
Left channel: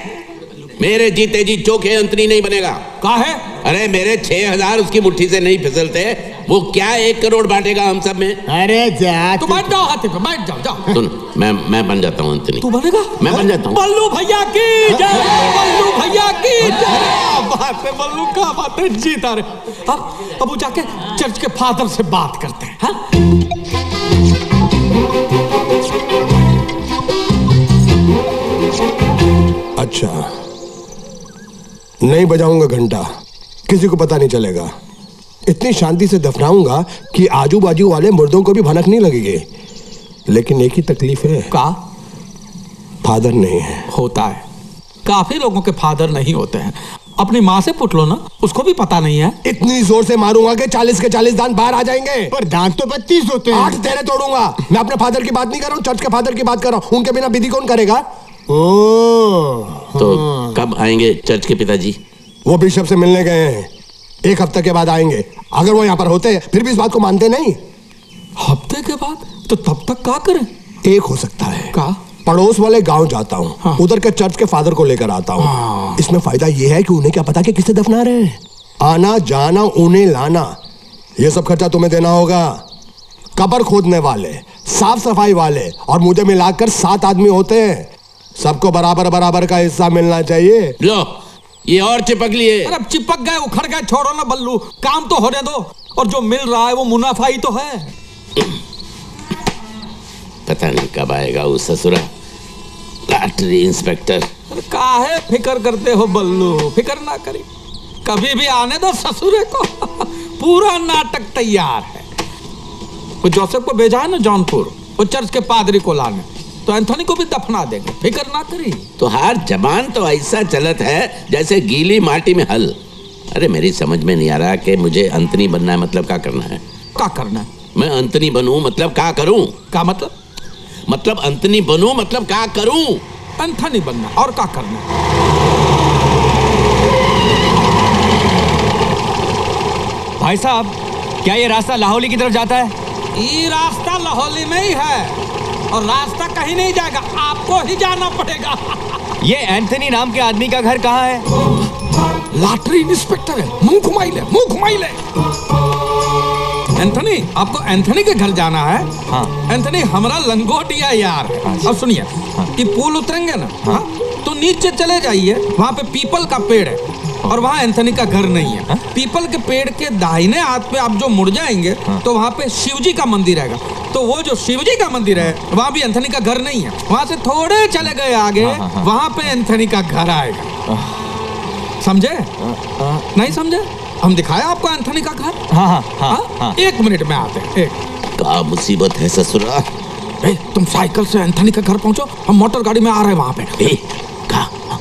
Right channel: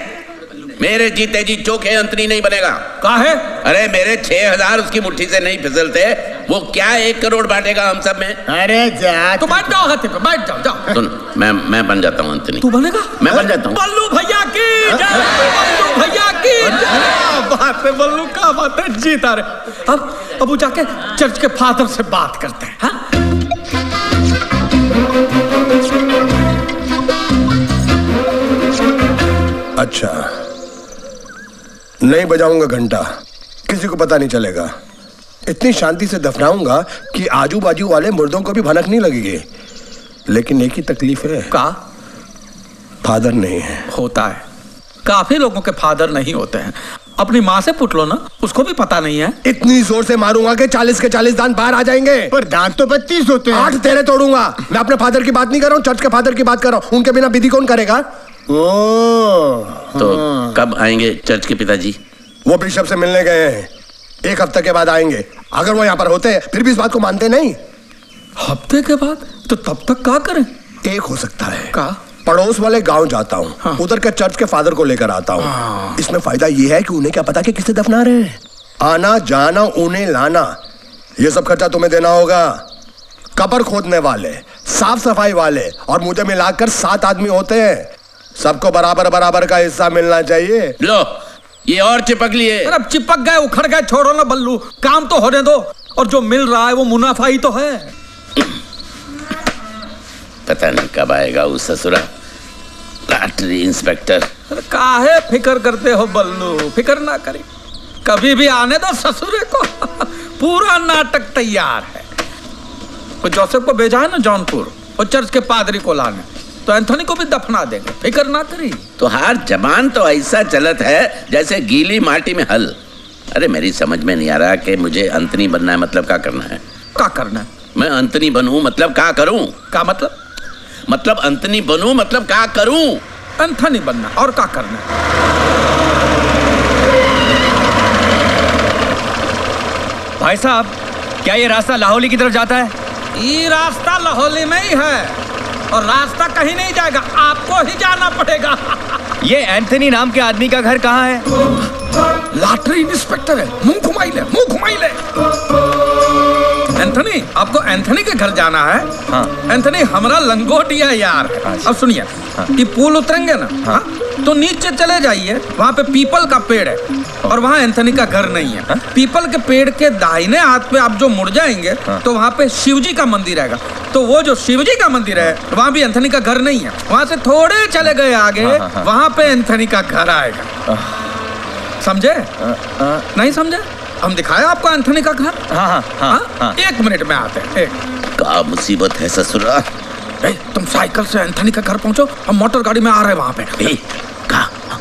मेरे जीते जी चोखे अंतनी नहीं बनेगा। काहे? अरे मेरे 6000 उसकी मुट्ठी से नहीं फिसलते, वो क्या 1 करोड़ बांटेगा हम सब में? अरे जा तो बैठ जाओ हाथी पे, बैठ जाओ, जाओ। सुन, मैं बन जाता हूँ अंतनी। तू बनेगा? मैं बन जाता हूँ। बल्लू भैया की जय, बल्लू भैया की जय। बात है बल्लू, का बात है, जीता रे। अब वो जाके चर्च के फादर से बात करते हैं। हाँ? अच्छा, नहीं बजाऊंगा घंटा, किसी को पता नहीं चलेगा। इतनी शांति से दफनाऊंगा कि आजू बाजू वाले मुर्दों को भी भनक नहीं लगेगी। लेकिन एक ही तकलीफ है। का? फादर नहीं है। होता है, काफी लोगों के फादर नहीं होते हैं। अपनी माँ से पूछ लो ना, उसको भी पता नहीं है। इतनी जोर से मारूंगा कि 40 के 40 दांत बाहर आ जाएंगे। पर दांत तो 32 होते हैं। 8 तेरे तोड़ूंगा। मैं अपने फादर की बात नहीं कर रहा हूँ, चर्च के फादर की बात कर रहा हूँ। उनके बिना विधि कौन करेगा? तो कब आएंगे चर्च के पिताजी? वो बिशप से मिलने गए हैं, 1 हफ्ते के बाद आएंगे। अगर वो यहाँ पर होते फिर भी इस बात को मानते नहीं। हफ्ते के बाद? तो तब तक क्या करें? एक हो सकता है, का? पड़ोस वाले गांव जाता हूँ। हाँ। उधर के चर्च के फादर को लेकर आता हूँ। हाँ। इसमें फायदा ये है कि उन्हें क्या पता कि किसे दफना रहे हैं। आना जाना, उन्हें लाना, ये सब खर्चा तुम्हें देना होगा। कब्र खोदने वाले, साफ सफाई वाले और मुझे मिलाकर 7 आदमी होते हैं। सबको बराबर बराबर का हिस्सा मिलना चाहिए। लो, ये और चिपक लिए। अरे चिपक गए, उखड़ गए, छोड़ो ना बल्लू, काम तो होने दो। और जो मिल रहा है वो मुनाफा ही तो है। पता नहीं कब आएगा वो ससुरा लॉटरी इंस्पेक्टर। अरे काहे फिकर करते हो बल्लू? फिकर ना करी, कभी भी आने दो ससुरे को। पूरा नाटक तैयार है। वो जोसेफ को भेजा है ना जौनपुर, वो चर्च के पादरी को लाने, तो एंथोनी को भी दफना देंगे, फिकर ना करी। तो हर जबान तो ऐसा चलत है जैसे गीली माटी में हल। अरे मेरी समझ में नहीं आ रहा कि मुझे अंतनी बनना है, मतलब क्या करना है? क्या करना है? मैं अंतनी बनूं मतलब क्या करूं? क्या मतलब? मतलब अंतनी बनूं मतलब क्या करूं? एंथोनी बनना, और क्या करना है? भाई साहब, क्या ये रास्ता लाहौली की तरफ जाता है? ये रास्ता लाहौली में ही है, और रास्ता कहीं नहीं जाएगा, आपको ही जाना पड़ेगा। ये एंथनी नाम के आदमी का घर कहाँ है? लॉटरी इंस्पेक्टर है, मुंह घुमाई ले, मुंह घुमाई ले। एंथनी, आपको एंथनी के घर जाना है? हाँ। एंथनी हमारा लंगोटिया यार है। अच्छा। अब सुनिए, ये पुल उतरेंगे ना, हाँ? तो नीचे चले जाइए, वहाँ पे पीपल का पेड़ है, और वहाँ एंथनी का घर नहीं है। हाँ? पीपल के पेड़ के दाहिने हाथ पे आप जो मुड़ जाएंगे, हाँ। तो वहाँ पे शिवजी का मंदिर रहेगा। तो वो जो शिवजी का मंदिर है, वहाँ भी एंथनी का घर नहीं है। वहाँ से थोड़े चले गए आगे, हाँ। वहाँ पे एंथनी का घर आएगा। समझे? नहीं समझे? हम दिखाए आपको एंथनी का घर? हाँ। 1 मिनट में आते हैं। क्या मुसीबत है ससुरा? तुम साइकिल से एंथनी के घर पहुंचो, हम मोटर गाड़ी में आ रहे हैं वहाँ पे।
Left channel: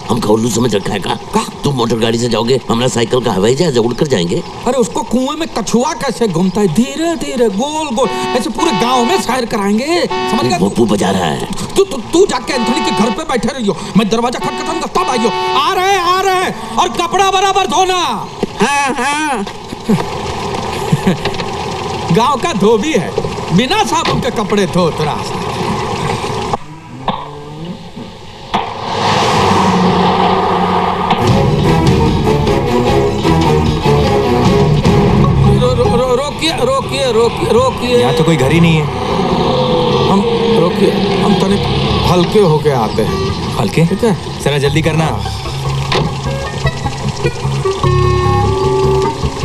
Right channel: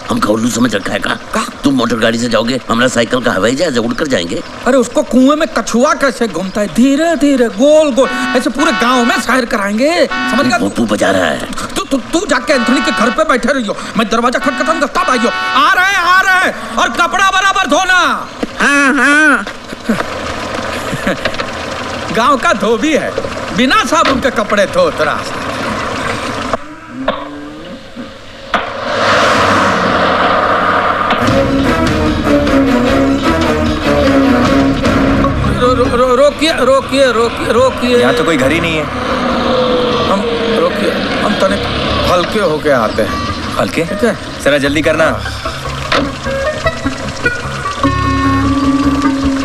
हमका उल्लू समझ रखा है का? तुम मोटर गाड़ी से जाओगे, हमारा साइकिल का हवाई जहाज उड़कर जाएंगे। अरे उसको कुएं में कछुआ कैसे घूमता है, धीरे धीरे गोल गोल ऐसे पूरे गांव में सैर कराएंगे, समझ गया? वो बजा रहा है। तू जाके एंथनी के घर पे बैठे रहियो, मैं दरवाजा खटखटाऊंगा, तब आइयो। आ रहे हैं, और कपड़ा बराबर धोना। हाँ। गांव का धोबी है, बिना साबुन के कपड़े धोत रहा। रोकिए। यहाँ तो कोई घर ही नहीं है। हम रोकिए, हम तनिक हल्के होके आते हैं। हल्के? ठीक है, जरा जल्दी करना।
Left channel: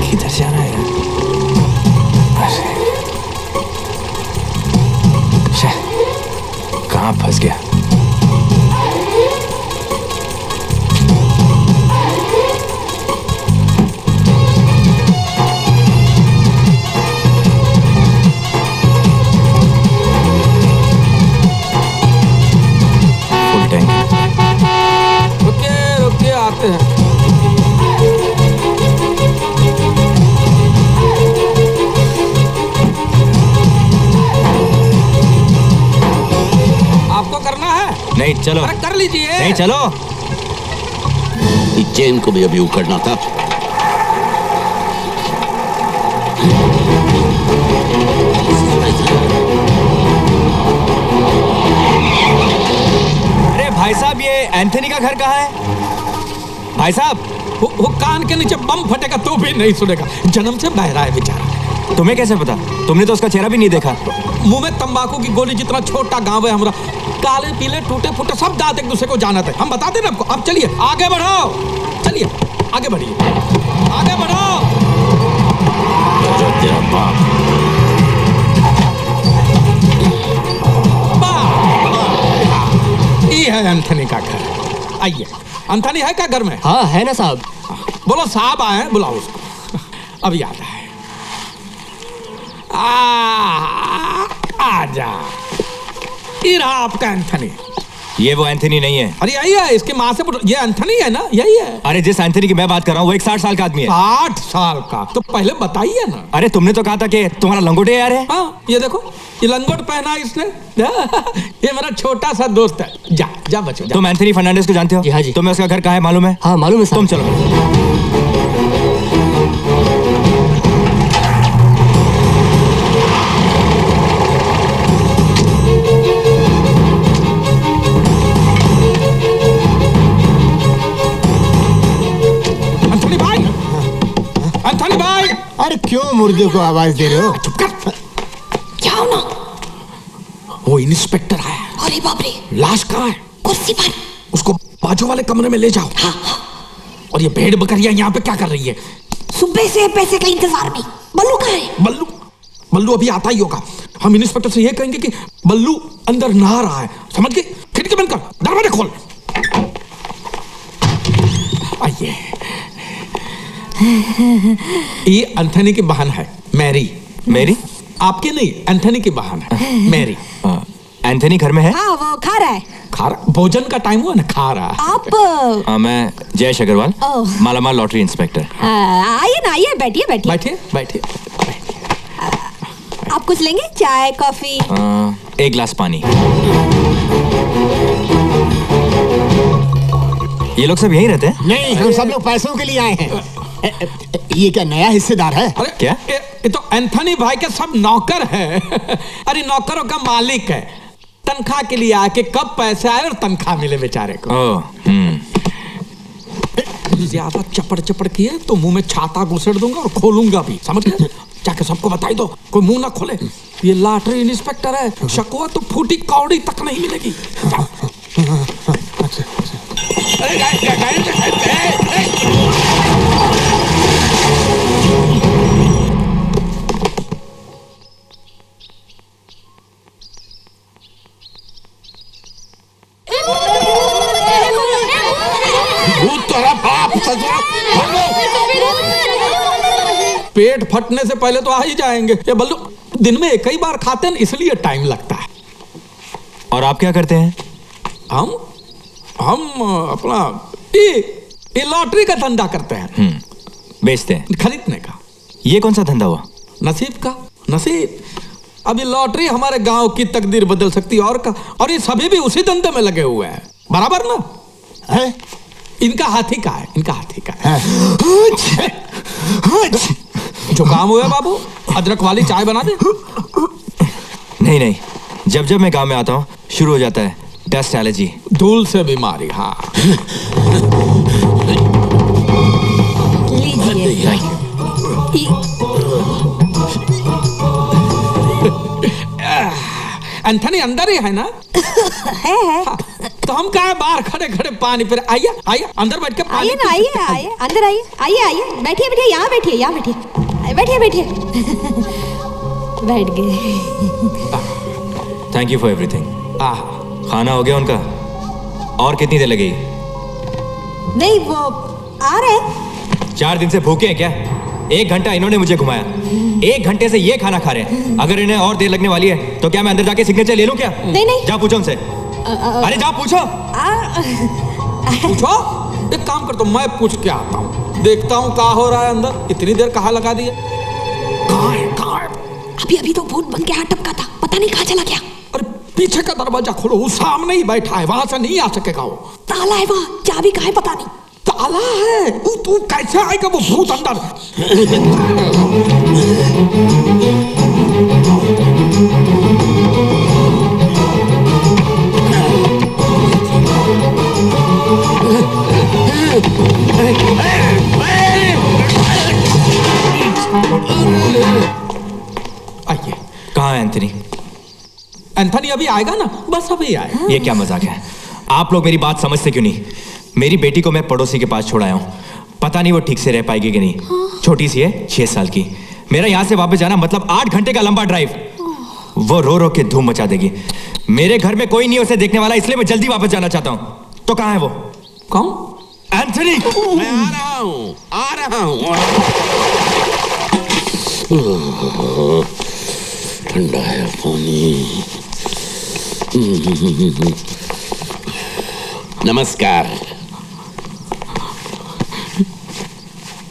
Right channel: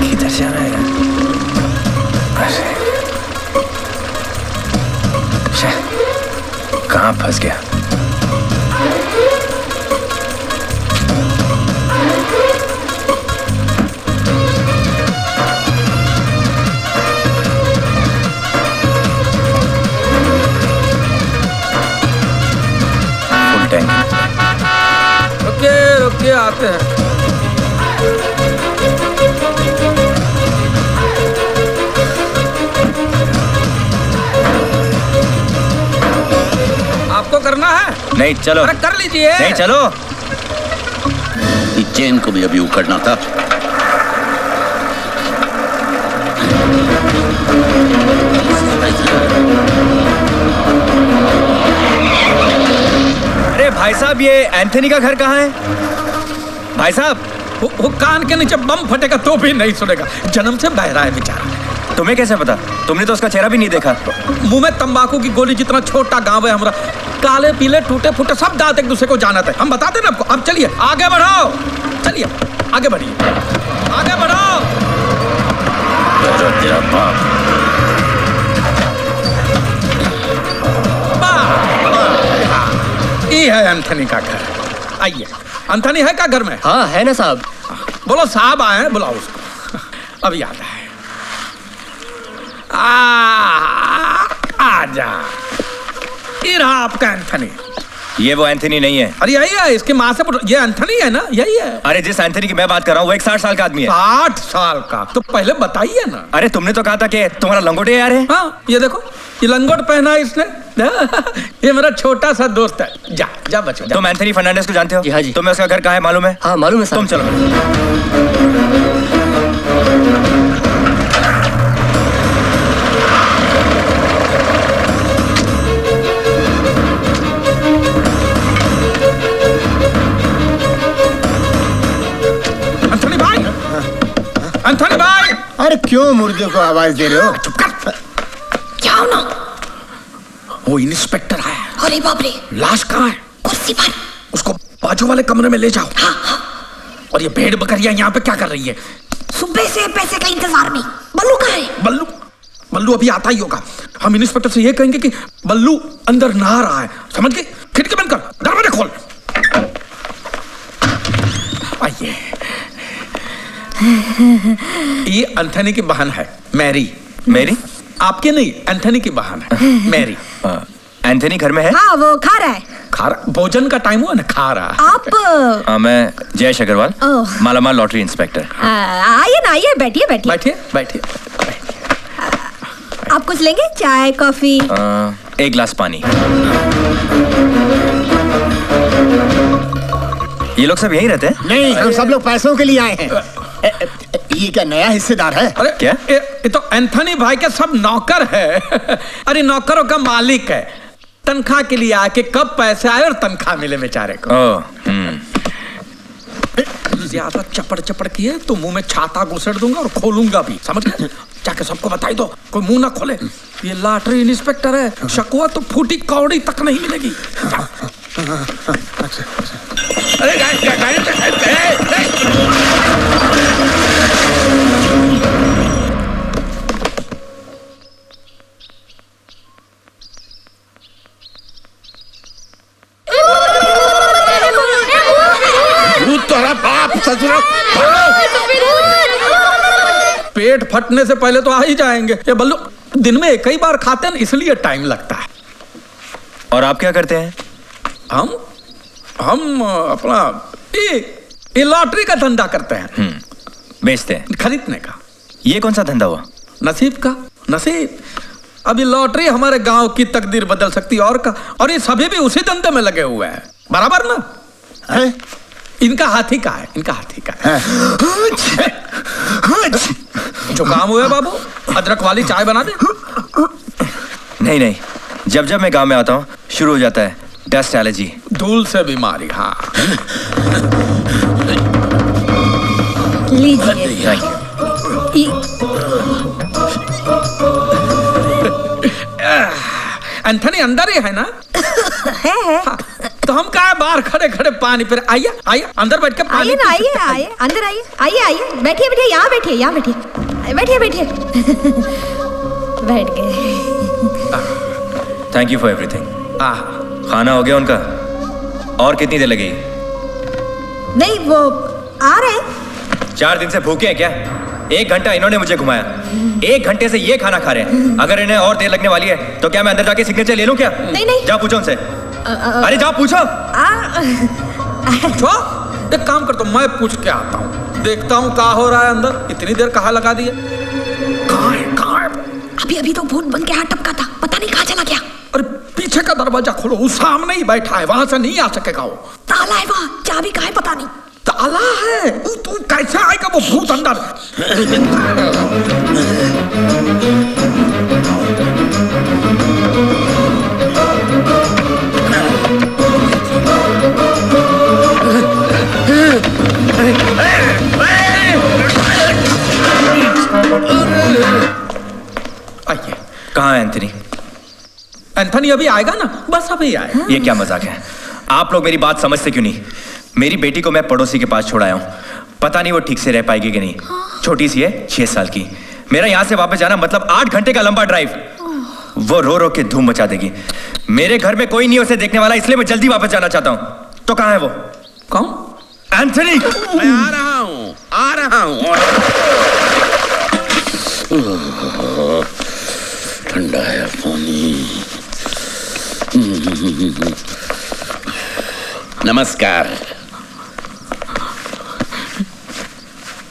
किधर से आ रहा है? कहाँ फंस गया? आते हैं। आपको करना है? नहीं चलो। अरे कर लीजिए। नहीं चलो। इस चेन को भी अभी उखड़ना था। अरे भाई साहब, ये एंथनी का घर कहाँ है? भाई साहब, वो कान के नीचे बम फटेगा तो भी नहीं सुनेगा। जन्म से बहरा है बेचारा। तुम्हें कैसे पता? तुमने तो उसका चेहरा भी नहीं देखा। मुंह में तंबाकू की गोली जितना छोटा गांव है हमारा। काले पीले टूटे फूटे सब दांत एक दूसरे को जानते हैं। हम बताते ना आपको। अब चलिए आगे बढ़ो, चलिए आगे बढ़िए, आगे बढ़ो। तेरा बाप। ये है एंथनी का घर। आइए। एंथनी है क्या घर में? हाँ है ना साहब। बोलो साहब आए हैं, बुलाओ उसको। अब याद है। आजा। ये रहा आपका एंथनी। ये वो एंथनी नहीं है। अरे यही है, इसकी माँ से ये एंथनी है ना, यही है। अरे जिस एंथनी की मैं बात कर रहा हूँ वो एक 60 साल का आदमी है। 60 साल का? तो पहले बताइए ना। अरे तुमने तो कहा था कि तुम्हारा लंगोटे यार है। हाँ ये देखो, ये लंगोट पहना है इसने। ये मेरा छोटा सा दोस्त है। जा जा बच्चों। तुम एंथनी फर्नांडिस को जानते हो? जी हाँ जी। तुम्हें उसका घर कहाँ है मालूम है? हाँ मालूम है तुम साहब। चलो। एंथनी भाई। अरे क्यों मुर्दे को आवाज दे रहे हो? चुप कर। क्या हो ना? वो इंस्पेक्टर आया। अरे बाप रे। लाश कहाँ है? कुर्सी पर। उसको बाजू वाले कमरे में ले जाओ। हाँ हाँ। और ये भेड़ बकरियां यहाँ पे क्या कर रही है? सुबह से पैसे का इंतजार में। बल्लू कहाँ है? बल्लू? बल्लू अभी आता ही होगा। हम इंस्पेक्टर से ये कहेंगे कि बल्लू अंदर नहा रहा है, समझ गए? खिड़की बंद कर, दरवाजा खोल। आइए। ये एंथनी की बहन है मैरी। मैरी? आपके नहीं, एंथनी की बहन है मैरी। एंथनी घर में है? हाँ वो खा रहा है। खा रहा? भोजन का टाइम हुआ ना, खा रहा। आप मैं जयेश अग्रवाल, मालामाल लॉटरी इंस्पेक्टर। आइए ना, आइए, बैठिए बैठिए। बैठिए बैठिए। आप कुछ लेंगे? चाय कॉफी? एक गिलास पानी। ये लोग सब यहीं रहते हैं? नहीं, हम सब लोग पैसों के लिए आए हैं। ये क्या नया हिस्सेदार है? अरे क्या? ये तो एंथनी भाई के सब नौकर है। अरे नौकरों का मालिक है। तनख्वाह के लिए आके कब पैसे आए और तनख्वाह मिले बेचारे को। ज्यादा चपड़ चपड़ किए तो मुंह में छाता घुसेड़ दूंगा और खोलूंगा भी, समझ गए? जाके सबको बताई दो, कोई मुंह ना खोले। ये लॉटरी इंस्पेक्टर है, शकुआ तो फूटी कौड़ी तक नहीं मिलेगी। अरे तेरा बाप ससुरा। पेट फटने से पहले तो आ ही जाएंगे। ये बल्लू दिन में एक ही बार खाते हैं, इसलिए टाइम लगता है। और आप क्या करते हैं? हम अपना ये लॉटरी का धंधा करते हैं। बेचते हैं? खरीदने का। ये कौन सा धंधा हुआ? नसीब का। नसीब। अभी लॉटरी हमारे गांव की तकदीर बदल सकती है और का। और ये सभी भी उसी धंधे में लगे हुए हैं, बराबर ना है? इनका हाथी का है, इनका हाथी का है। जो काम हुआ बाबू, अदरक वाली चाय बना दे। नहीं नहीं, जब जब मैं गांव में आता हूँ शुरू हो जाता है डस्ट एलर्जी, धूल से बीमारी। हाँ लीजिए। एंथनी अंदर ही है ना? है। हाँ, तो हम कहा बाहर खड़े खड़े पानी पे। आइए आइए अंदर बैठ के पानी। आइए ना, आइए आइए, अंदर आइए, आइए आइए, बैठिए बैठिए, यहाँ बैठिए, यहाँ बैठिए, बैठिए बैठिए। बैठ गए। Thank you for everything. खाना हो गया उनका? और कितनी देर लगेगी? नहीं वो आ रहे हैं। 4 दिन से भूखे हैं क्या? 1 घंटा इन्होंने मुझे घुमाया, 1 घंटे से ये खाना खा रहे हैं। अगर इन्हें और देर लगने वाली है तो क्या मैं अंदर जाके सिग्नेचर ले लूं क्या? नहीं नहीं, जा पूछो उनसे। अरे जा पूछो। पूछो। एक काम करता हूँ, मैं पूछ के आता हूँ, देखता हूँ क्या हो रहा है अंदर। इतनी देर कहाँ लगा दिया? कहाँ है? अभी अभी तो भूत बन के हाथ टपका था, पता नहीं कहाँ चला गया। अरे पीछे का दरवाजा खोलो, वो सामने ही बैठा है, वहां से नहीं आ सकेगा वो। ताला है वहाँ, चाबी कहाँ है पता नहीं। ताला है, तू कैसे आएगा वो भूत अंदर? आइए। कहाँ है एंथनी? एंथनी अभी आएगा ना, बस अभी आएगा। ये क्या मजाक है? आप लोग मेरी बात समझते क्यों नहीं? मेरी बेटी को मैं पड़ोसी के पास छोड़ आया हूँ, पता नहीं वो ठीक से रह पाएगी कि नहीं। छोटी सी है, 6 साल की। मेरा यहाँ से वापस जाना मतलब 8 घंटे का लंबा ड्राइव। वो रो रो के धूम मचा देगी। मेरे घर में कोई नहीं उसे देखने वाला, इसलिए मैं जल्दी वापस जाना चाहता हूँ। तो कहाँ है वो? कौन? एंथनी। मैं आ रहा हूँ, आ रहा हूँ। ठंडा है पानी। नमस्कार।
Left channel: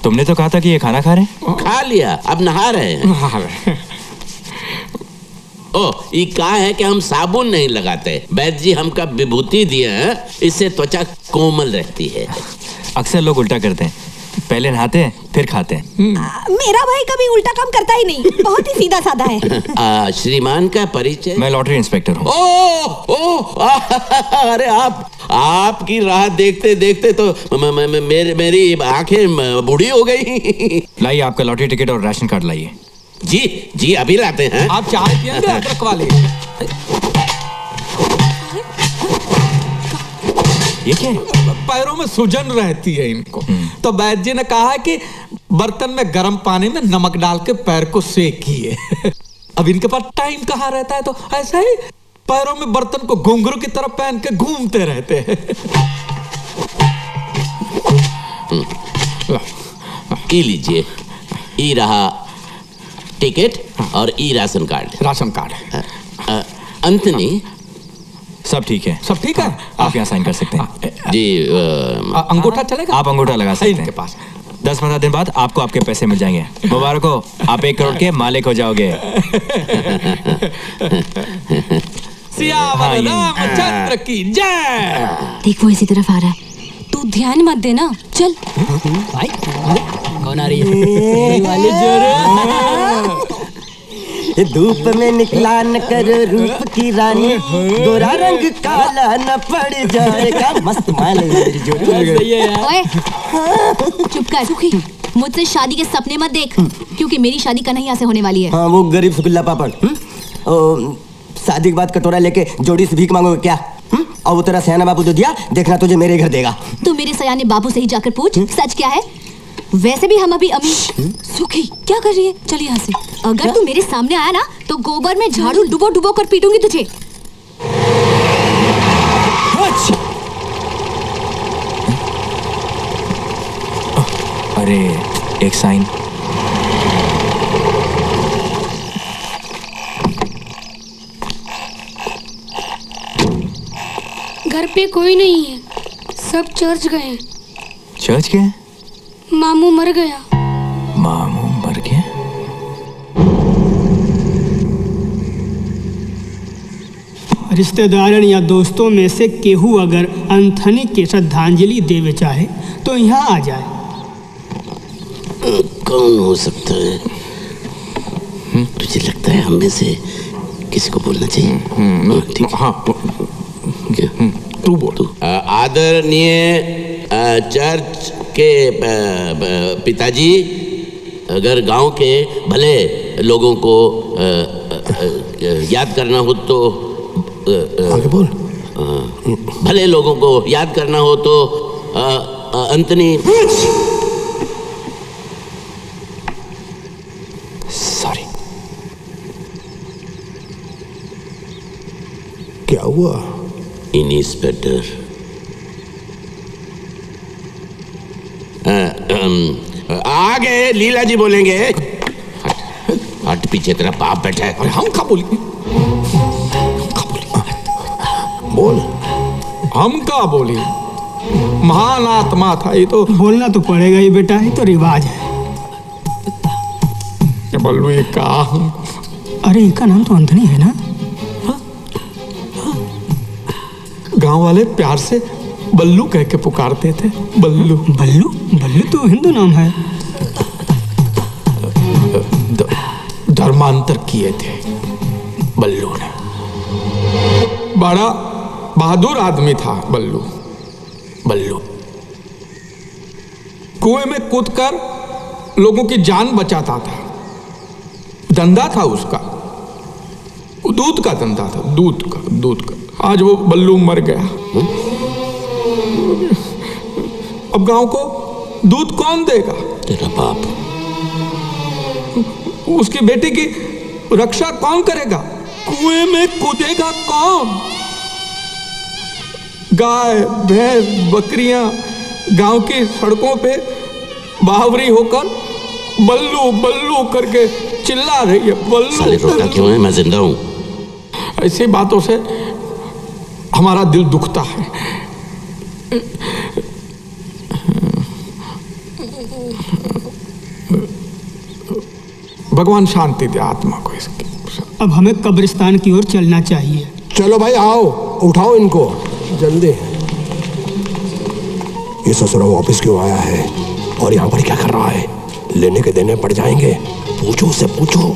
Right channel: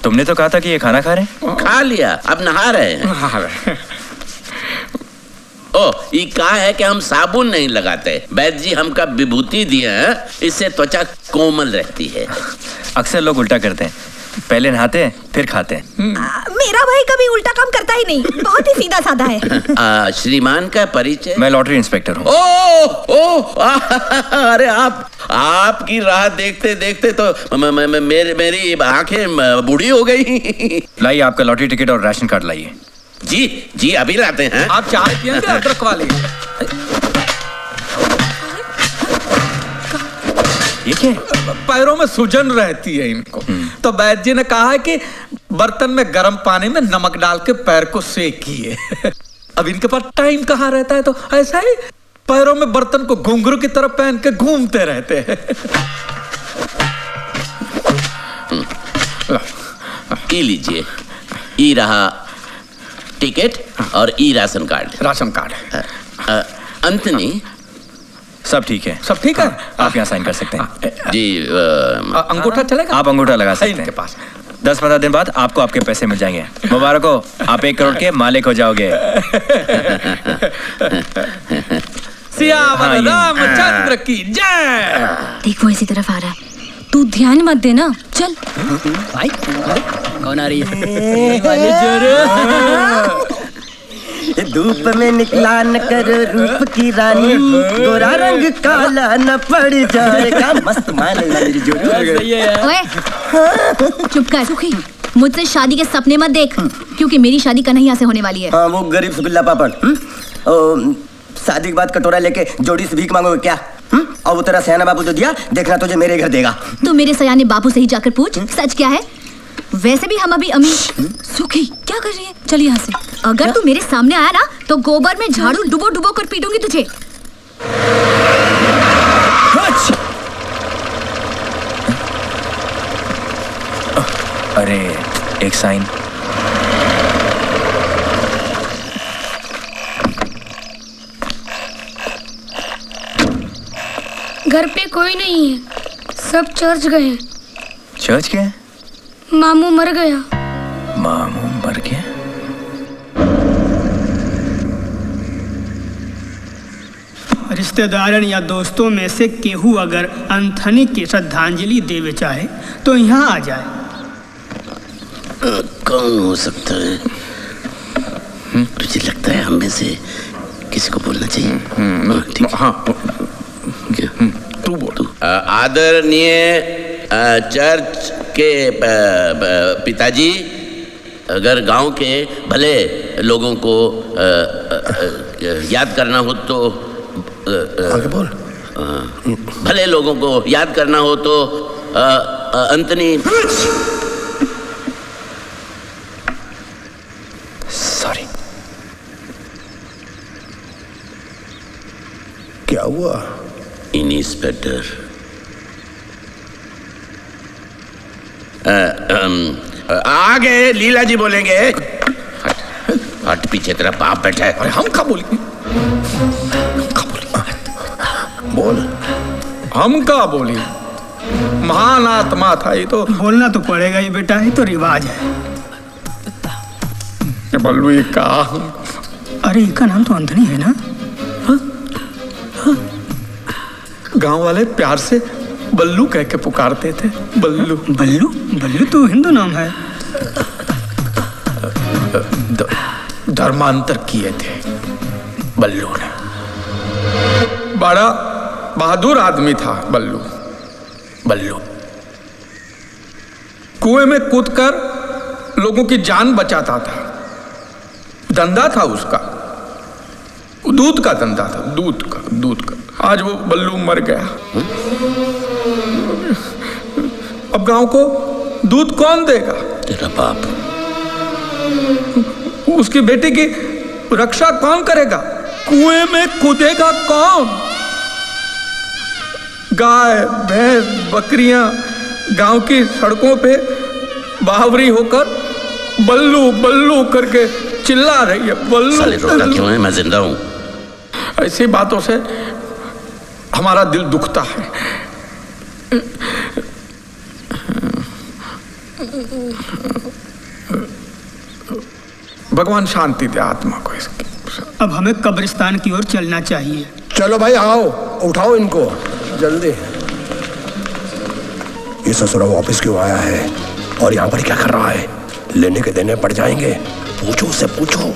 तुमने तो कहा था कि ये खाना खा रहे हैं। खा लिया, अब नहा रहे हैं। ओ, ये कहा है कि हम साबुन नहीं लगाते। वैद्य जी हमका विभूति दिए हैं, इससे त्वचा कोमल रहती है। अक्सर लोग उल्टा करते हैं, पहले नहाते हैं फिर खाते हैं। मेरा भाई कभी उल्टा काम करता ही नहीं, बहुत ही सीधा साधा है। श्रीमान का परिचय? मैं लॉटरी इंस्पेक्टर हूँ। अरे आपकी राह देखते देखते तो मेरी आंखें बूढ़ी हो गई। लाइए आपका लॉटरी टिकट और राशन कार्ड लाइए। जी जी, अभी लाते हैं। आप चाय पियेंगे अदरक वाले? ये क्या? पैरों में सूजन रहती है इनको, तो वैद्य जी ने कहा है कि बर्तन में गर्म पानी में नमक डाल के पैर को सेकिए। अब इनके पास टाइम कहाँ रहता है, तो ऐसा ही पैरों में बर्तन को घुंघरू की तरफ पहन के घूमते रहते हैं। ये लीजिए, ई रहा टिकट और ई राशन कार्ड। Ration card. अंतनी, सब ठीक है? सब ठीक है। आप यहाँ साइन कर सकते हैं। जी। अंगूठा चलेगा? आप अंगूठा लगा सकते हैं इनके पास। 10-15 दिन बाद आपको आपके पैसे मिल जाएंगे। मुबारक हो, आप 1 करोड़ के मालिक हो जाओगे। सियावर रामचंद्र की जय। देख वो इसी तरफ आ रहा है, तू ध्यान मत देना, चल। भाई कौन आ रही ये धूप में निकला न करो रूप की रानी, गोरा रंग काला न पड़ जाएगा। मस्त मान मेरी जोड़ी। ओए, चुप कर सुखी, मुझसे शादी के सपने मत देख, क्योंकि मेरी शादी कन्हैया से होने वाली है। हाँ, वो गरीब सुगुल्ला पापड़। शादी के बाद कटोरा लेके जोड़ी से भीख मांगोगे क्या? और वो तेरा सयाना बाबू जो दिया, देखना तुझे मेरे घर देगा। तू मेरे सयाने बाबू से ही जाकर पूछ सच क्या है। वैसे भी हम अभी अमीर। सुखी क्या कर रही है? चल यहाँ से। अगर तू मेरे सामने आया ना तो गोबर में झाड़ू डुबो डुबो कर पीटूंगी तुझे। अरे एक साइन। घर पे कोई नहीं है, सब चर्च गए। चर्च गए? मामू मर गया। मामू मर गया? रिश्तेदारन या दोस्तों में से केहू अगर एंथनी के श्रद्धांजलि देवे चाहे तो यहाँ आ जाए। कौन हो सकता है? मुझे लगता है हम में से किसी को बोलना चाहिए। ठीक। हाँ, तू बोल। आदरणीय चर्च के पिताजी, अगर गांव के भले लोगों को याद करना हो तो आगे बोल। भले लोगों को याद करना हो तो अंतनी। सॉरी। क्या हुआ? इंस्पेक्टर, आगे लीला जी बोलेंगे। हट पीछे तेरा बाप बैठा है। अरे हम क्या बोली? बोल। हम क्या बोली? महान आत्मा था ये तो। बोलना तो पड़ेगा ही बेटा, ये तो रिवाज है। बल्लू ये का? अरे इनका नाम तो एंथनी है ना? गांव वाले प्यार से बल्लू कह के पुकारते थे। बल्लू बल्लू बल्लू तो हिंदू नाम है। धर्मांतर किए थे बल्लू ने। बड़ा बहादुर आदमी था बल्लू। बल्लू कुएं में कूदकर लोगों की जान बचाता था। धंधा था उसका, दूध का धंधा था, दूध का। आज वो बल्लू मर गया। अब गांव को दूध कौन देगा? तेरा बाप। उसकी बेटी की रक्षा कौन करेगा? कुएं में कूदेगा कौन? गाय भैंस बकरियां गांव की सड़कों पे बावरी होकर बल्लू बल्लू करके चिल्ला रही है। बल्लू साले रोता क्यों है? मैं जिंदा हूं। ऐसी बातों से हमारा दिल दुखता है। भगवान शांति दे आत्मा को इसकी। अब हमें कब्रिस्तान की ओर चलना चाहिए। चलो भाई आओ, उठाओ इनको जल्दी। ये ससुरा वापस क्यों आया है और यहाँ पर क्या कर रहा है? लेने के देने पड़ जाएंगे। पूछो उससे, पूछो।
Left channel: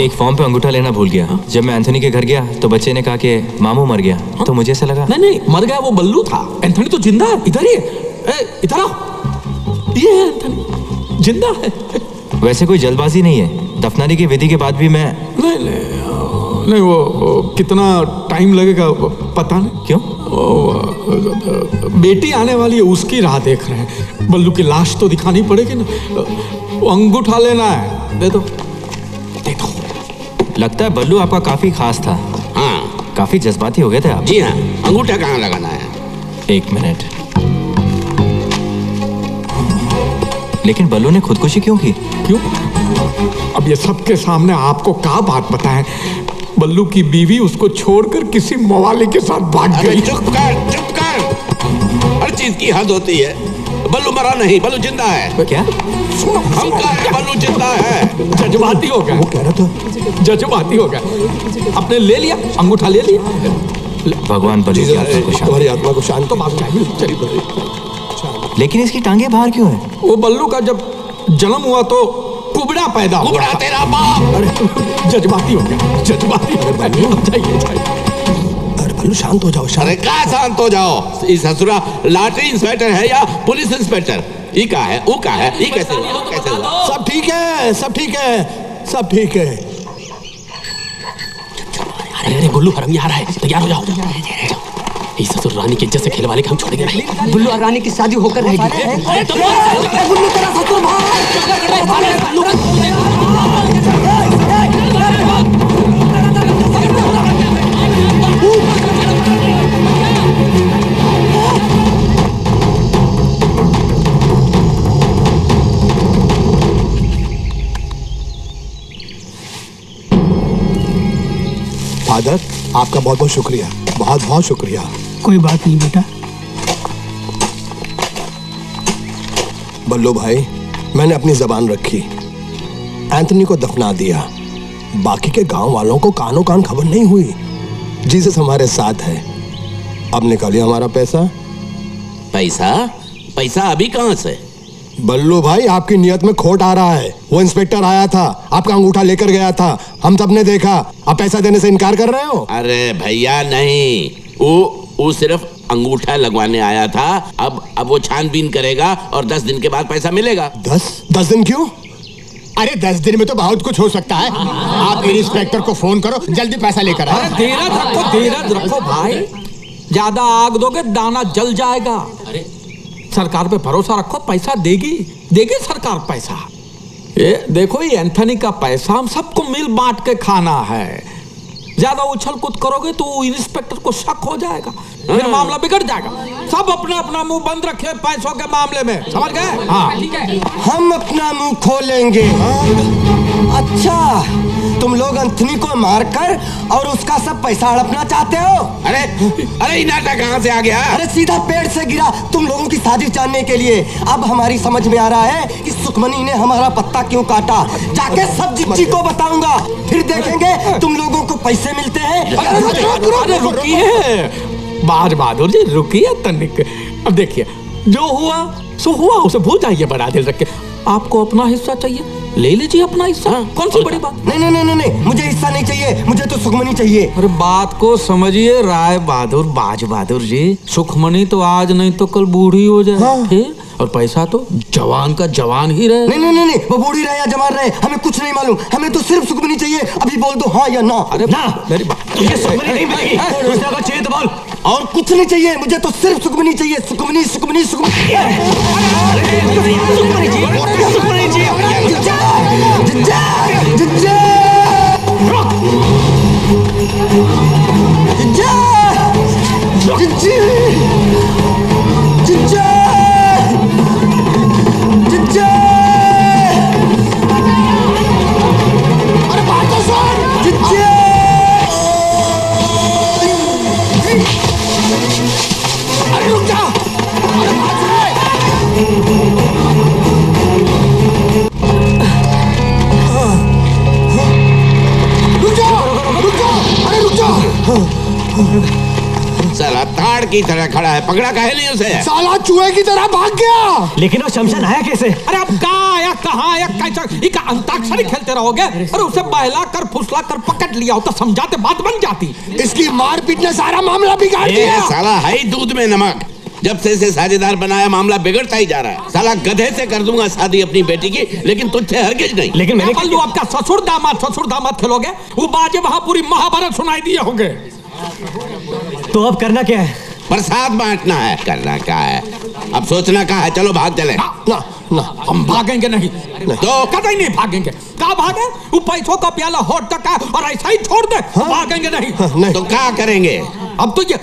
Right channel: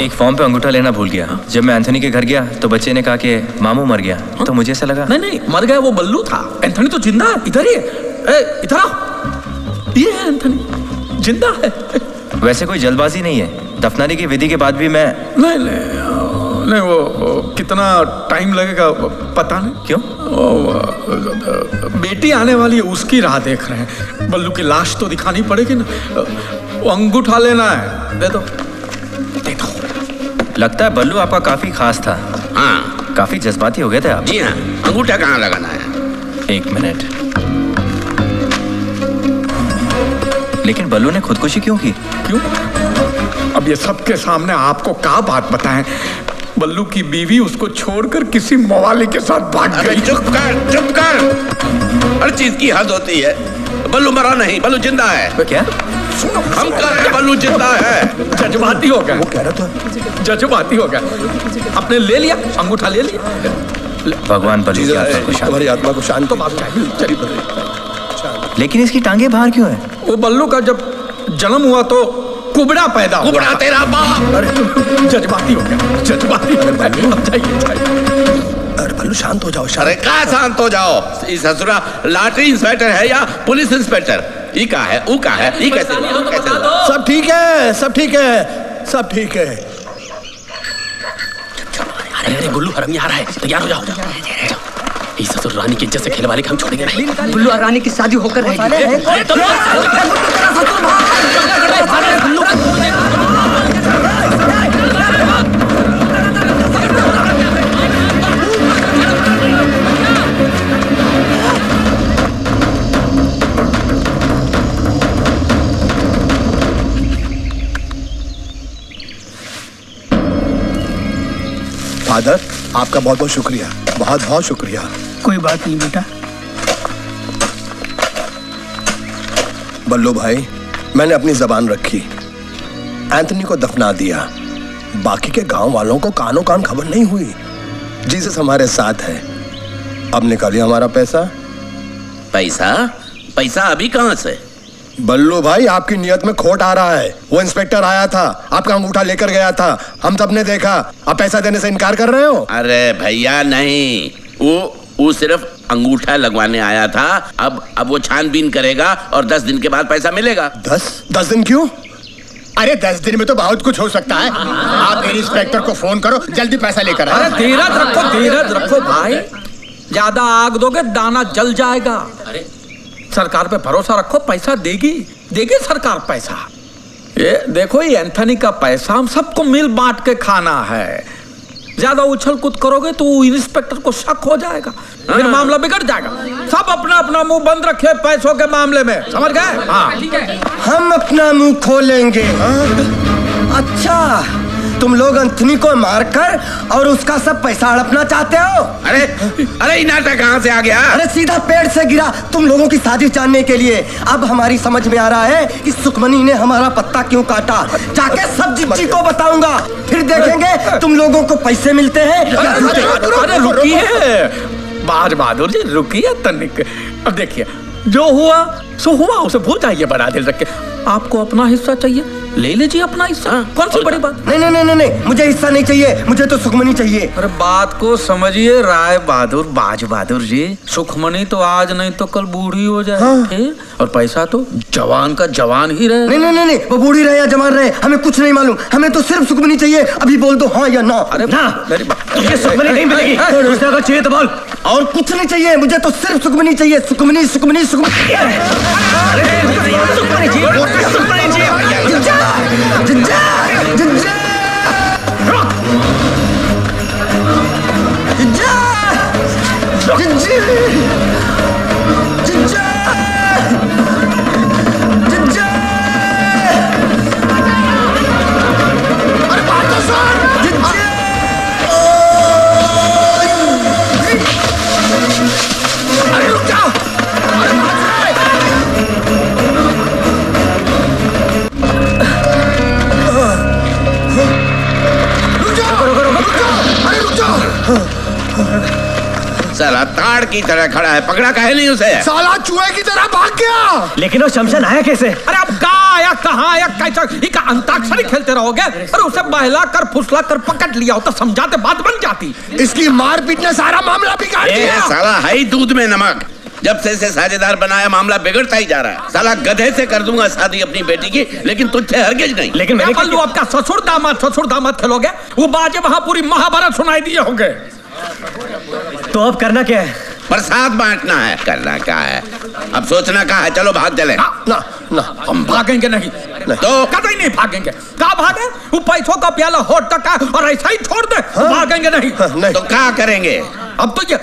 एक फॉर्म पे अंगूठा लेना भूल गया। जब मैं एंथनी के घर गया तो बच्चे ने कहा कि मामू मर गया। तो मुझे ऐसा लगा नहीं मर गया, वो बल्लू था। एंथनी तो जिंदा है। इधर ही है, इधर आओ। ये है एंथनी, जिंदा है। वैसे कोई जल्दबाजी नहीं है। दफनाने की विधि के बाद भी मैं नहीं वो कितना टाइम लगेगा पता नहीं। क्यों? बेटी आने वाली है, उसकी राह देख रहे हैं। बल्लू की लाश तो दिखानी पड़ेगी ना। वो अंगूठा लेना है, दे दो। लगता है बल्लू आपका काफी खास था। हाँ, काफी जज्बाती हो गए थे आप। जी हाँ। अंगूठा कहाँ लगाना है? 1 मिनट। लेकिन बल्लू ने खुदकुशी क्यों की? क्यों? अब ये सबके सामने आपको क्या बात बताएं? बल्लू की बीवी उसको छोड़कर किसी मवाली के साथ भाग गई। चुप कर। हर चीज की हद होती है। बल्लू मरा नहीं, बल्लू जिंदा है। क्या? हम कह रहे हैं बल्लू जिंदा है। जज्बाती हो गया। वो कह रहा था जज्बाती हो गया। आपने ले लिया अंगूठा, ले लिया। भगवान बल्लू की आत्मा को शांति। तुम्हारी आत्मा को शांति। तो बात चाहिए। लेकिन इसकी टांगे बाहर क्यों है? वो बल्लू का जब जन्म हुआ तो कुबड़ा पैदा हुआ। कुबड़ा तेरा बाप। अरे जज्बाती हो गया, जज्बाती। अरे बल्लू शांत हो जाओ। अरे कहाँ शांत हो जाओ? इस ससुरा लॉटरी इंस्पेक्टर है या पुलिस इंस्पेक्टर? ई का है, ऊ का है, ई कैसे हुआ? सब ठीक है, सब ठीक है, सब ठीक है। अरे गुल्लू हरम आ रहा है, तैयार हो जाओ। इस ससुर रानी की इज्जत से खेल वाले हम छोड़ेंगे नहीं। गुल्लू और रानी की शादी होकर रहेगी। गुल्लू तेरा ससुर फादर, आपका बहुत बहुत शुक्रिया, बहुत बहुत शुक्रिया। कोई बात नहीं बेटा। बल्लू भाई, मैंने अपनी जबान रखी, एंथनी को दफना दिया। बाकी के गांव वालों को कानो कान खबर नहीं हुई। जीसस हमारे साथ है। अब निकालिए हमारा पैसा। पैसा? पैसा अभी कहां से? बल्लू भाई, आपकी नियत में खोट आ रहा है। वो इंस्पेक्टर आया था, आपका अंगूठा लेकर गया था, हम सबने देखा। आप पैसा देने से इनकार कर रहे हो? अरे भैया नहीं, वो सिर्फ अंगूठा लगवाने आया था। अब वो छानबीन करेगा और 10 दिन के बाद पैसा मिलेगा। 10 दिन क्यों? अरे 10 दिन में तो बहुत कुछ हो सकता है। आप इंस्पेक्टर को फोन करो, जल्दी पैसा लेकर आओ। अरे धीरज रखो भाई। ज्यादा आग दोगे दाना जल जाएगा। अरे सरकार पे भरोसा रखो, पैसा देगी सरकार पैसा। ये देखो, ये एंथनी का पैसा हम सबको मिल बांट के खाना है। ज्यादा उछल कूद करोगे तो इंस्पेक्टर को शक हो जाएगा, फिर मामला बिगड़ जाएगा। सब अपना अपना मुंह बंद रखे पैसों के मामले में, समझ गए? हाँ, हम अपना मुंह खोलेंगे। अच्छा, तुम लोग अंथनी को मारकर और उसका सब पैसा हड़पना चाहते हो। अरे ये नाटक कहाँ से आ गया? अरे सीधा पेड़ से गिरा तुम लोगों की साजिश जानने के लिए। अब हमारी समझ में आ रहा है कि सुखमनी ने हमारा पत्ता क्यों काटा। जाके सब जिज्जी को बताऊंगा, फिर देखेंगे तुम लोगों को पैसे मिलते हैं। अरे रुकिए बाज बहादुर जी, रुकिए तनिक। अब देखिए जो हुआ सो हुआ, उसे भूल जाइए बड़ा दिल रख के। आपको अपना हिस्सा चाहिए, ले लीजिए अपना हिस्सा। कौन सी बड़ी बात? नहीं नहीं नहीं नहीं, मुझे हिस्सा नहीं चाहिए, मुझे तो सुखमनी चाहिए। अरे बात को समझिए राय बहादुर, बाज बहादुर जी। सुखमनी तो आज नहीं तो कल बूढ़ी हो जाए। हाँ। फिर और पैसा तो जवान का जवान ही रहे। नहीं नहीं नहीं नहीं, वो बूढ़ी रहे या जवान रहे हमें कुछ नहीं मालूम, हमें तो सिर्फ सुखमनी चाहिए। अभी बोल दो हाँ या ना। अरे ना, मेरी बात तुझे सुखमनी नहीं मिलेगी। दूसरा का चाहिए तो बोल। और कुछ नहीं चाहिए, मुझे तो सिर्फ सुखमनी चाहिए। सुखमनी सुखमनी सुखमनी। साला ताड़ की तरह खड़ा है, पकड़ा काहे नहीं उसे? साला चूहे की तरह भाग गया। लेकिन वो शमशान आया कैसे? अरे अब कहाँ आया, कहाँ आया, कैसा? इका अंताक्षरी खेलते रहोगे? अरे उसे बहला कर फुसला कर पकड़ लिया होता, समझाते बात बन जाती। इसकी मारपीट ने सारा मामला बिगाड़ दिया। साला है ही दूध में नमक। जब से इसे साझेदार बनाया मामला बिगड़ता ही जा रहा है। साला गधे से कर दूंगा शादी अपनी बेटी की, लेकिन तुझसे हरगिज नहीं। लेकिन मैंने कल आपका ससुर दामाद खेलोगे, वो बाजे वहां पूरी महाभारत सुनाई दिए होंगे। तो अब करना क्या है? प्रसाद बांटना है। करना क्या है? अब सोचना क्या है? चलो भाग चले। ना ना हम भागेंगे नहीं, तो कतई नहीं भागेंगे। कहाँ भागे? वो पैसों का प्याला होठ तक है और ऐसा ही छोड़ दे। हाँ? भागेंगे नहीं। हाँ, नहीं। तो क्या करेंगे? अब तो ये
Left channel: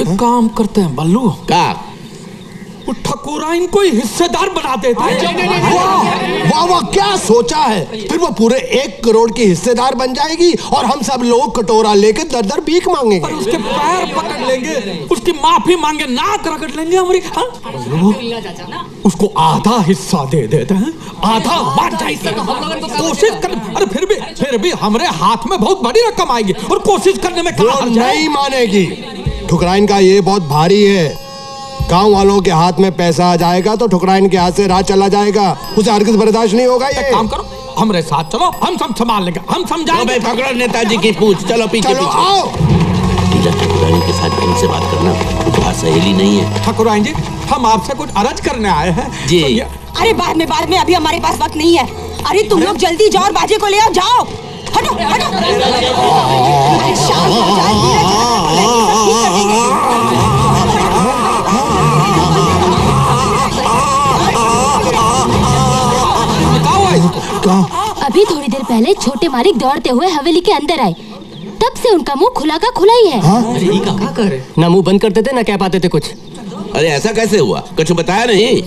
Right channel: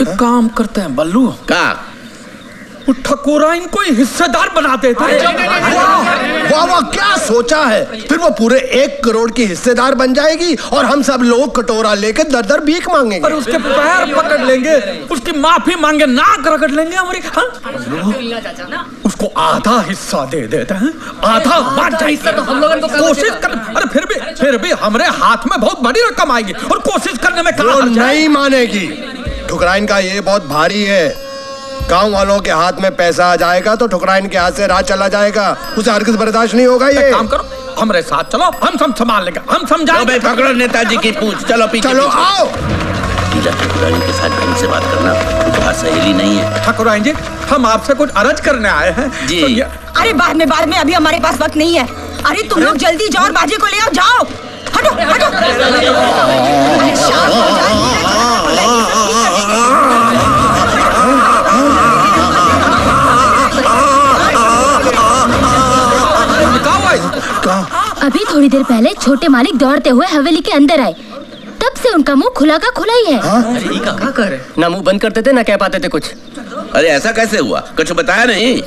एक काम करते हैं बल्लू, का ठकुरा इनको हिस्सेदार बना देते हैं। वाह वाह, क्या सोचा है? फिर वो पूरे 1 करोड़ की हिस्सेदार बन जाएगी और हम सब लोग कटोरा लेके दर दर भीख मांगेंगे। और उसके पैर पकड़ लेंगे, उसकी माफी मांगे, नाक रगड़ लेंगे हमारी। हाँ? उसको आधा हिस्सा दे देते हैं, आधा बांट जाएगी। कोशिश कर, अरे फिर भी हमारे हाथ में बहुत बड़ी रकम आएगी और कोशिश करने में वो नहीं मानेगी। ठुकराइन का ये बहुत भारी है। गांव वालों के हाथ में पैसा आ जाएगा तो ठुकराइन के हाथ से राज चला जाएगा, उसे हरगिज बर्दाश्त नहीं होगा। ये काम करो, हमारे साथ चलो, हम सब संभाल लेंगे, हम समझाएंगे। पकड़ो नेताजी की पूंछ, चलो पीछे। चलो आओ। ठकुराइन के साथ ढंग से बात करना तुम्हारा सहेली नहीं है। ठकुराइन जी, हम आपसे कुछ अर्ज करने आए हैं जी। अरे बाद में, अभी हमारे पास वक्त नहीं है। अरे तुम लोग जल्दी जाओ और बाजे को ले आओ, जाओ। हटो हटो। अभी थोड़ी देर पहले छोटे मालिक दौड़ते हुए हवेली के अंदर आए, तब से उनका मुंह खुला का खुला ही है। अरे क्या कर? ना मुंह बंद करते थे ना कह पाते थे कुछ। अरे ऐसा कैसे हुआ? कुछ बताया नहीं?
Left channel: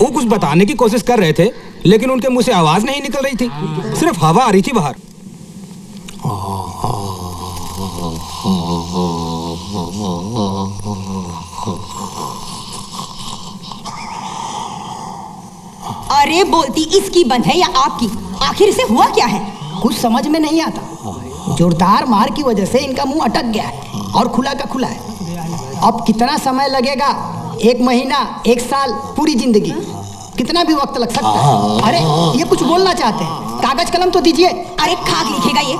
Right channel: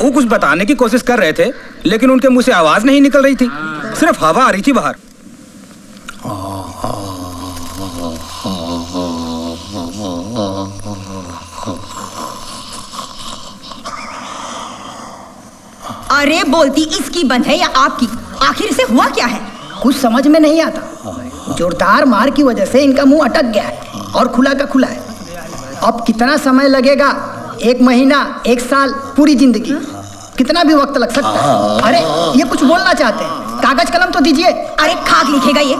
वो कुछ बताने की कोशिश कर रहे थे, लेकिन उनके मुंह से आवाज नहीं निकल रही थी, सिर्फ हवा आ रही थी बाहर। अरे बोलती इसकी बंद है या आपकी? आखिर इसे हुआ क्या है? कुछ समझ में नहीं आता। जोरदार मार की वजह से इनका मुंह अटक गया है और खुला का खुला है। अब कितना समय लगेगा? 1 महीना, 1 साल, पूरी जिंदगी, कितना भी वक्त लग सकता है। अरे ये कुछ बोलना चाहते हैं, कागज कलम तो दीजिए। अरे खाक लिखेगा ये।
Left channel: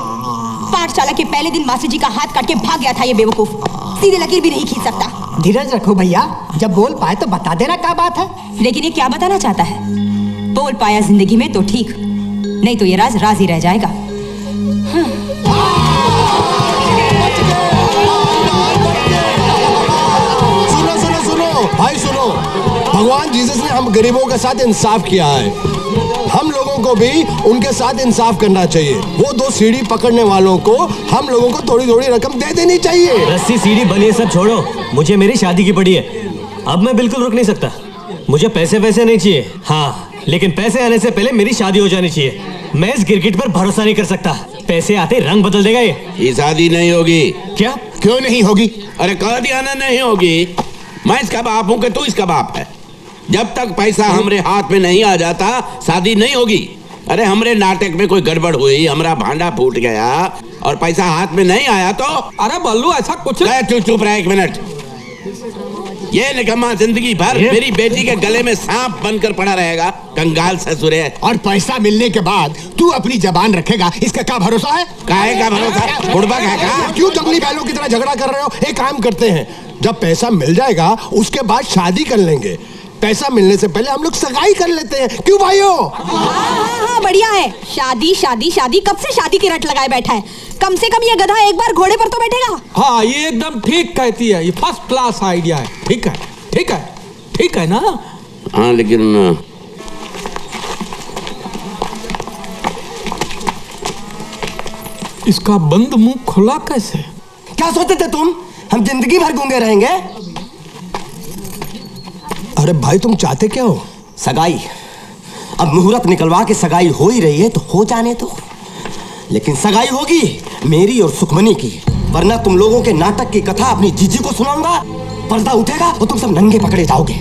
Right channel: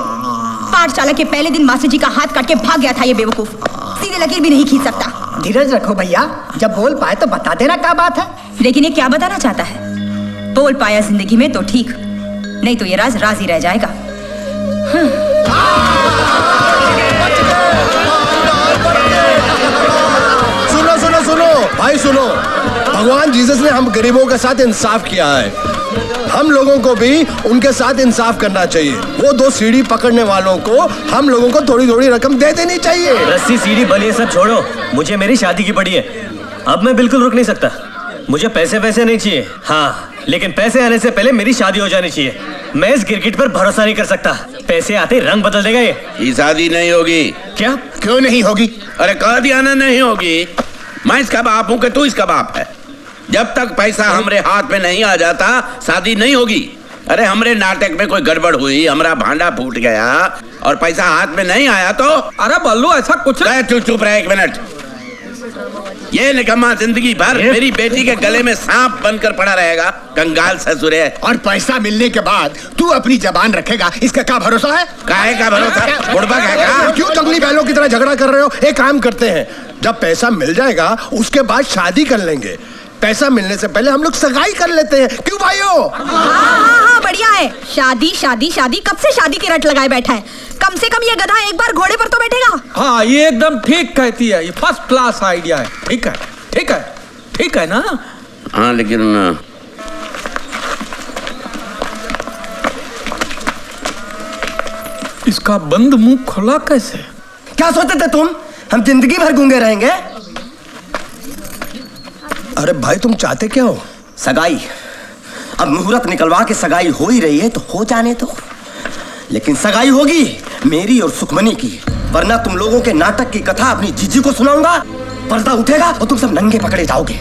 पाठशाला के पहले दिन मास्टर जी का हाथ काट के भाग गया था ये बेवकूफ, सीधी लकीर भी नहीं खींच सकता। धीरज रखो भैया, जब बोल पाए तो बता देना क्या बात है। लेकिन ये क्या बताना चाहता है? बोल पाया जिंदगी में तो ठीक, नहीं तो ये राज राज ही रह जाएगा। सुनो सुनो सुनो भाई सुनो, भगवान जीसस ने हम गरीबों के साथ इंसाफ किया है, हम लोगों को भी उनके साथ इंसाफ करना चाहिए। वो 2 सीढ़ी पकड़ने वालों को हम लोगों को थोड़ी थोड़ी रकम दे देनी चाहिए। रस्सी सीढ़ी बनी है, सब छोड़ो। मुझे मेरी शादी की पड़ी है, अब मैं बिल्कुल रुक नहीं सकता। मुझे पैसे वैसे नहीं चाहिए। हाँ, लेकिन पैसे आने से पहले मेरी शादी हो जानी चाहिए। मैं इस गिरगिट पर भरोसा नहीं कर सकता। पैसे आते रंग बदल देगा ये शादी नहीं होगी। क्या? क्यों नहीं होगी? अरे कह दिया ना नहीं होगी। मैं इसका बाप हूं कि तू इसका बाप है। जब तक पैसा हमरे हाथ में नहीं आ जाता शादी नहीं होगी। अरे हमरे नाटक में कोई गड़बड़ हुई, हमारा भांडा फूट गया और पैसा हाथ में नहीं आया तो अरे बल्लू ऐसा कुछ चुप रहा 1 मिनट। ये निकम्मा जिंदगी भर मेरी बेटी के गले में सांप बनकर पड़ा रहेगा। कंगाल ससुरे। और पैसा मिलने के बाद तू अपनी जबान रखेगा, इसका क्या भरोसा है? काहे का भरोसा? बुढ़बा का क्यों जंगली बैलों की तरह झगड़ा कर रहे हो? एक काम करते हैं, जब पैसा मिल जाएगा उसके बाद शादी कर लेंगे। पैसा मिलने से पहले हम लोग सगाई कर लेते हैं, क्यों भाइयों? हाँ, बढ़िया है। शादी शादी शादी, कब से शादी की रट लगाए बैठा है। कम से कम ये गधा एक बार घोड़े पर तो बैठेगा। हाँ, ये एकदम ठीक कहती है। ये फर्स्ट क्लास आइडिया है। ठीक है, ठीक है, ठीक है ना? हाँ, लेकिन इसका बंद मुंह खुला कैसे? क्या सोचते थे तुम हम जिंदगी भर गूंगे रहेंगे? अरे भाई तुम चाहते क्या हो? सगाई। अब मुहूर्त निकलवा के सगाई हो ही रही है तो हो जाने दो। लेकिन सगाई होगी मेरी और सुखमनी की, वरना तुम लोगों के नाटक की कथा अपनी जीजी को सुनाऊंगा। पर्दा उठेगा और तुम सब नंगे पकड़े जाओगे।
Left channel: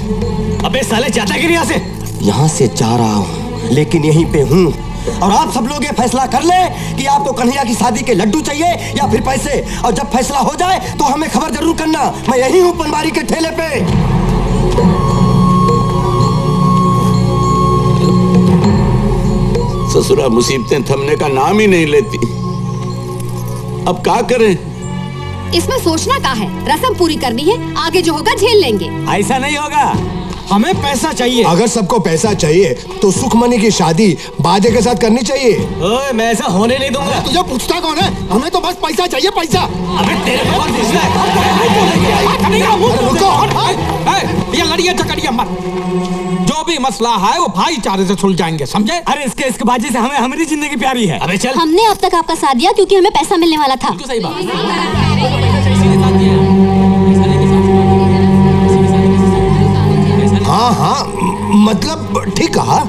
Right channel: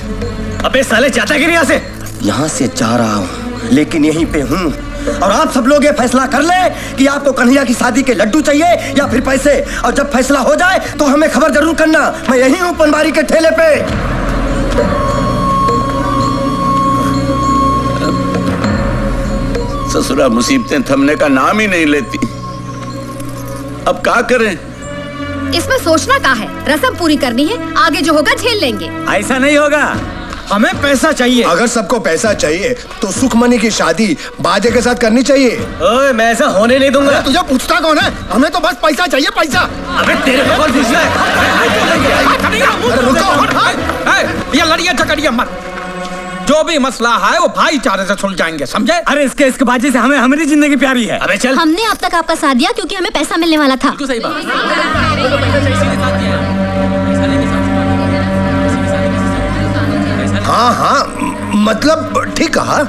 अबे साले जाता कि नहीं यहाँ से? यहाँ से जा रहा हूँ लेकिन यहीं पे हूँ। और आप सब लोग ये फैसला कर ले कि आपको कन्हैया की शादी के लड्डू चाहिए या फिर पैसे। और जब फैसला हो जाए तो हमें खबर जरूर करना। मैं यहीं हूँ पनवारी के ठेले पे। ससुरा मुसीबतें थमने का नाम ही नहीं लेती। अब क्या करें? इसमें सोचना क्या है, रस्म पूरी करनी है, आगे जो होगा झेल लेंगे। ऐसा नहीं होगा, हमें पैसा चाहिए। अगर सबको पैसा चाहिए तो सुखमनी की शादी बाजे के साथ करनी चाहिए। ओए, मैं ऐसा होने नहीं दूंगा। तुझे पूछता कौन है? हमें तो बस पैसा चाहिए, पैसा। अबे तेरे को कौन पूछता है? ये लड़िया झगड़िया मत। जो भी मसला है वो भाईचारे से सुलझाएंगे, समझे? अरे इसके बाजी से हमें हमारी जिंदगी प्यारी है। अबे चल। हमने अब तक आपका साथ दिया क्योंकि हमें पैसा मिलने वाला था। सही बात। हाँ हाँ, मतलब ठीक कहा।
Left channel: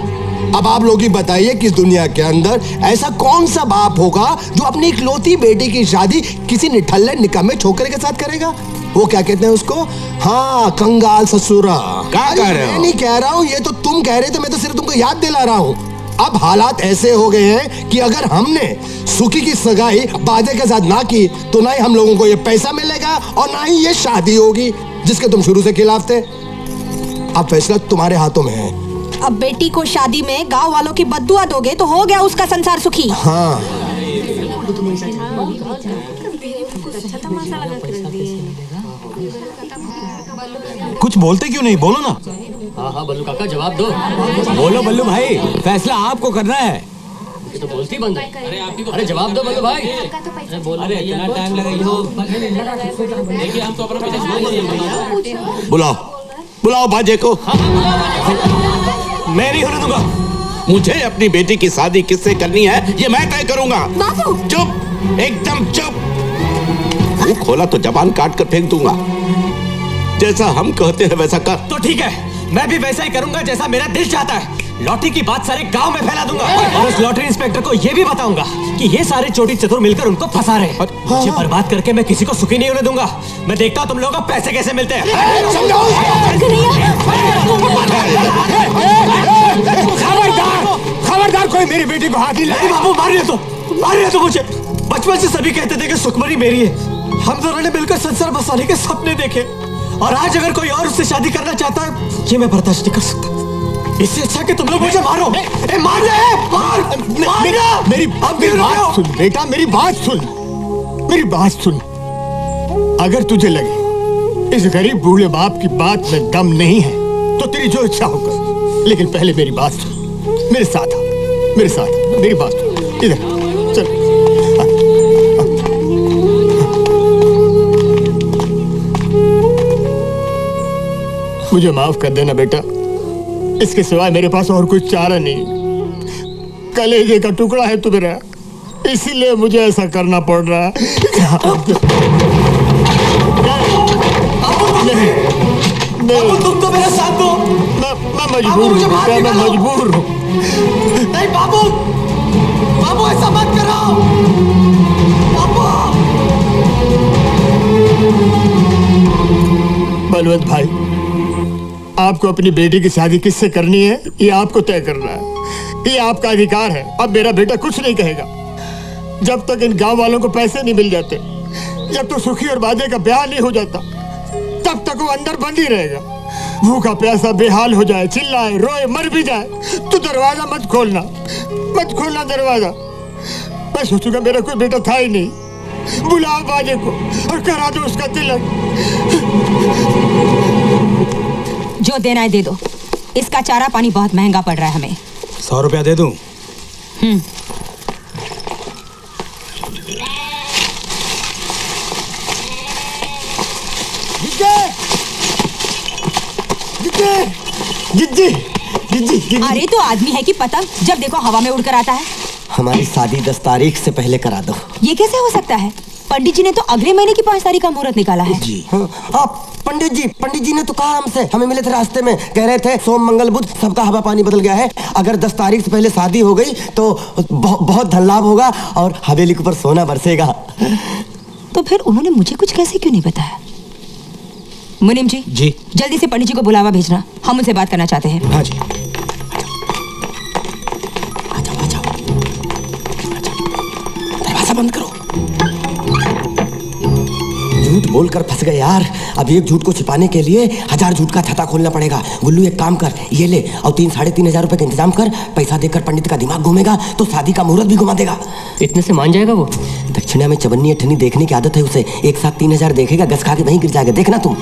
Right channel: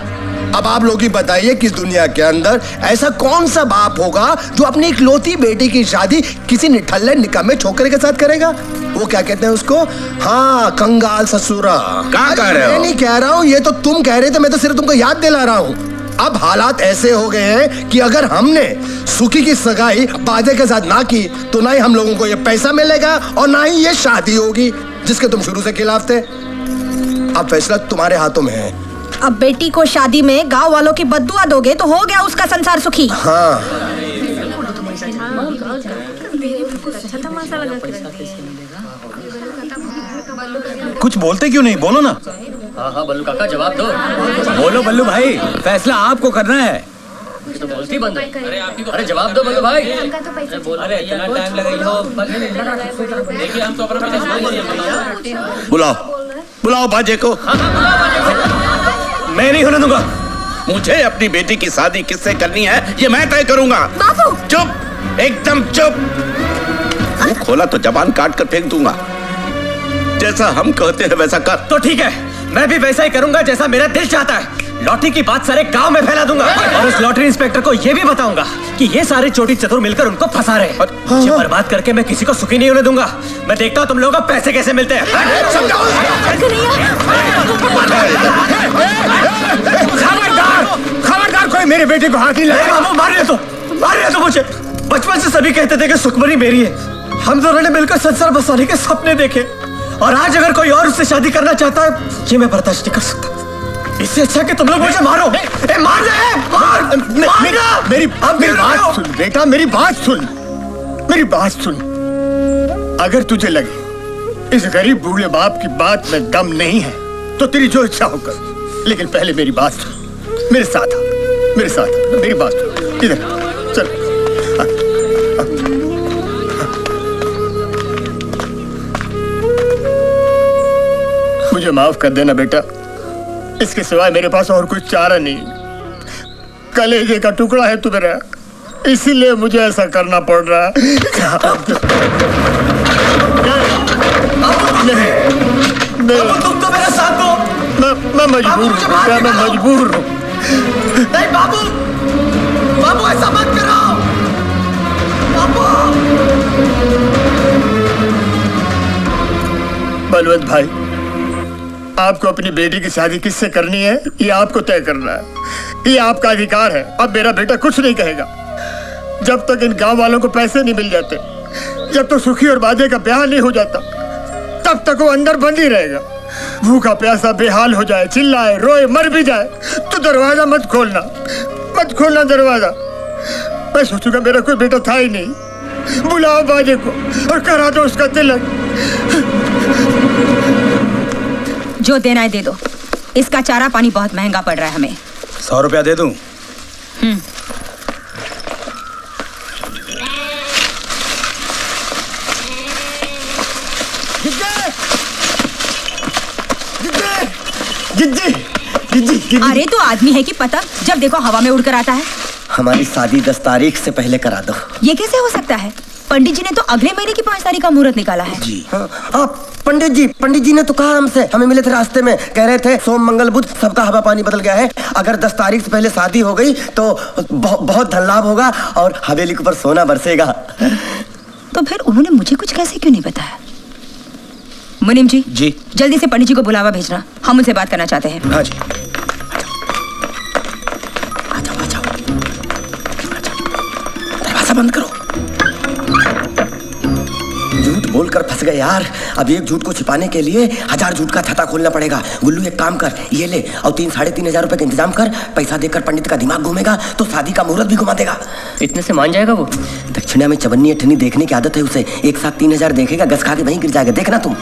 अब आप लोग ही बताइए कि इस दुनिया के अंदर ऐसा कौन सा बाप होगा जो अपनी इकलौती बेटी की शादी किसी निठल्ले निकम्मे छोकरे के साथ करेगा? वो क्या कहते हैं उसको? हाँ, कंगाल ससुरा। क्या कह रहे हो? मैं नहीं कह रहा हूँ, ये तो तुम कह रहे थे। मैं तो सिर्फ तुमको याद दिला रहा हूँ। अब हालात ऐसे हो गए हैं कि अगर हमने सुखी की सगाई बाजे के साथ ना की तो ना ही हम लोगों को ये पैसा मिलेगा और ना ही ये शादी होगी जिसके तुम शुरू से खिलाफ थे। अब फैसला तुम्हारे हाथों में है। अब बेटी को शादी में गांव वालों की बद्दुआ दोगे तो हो गया उसका संसार सुखी। हाँ। कुछ बोलते क्यों नहीं? बोलो ना। हाँ बल्लू काका जवाब दो। बोलो बल्लू भाई, फैसला आपको करना है। ये तो बोलती बंद है। अरे जवाब दो बल्लू भाई। अरे इतना टाइम लगेगा। देखिए हम तो अपना बुलाओ बाजे को। मैं नहीं होने दूंगा। मुझे अपनी बेटी की शादी किससे करनी है ये मैं तय करूंगा। बापू। चुप, एकदम चुप। मुंह खोला तो जबान काट कर फेंक दूंगा। जैसा हम कहते हैं वैसा कर। तो ठीक है, मैं भी वैसा ही करूंगा जैसा मेरा दिल चाहता है। लॉटरी की बात सारे गांव में फैला दूंगा और उस लॉटरी इंस्पेक्टर को यह भी बताऊंगा कि ये सारे चोटी चतुर मिलकर उनको फंसा रहे हैं। मुझे बर्बाद करके मैं किसी को सुखी नहीं होने दूंगा। मैं देखता हूँ तुम लोगों को पैसे कैसे मिलते हैं। खबरदार, कोई मेरे बेटे को हाथ नहीं लगाए। बाबू, मार रहे तो मुझे। बचपन से सभी कहते थे कि सुखमनी मेरी है। हम दोनों ने मिलकर संसार बसाने के सपने देखे और आज अगर कोई और उससे शादी करना चाहता है ये मैं बर्दाश्त नहीं कर सकता। इससे अच्छा कि तुम लोग मुझे मारो। मार मेरी बात सुन बेटा, मेरी बात सुन। अगर तुझे लगे इस गरीब बूढ़े बाप की बात में दम नहीं है तो तेरी जो इच्छा हो कर, लेकिन पहले मेरी बात सुन। मेरे साथ मेरी बात सुन। इधर चल। मुझे माफ कर देना बेटा, इसके सिवाय मेरे पास और कुछ चारा नहीं। कलेजे का टुकड़ा है तू मेरा, इसीलिए मुझे ऐसा करना पड़ रहा है। तुम तो मेरा साथ दो। मैं मजबूर हूँ बेटा, मैं मजबूर हूँ। नहीं बाबू, बाबू ऐसा मत करो बाबू। बलवंत भाई, आपको अपनी बेटी की शादी किससे करनी है ये आपको तय करना है, ये आपका अधिकार है। अब मेरा बेटा कुछ नहीं कहेगा जब तक इन गांव वालों को पैसे नहीं मिल जाते, जब तक सुखी और बाजे का ब्याह नहीं हो जाता, तब तक वो अंदर बंद ही रहेगा। भूखा प्यासा बेहाल हो जाए, चिल्लाए, रोए, मर भी जाए तो दरवाजा मत खोलना, मत खोलना दरवाजा। मैं सोचूंगा मेरा कोई बेटा था ही नहीं। बुलाओ बाजे को और करा दो उसका तिलक। जो देना है दे दो, इसका चारा पानी बहुत महंगा पड़ रहा है हमें। 100 रुपया दे दूं? जिज्जी। अरे तो आदमी है कि पतंग, जब देखो हवा में उड़कर आता है। हमारी शादी 10 तारीख से पहले करा दो। ये कैसे हो सकता है? पंडित जी ने तो अगले महीने की 5 तारीख का मुहूर्त निकाला है। जी हाँ, पंडित जी ने तो कहा हमसे, हमें मिले थे रास्ते में, कह रहे थे सोम मंगल बुध सबका हवा पानी बदल गया है। अगर 10 तारीख से पहले शादी हो गई तो बहुत धन लाभ होगा और हवेली के ऊपर सोना बरसेगा। तो फिर उन्होंने मुझे कुछ कैसे क्यों नहीं बताया? मुनीम जी, जल्दी से पंडित जी को बुलावा भेजना, हम उनसे बात करना चाहते हैं। हाँ जी। दरवाजा बंद करो। झूठ बोलकर फंस गए यार। अब एक झूठ को छिपाने के लिए 1000 झूठ का छाता खोलना पड़ेगा। गुल्लू एक काम कर, ये ले और 3-3.5 रुपए का इंतजाम कर। पैसा देकर पंडित का दिमाग घूमेगा तो शादी का मुहूर्त भी घुमा देगा। इतने से मान जाएगा वो? दक्षिणा में चवन्नी अठन्नी देखने की आदत है उसे। एक साथ 3000 देखेगा, गस खा के वहीं गिर जाएगा, देखना तुम।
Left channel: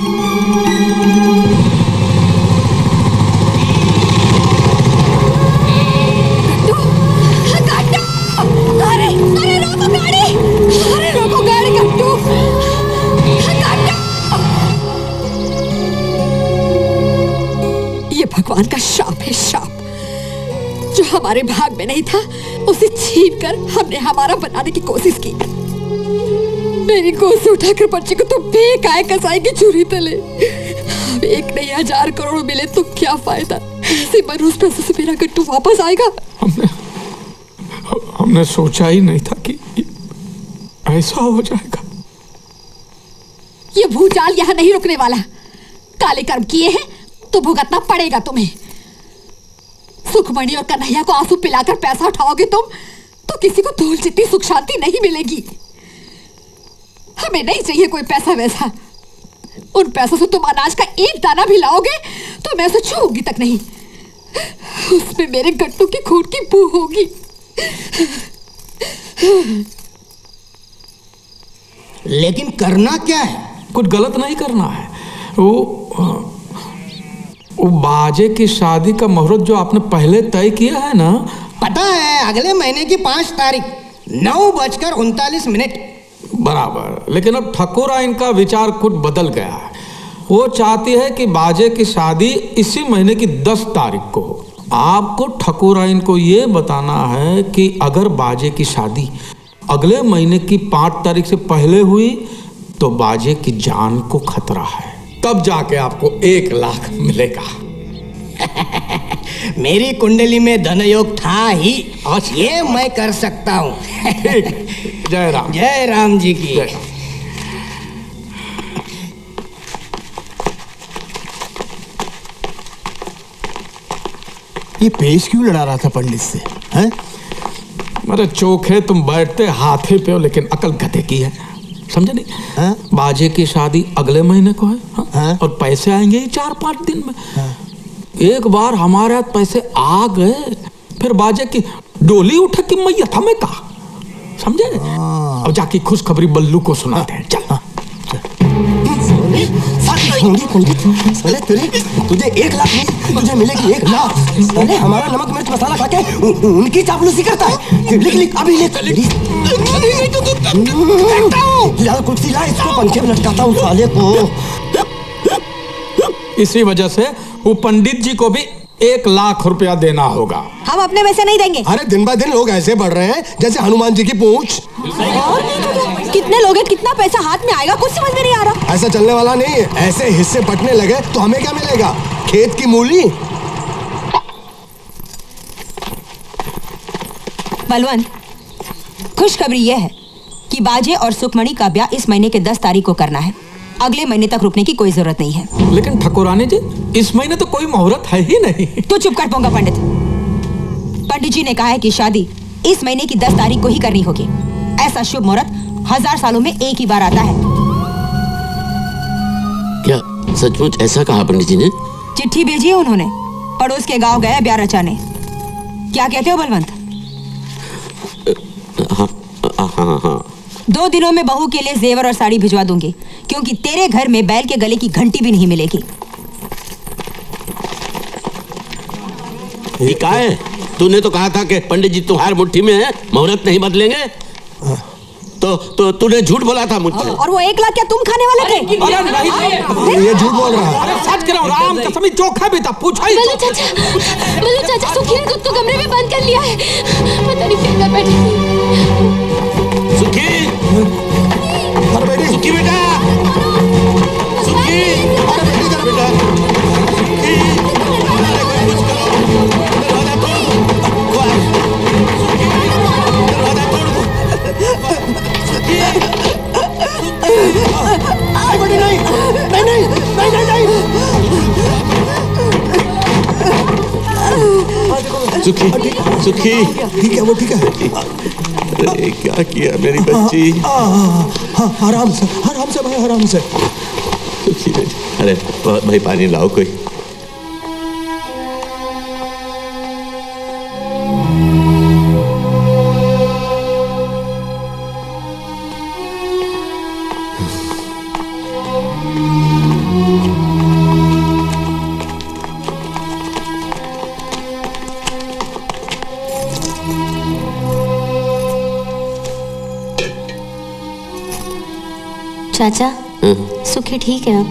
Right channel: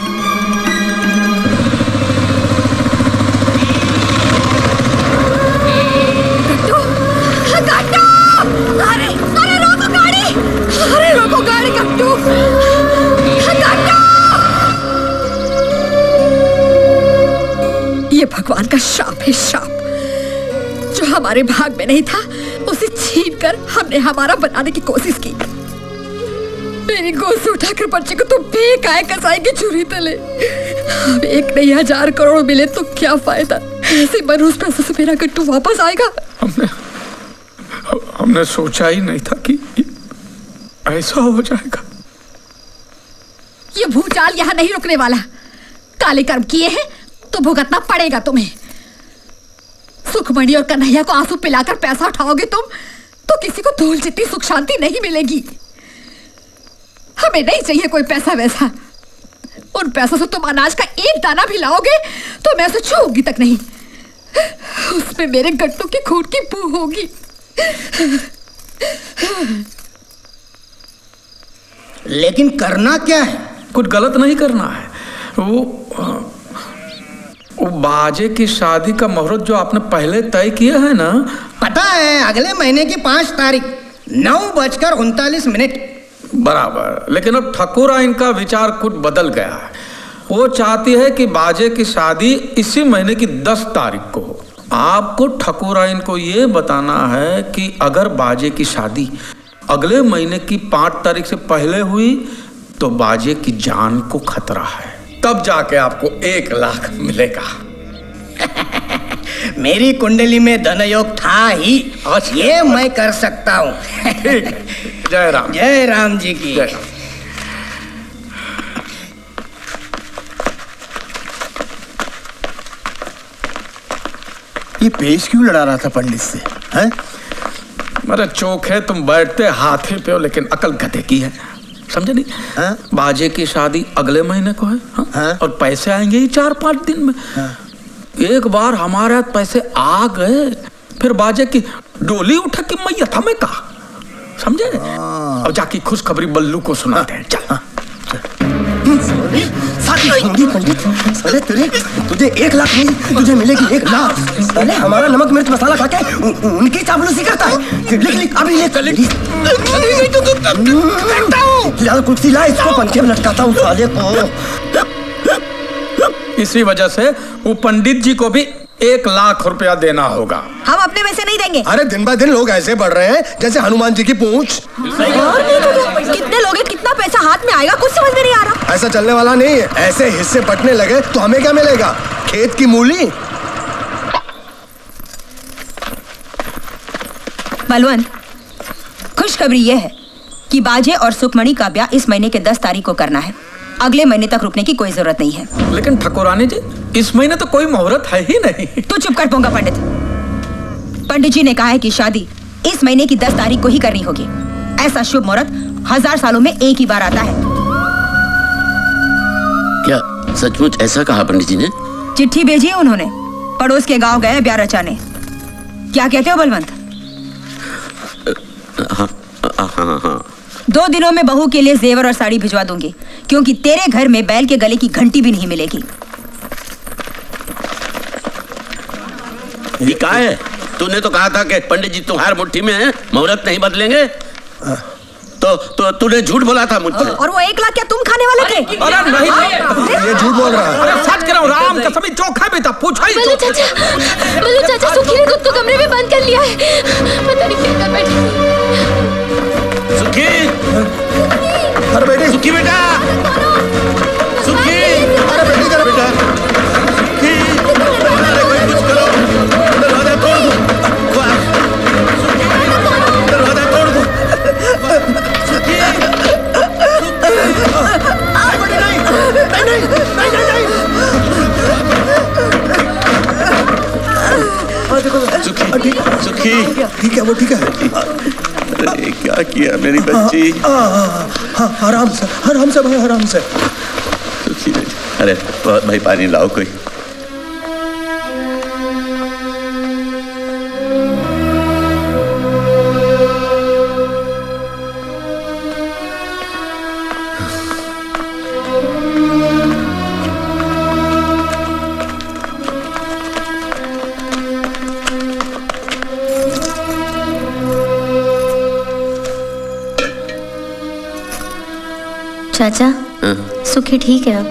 ये भगवान का श्राप है, श्राप। जो हमारे भाग में नहीं था उसे छीन कर हमने हमारा बनाने की कोशिश की। मेरी गोद से उठाकर बच्चे को तो बेकाय कसाई की छुरी तले। अब 1 नहीं 1000 करोड़ मिले तो क्या फायदा? ऐसे मनहूस पैसों से मेरा गट्टू वापस आएगा? हमने सोचा ही नहीं था कि ऐसा हो जाएगा। ये भूचाल यहाँ नहीं रुकने वाला। काले कर्म किए हैं तो भुगतना पड़ेगा तुम्हें। सुखमणि और कन्हैया को आंसू पिलाकर पैसा उठाओगे तुम तो किसी को धूल जितनी सुख शांति नहीं मिलेगी। हमें नहीं चाहिए कोई पैसा वैसा। उन पैसों से तुम अनाज का एक दाना भी लाओगे तो मैं उसे छूऊंगी तक नहीं। उसमें मेरे गट्टू की खून की बू होगी। लेकिन करना क्या है? कुछ गलत नहीं करना है। वो बाजे की शादी का मुहूर्त जो आपने पहले तय किया है ना, पता है अगले महीने की 5 तारीख 9:39 बराबर। लेकिन अब ठकुरा इनका विचार कुछ बदल गया है। वो चाहती है कि बाजे की शादी इसी महीने की 10 तारीख को हो। आपको ठकुरा इनको ये बताना है कि अगर बाजे की शादी अगले महीने की 5 तारीख से पहले हुई तो बाजे की जान को खतरा है। तब जाके आपको 1 लाख मिलेगा। मेरी कुंडली में धनयोग था ही, ये मैं कर सकता हूँ। ठीक है। जय राम। जय राम जी की। ये पेश क्यों लड़ा रहा था पंडित से? हैं? मेरे चोखे तुम बैठते हाथी पे हो लेकिन अकल गधे की है, समझे नहीं? बाजे की शादी अगले महीने को है। और पैसे आएंगे ही 4-5 दिन में। एक बार हमारे हाथ पैसे आ गए फिर बाजे की डोली उठे कि मैया था मैं कहा, समझे? अब जाके खुशखबरी बल्लू को सुनाते हैं। चल। पंडित साले तेरे, तुझे 1 लाख नहीं, तुझे मिलेगी 1 लाख। साले हमारा नमक मिर्च मसाला खा के उनकी चापलूसी करता है। लिख अभी लिख। कुर्सी ला, इसको पंखे में लटकाता हूँ साले को। इसी वजह से वो पंडित जी को भी 1 लाख रुपया देना होगा। हम अपने में से नहीं देंगे। अरे दिन ब दिन लोग ऐसे बढ़ रहे हैं जैसे हनुमान जी की पूंछ। कितने लोग हैं, कितना पैसा हाथ में आएगा, कुछ समझ में नहीं आ रहा। ऐसा चलने वाला नहीं है। ऐसे हिस्से बंटने लगे तो हमें क्या मिलेगा? खेत की मूली। बलवंत, खुशखबरी यह है कि बाजे और सुखमणि का ब्याह इस महीने के 10 तारीख को करना है। अगले महीने तक रुकने की कोई जरूरत नहीं है। लेकिन ठाकुरानी जी, इस महीने तो कोई मुहूर्त है ही नहीं। तू चुप कर पोंगा पंडित। पंडित जी ने कहा है कि शादी इस महीने की 10 तारीख को ही करनी होगी। ऐसा शुभ मुहूर्त 1000 सालों में एक ही बार आता है। क्या सचमुच ऐसा कहा पंडित जी ने? चिट्ठी भेजी है उन्होंने। पड़ोस के गांव गए ब्याह रचाने। क्या कहते हो बलवंत? हाँ। 2 दिनों में बहू के लिए जेवर और साड़ी भिजवा दूंगी, क्योंकि तेरे घर में बैल के गले की घंटी भी नहीं मिलेगी। ये क्या है? तूने तो कहा था कि पंडित जी तुम्हारी मुट्ठी में है, मुहूर्त नहीं बदलेंगे। तो तूने झूठ बोला था मुझसे। और वो 1 लाख क्या तुम खाने वाले थे? अरे नहीं, ये झूठ बोल रहा है। अरे सच कह रहा हूँ, राम कसम, चोखा भी था। पूछा ही बल्लू चाचा सुखी ने खुद को कमरे में बंद कर लिया है। पता नहीं क्या कर बैठी। सुखी, अरे बेटी, सुखी बेटा, सुखी, अरे बेटी जरा बेटा, सुखी, अरे कोई कुछ करो, दरवाजा तोड़ दो, दरवाजा तोड़ दो, सुखी, अरे बेटी नहीं, सुखी, सुखी, ठीक है, वो ठीक है। अरे क्या किया मेरी बच्ची? आराम से भाई, आराम से। सुखी बेटी, अरे भाई पानी लाओ कोई। चाचा, सुखी ठीक है अब?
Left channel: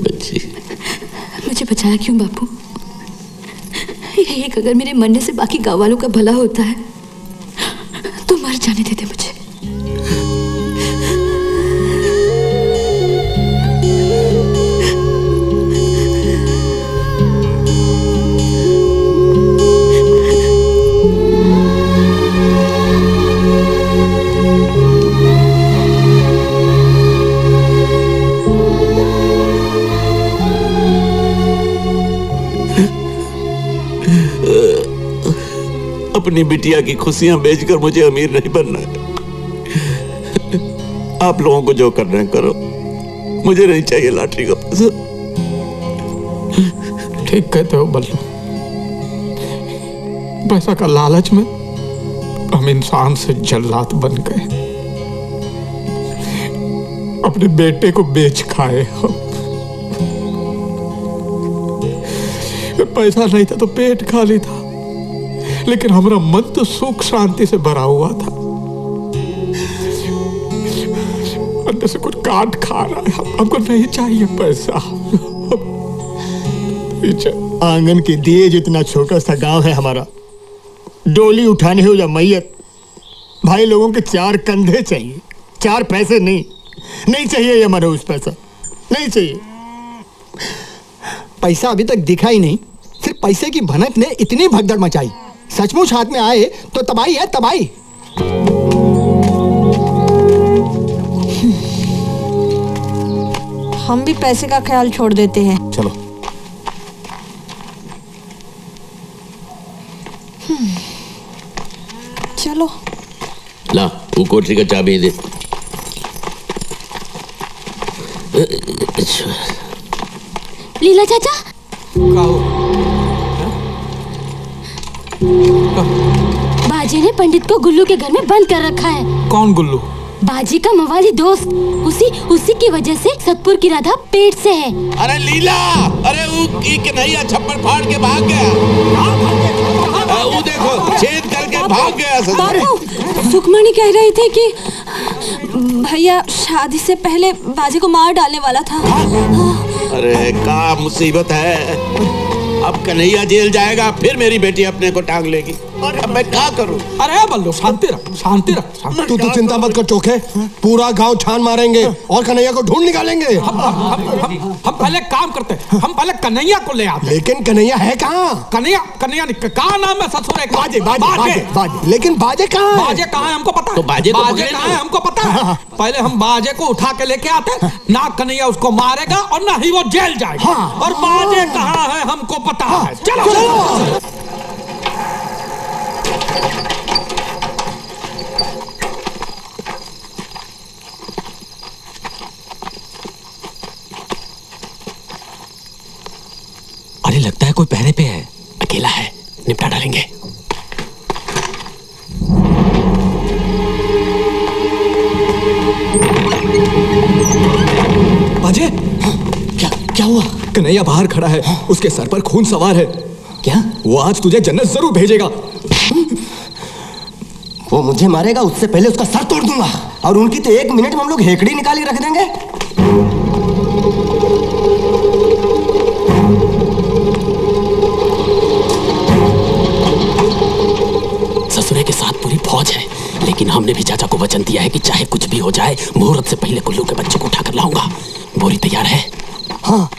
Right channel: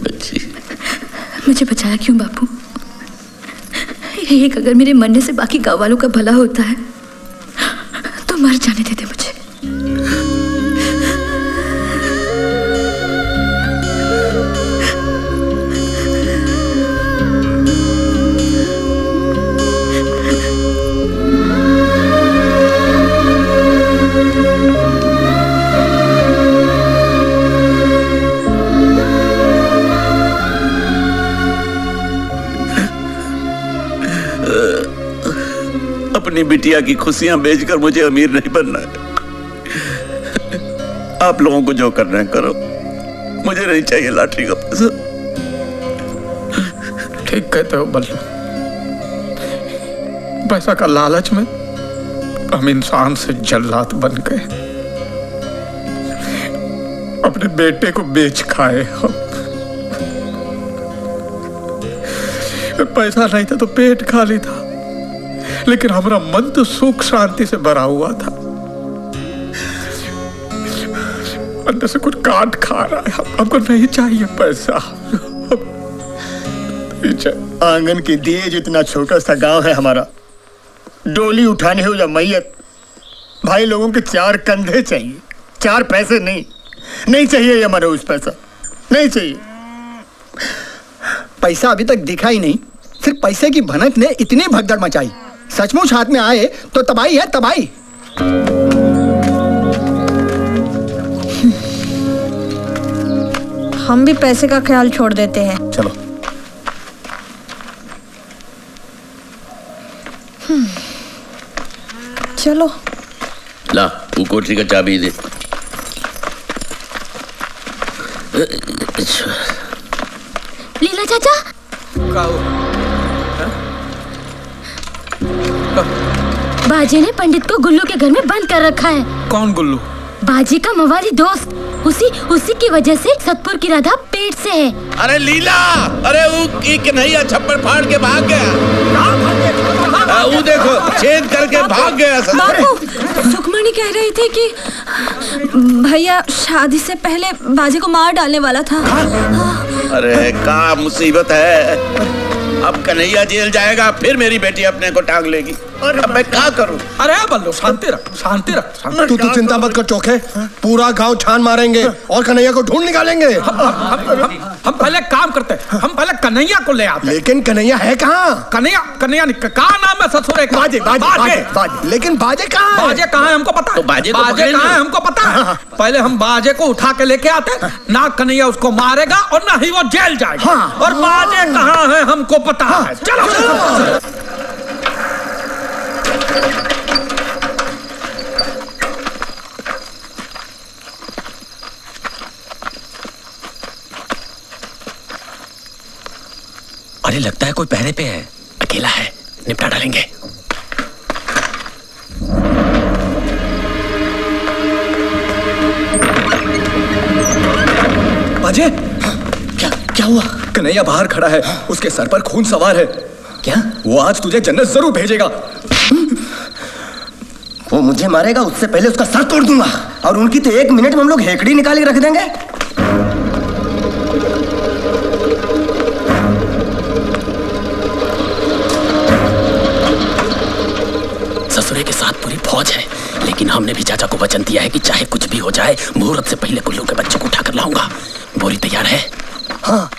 बच्ची, मुझे बचाया क्यों बापू? एक अगर मेरे मरने से बाकी गाँव वालों का भला होता है तो मर जाने देते मुझे। अपनी बिटिया की खुशियां बेचकर मुझे अमीर नहीं बनना है। आप लोगों को जो करना है करो, मुझे नहीं चाहिए लॉटरी का पैसा। ठीक कहते हो बल्लू, पैसा का लालच में हम इंसान से जल्लाद बन गए, अपने बेटे को बेच खाए हम। पैसा नहीं था तो पेट खाली था, लेकिन हमारा मन तो सुख शांति से भरा हुआ था। अंदर से कुछ काट खा रहा है। हमको नहीं चाहिए पैसा। आंगन के दिए जितना छोटा सा गांव है हमारा, डोली उठाने हो या मैयत, भाई लोगों के 4 कंधे चाहिए, 4 पैसे नहीं चाहिए। ये मनोज पैसा नहीं चाहिए। पैसा अभी तक दिखा ही नहीं, सिर्फ पैसे की भनक ने इतनी भगदड़ मचाई। सचमुच हाथ में आए तो तबाही है, तबाही। हम भी पैसे का ख्याल छोड़ देते हैं। चलो। चलो। ला, वो कोठरी का चाबी दे। लीला चाचा, बाजी ने पंडित को गुल्लू के घर में बंद कर रखा है। कौन गुल्लू? बाजी का मवाली दोस्त। उसी की वजह से सतपुर की राधा पेट से है। अरे लीला, अरे वो कन्हैया छप्पर फाड़ के भाग गया। वो देखो छेद करके भाग गया। बाबू, सुखमणि कह रही थी कि भैया शादी से पहले बाजी को मार डालने वाला था। अरे क्या मुसीबत है। अब कन्हैया जेल जाएगा, फिर मेरी बेटी अपने को टांग लेगी। अब मैं क्या करूं? अरे बल्लू शांति रख, शांति रख। तू चिंता मत कर चोखे, पूरा गांव छान मारेंगे और कन्हैया को ढूंढ निकालेंगे। हम पहले काम करते हैं, हम पहले कन्हैया को ले आते। लेकिन कन्हैया है कहाँ? कन्हैया कहाँ नाम है ससुर? बाजे बाजे बाजे बाजे। लेकिन बाजे कहाँ है? बाजे कहाँ है हमको पता है। तो बाजे कहाँ है हमको पता है। पहले हम बाजे को उठा के लेके आते, ना कन्हैया उसको मारेगा और ना ही वो जेल जाएगा। और बाजे कहाँ है हमको पता है। चलो अरे लगता है कोई पहरे पे है। अकेला है, निपटा डालेंगे। बाजे, क्या हुआ? कन्हैया बाहर खड़ा है, उसके सर पर खून सवार है। क्या? वो आज तुझे जन्नत जरूर भेजेगा। वो मुझे मारेगा, उससे पहले उसका सर तोड़ दूंगा। और उनकी तो 1 मिनट में हम लोग हेकड़ी निकाल के रख देंगे। ससुरे के साथ पूरी फौज है, लेकिन हमने भी चाचा को वचन दिया है कि चाहे कुछ भी हो जाए, मुहूर्त से पहले कुल्लू के बच्चे को उठाकर लाऊंगा। बोरी तैयार है? हाँ।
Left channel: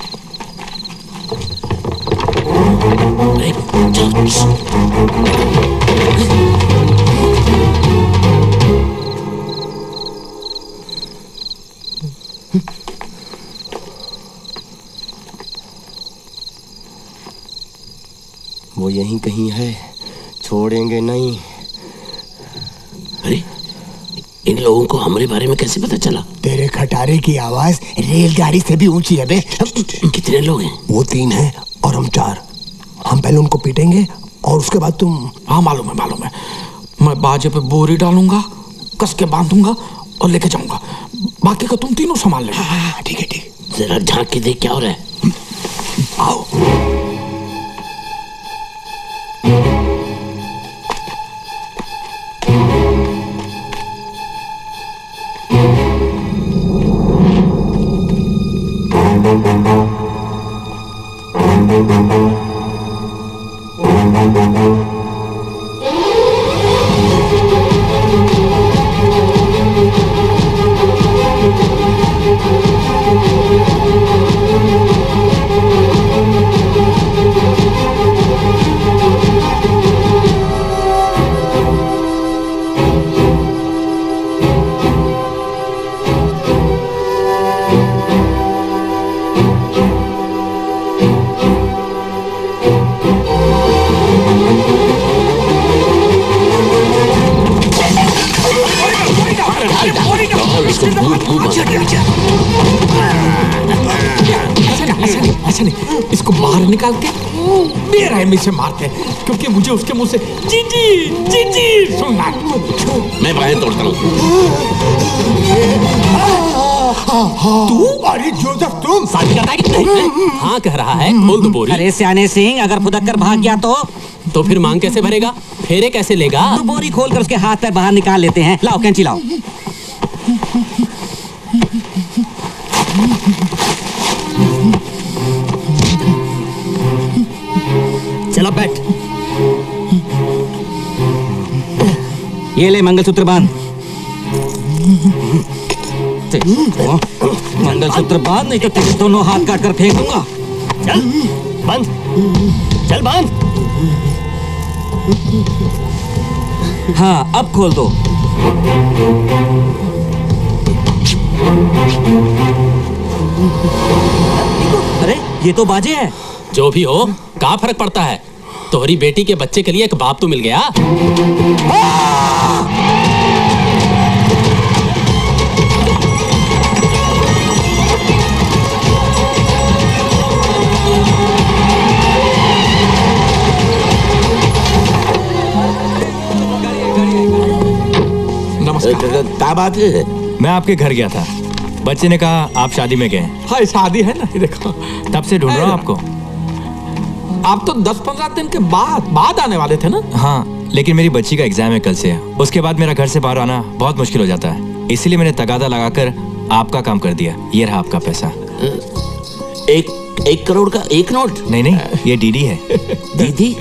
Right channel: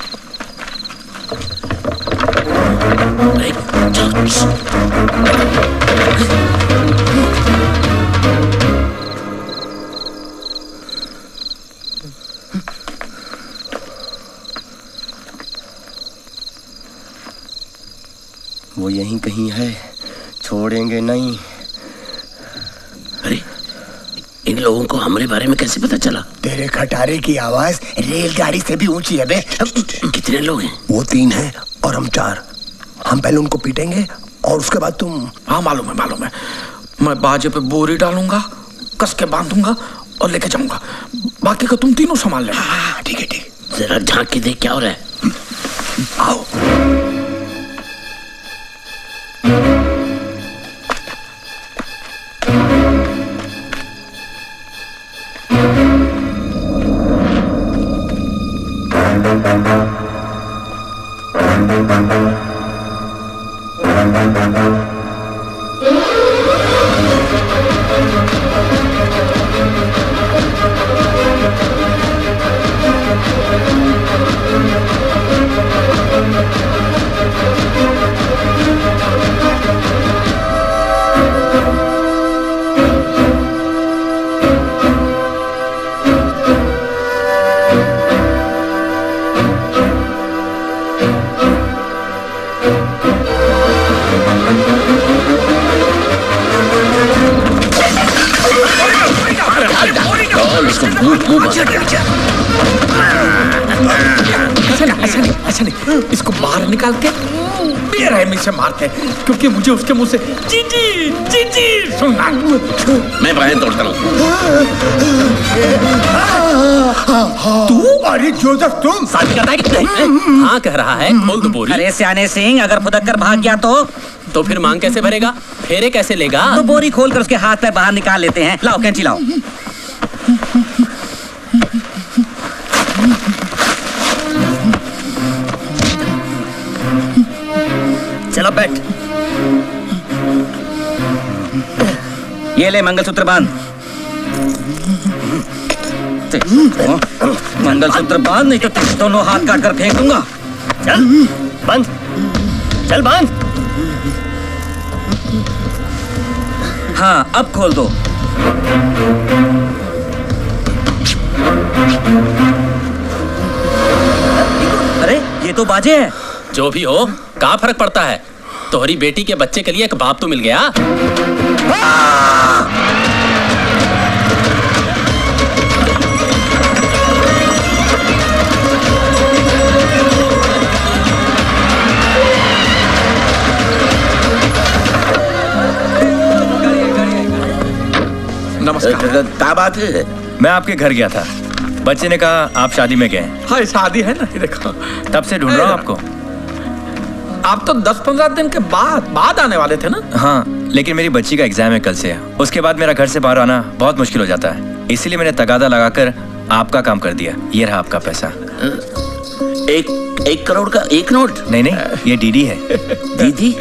वो यहीं कहीं है, छोड़ेंगे नहीं। अरे इन लोगों को हमारे बारे में कैसे पता चला? तेरे खटारे की आवाज रेलगाड़ी से भी ऊंची है बे। कितने लोग हैं? वो 3 हैं और हम 4। हम पहले उनको पीटेंगे और उसके बाद तुम। हाँ मालूम है। मैं बाजे पे बोरी डालूंगा, कस के बांधूंगा और लेके जाऊंगा। बाकी का तुम तीनों संभाल लेना। ठीक है। जरा झांक के देख क्या हो रहा है। आओ। ऐसा नहीं, इसको बाहर निकाल के बेरहमी से मारते हैं, क्योंकि मुझे उसके मुंह से जी सुनना। मैं बाहें तोड़ता हूँ। तू? अरे जोसेफ तुम? शादी करता है कि नहीं? हाँ कह रहा है, खोल दो बोरी। अरे सियाने सिंह, अगर फुदक कर भाग गया तो फिर मांग कैसे भरेगा? फेरे कैसे लेगा? तो बोरी खोल कर उसके हाथ पैर बाहर निकाल लेते हैं। लाओ कैंची लाओ। चलो बैठ। ये ले मंगलसूत्र बांध। मंगलसूत्र बांध, नहीं तो तेरे दोनों हाथ काट कर फेंक दूंगा। चल बांध, चल बांध। हाँ अब खोल दो। अरे ये तो बाजे है। जो भी हो, क्या फर्क पड़ता है? तोहरी बेटी के बच्चे के लिए एक बाप तो मिल गया। नमस्कार। क्या बात है? मैं आपके घर गया था, बच्चे ने कहा आप शादी में गए। हाँ शादी है ना, ये देखो। तब से ढूंढ रहा हूँ आपको। आप तो 10-15 दिन के बाद आने वाले थे ना? हाँ, लेकिन मेरी बच्ची का एग्जाम है कल से। उसके बाद मेरा घर से बाहर आना बहुत मुश्किल हो जाता है, इसीलिए मैंने तगादा लगाकर आपका काम कर दिया। ये रहा आपका पैसा। एक 1 करोड़ का 1 नोट? नहीं नहीं, ये डीडी है। दीदी?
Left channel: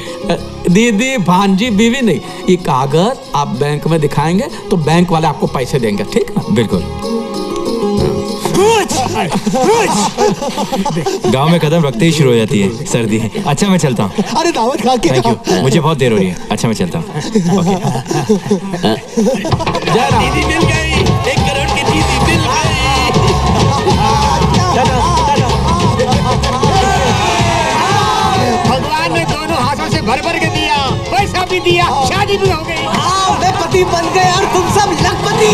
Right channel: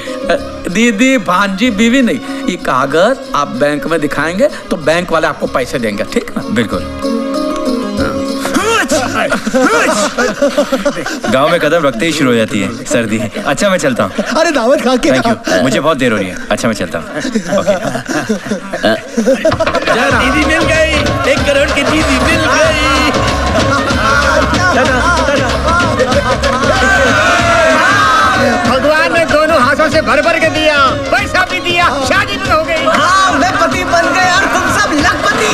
दीदी भांजी बीवी नहीं, ये कागज आप बैंक में दिखाएंगे तो बैंक वाले आपको पैसे देंगे, ठीक ना? बिल्कुल। गांव में कदम रखते ही शुरू हो जाती है सर्दी। अच्छा मैं चलता हूँ। अरे दावत खा के। थैंक यू, मुझे बहुत देर हो रही है। अच्छा मैं चलता हूँ। दीदी मिल गई, 1 करोड़ की दीदी मिल गई। भगवान ने दोनों हाथों से भर भर के दिया, पैसा भी दिया, शादी भी हो गई। हाँ, मैं पति बन गया और तुम सब लखपति।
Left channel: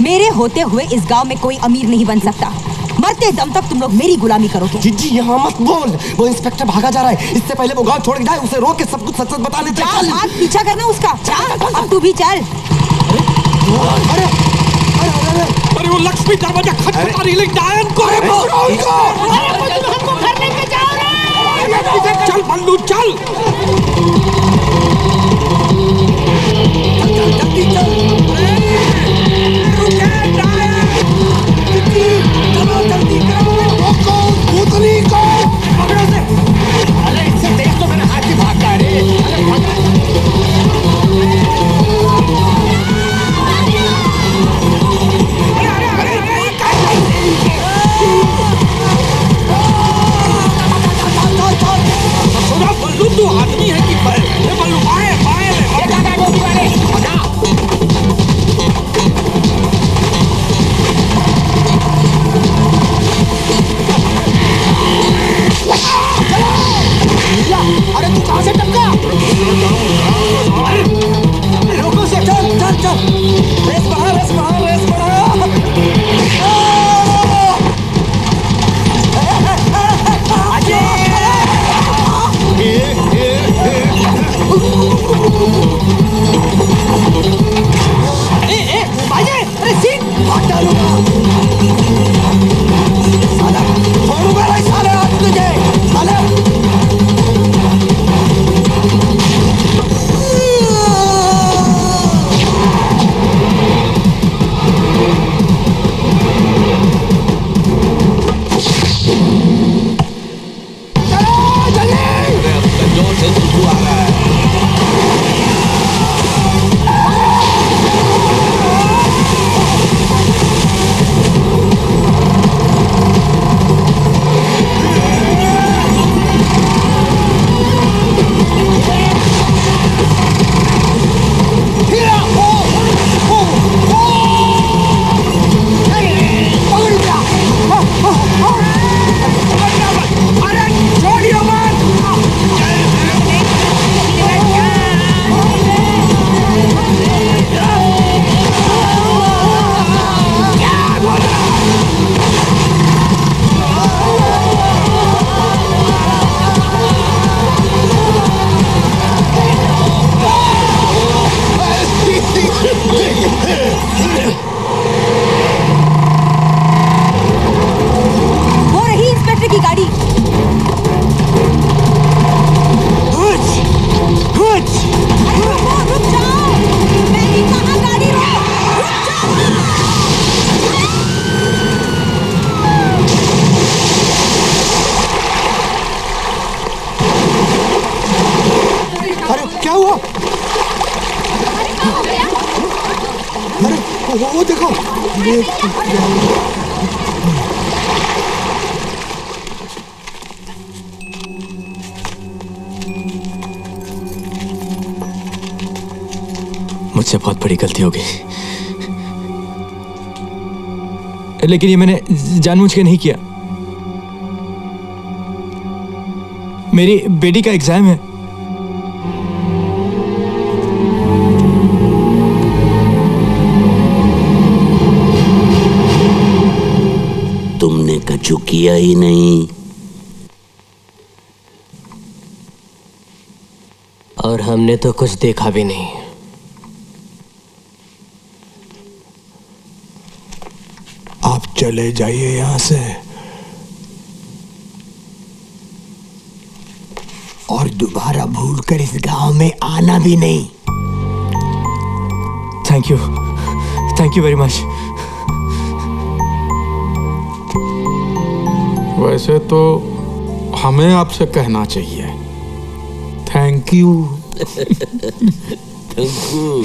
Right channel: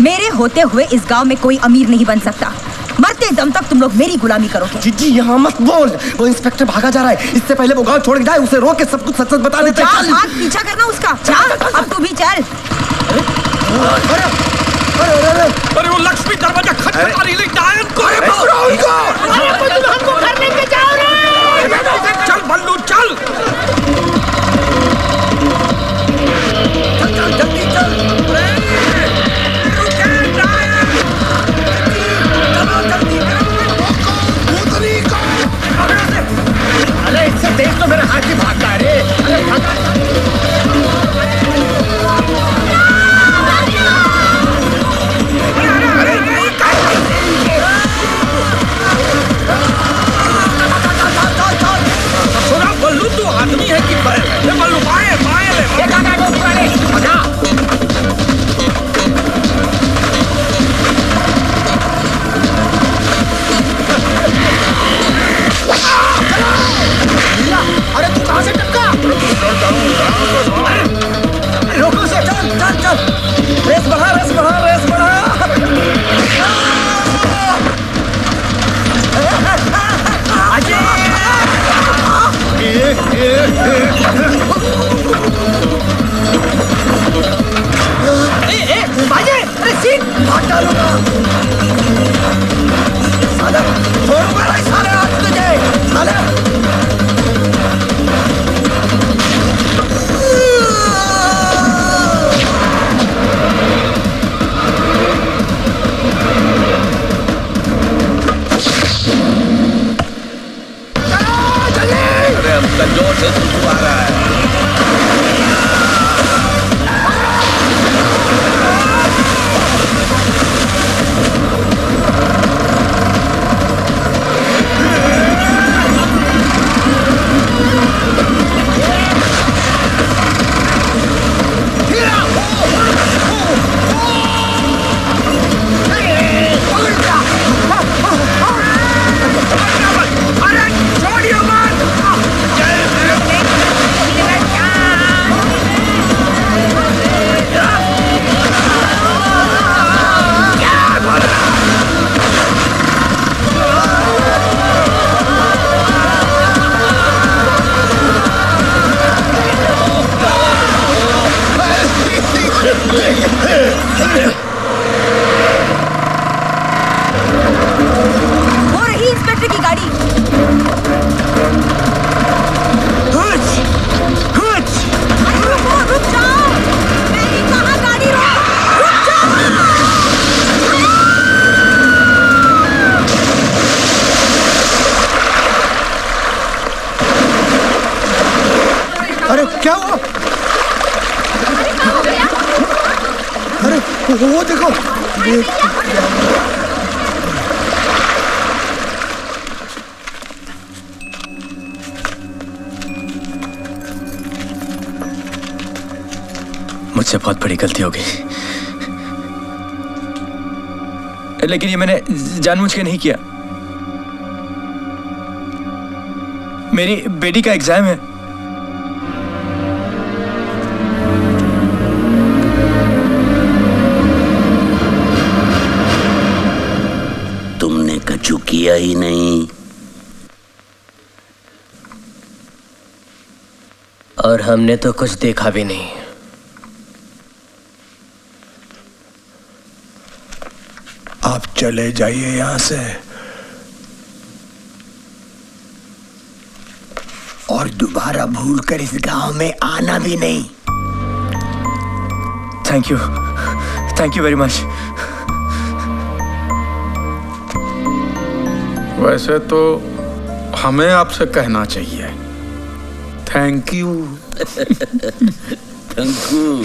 मेरे होते हुए इस गांव में कोई अमीर नहीं बन सकता। मरते दम तक तुम लोग मेरी गुलामी करोगे। जीजी यहाँ मत बोल, वो इंस्पेक्टर भागा जा रहा है। इससे पहले वो गांव छोड़ के जाए, उसे रोक के सब कुछ सच सच बता देते। चल, भाग, पीछा करना उसका। चल, अब तू भी चल। अरे वो लक्ष्मी दरवाजा खटखटा रही है, डायन को है वो। हमको घर लेके जाओ रे। चल बल्लू चल। जल्दी चल। अरे इससे तेज तो मेरा हाथ ही भागता है रे। अरे बल्लू तू आदमी है कि बैल है? बल्लू बाएं बाएं ले। अरे तू कहां से टपका? रोको से, चल चल चल। रेस बढ़ा, रेस बढ़ा, रेस बढ़ा। बाजे, अरे सीट भाग डालूंगा। साले, छोड़ूंगा नहीं साले आज तुझे, साले। जोर से सुसु आ रहा है। वो रही इंस्पेक्टर की गाड़ी। अरे रुको, रुक जाओ। मैंने कहा गाड़ी रोक, रुक जाओ। अरे क्या हुआ? अरे वो देखो। मुझसे बहुत बड़ी गलती हो गई, लेकिन ये मैंने जानबूझ के नहीं किया। मेरी बेटी का एग्जाम है। तुमने कछु किया ही नहीं। और हमने तो कुछ देखा भी नहीं। आप चले जाइए यहां से और दोबारा भूलकर इस गांव में आना भी नहीं। Thank you very much. वैसे तो हमें आपसे कहना चाहिए थैंक यू। Thank you.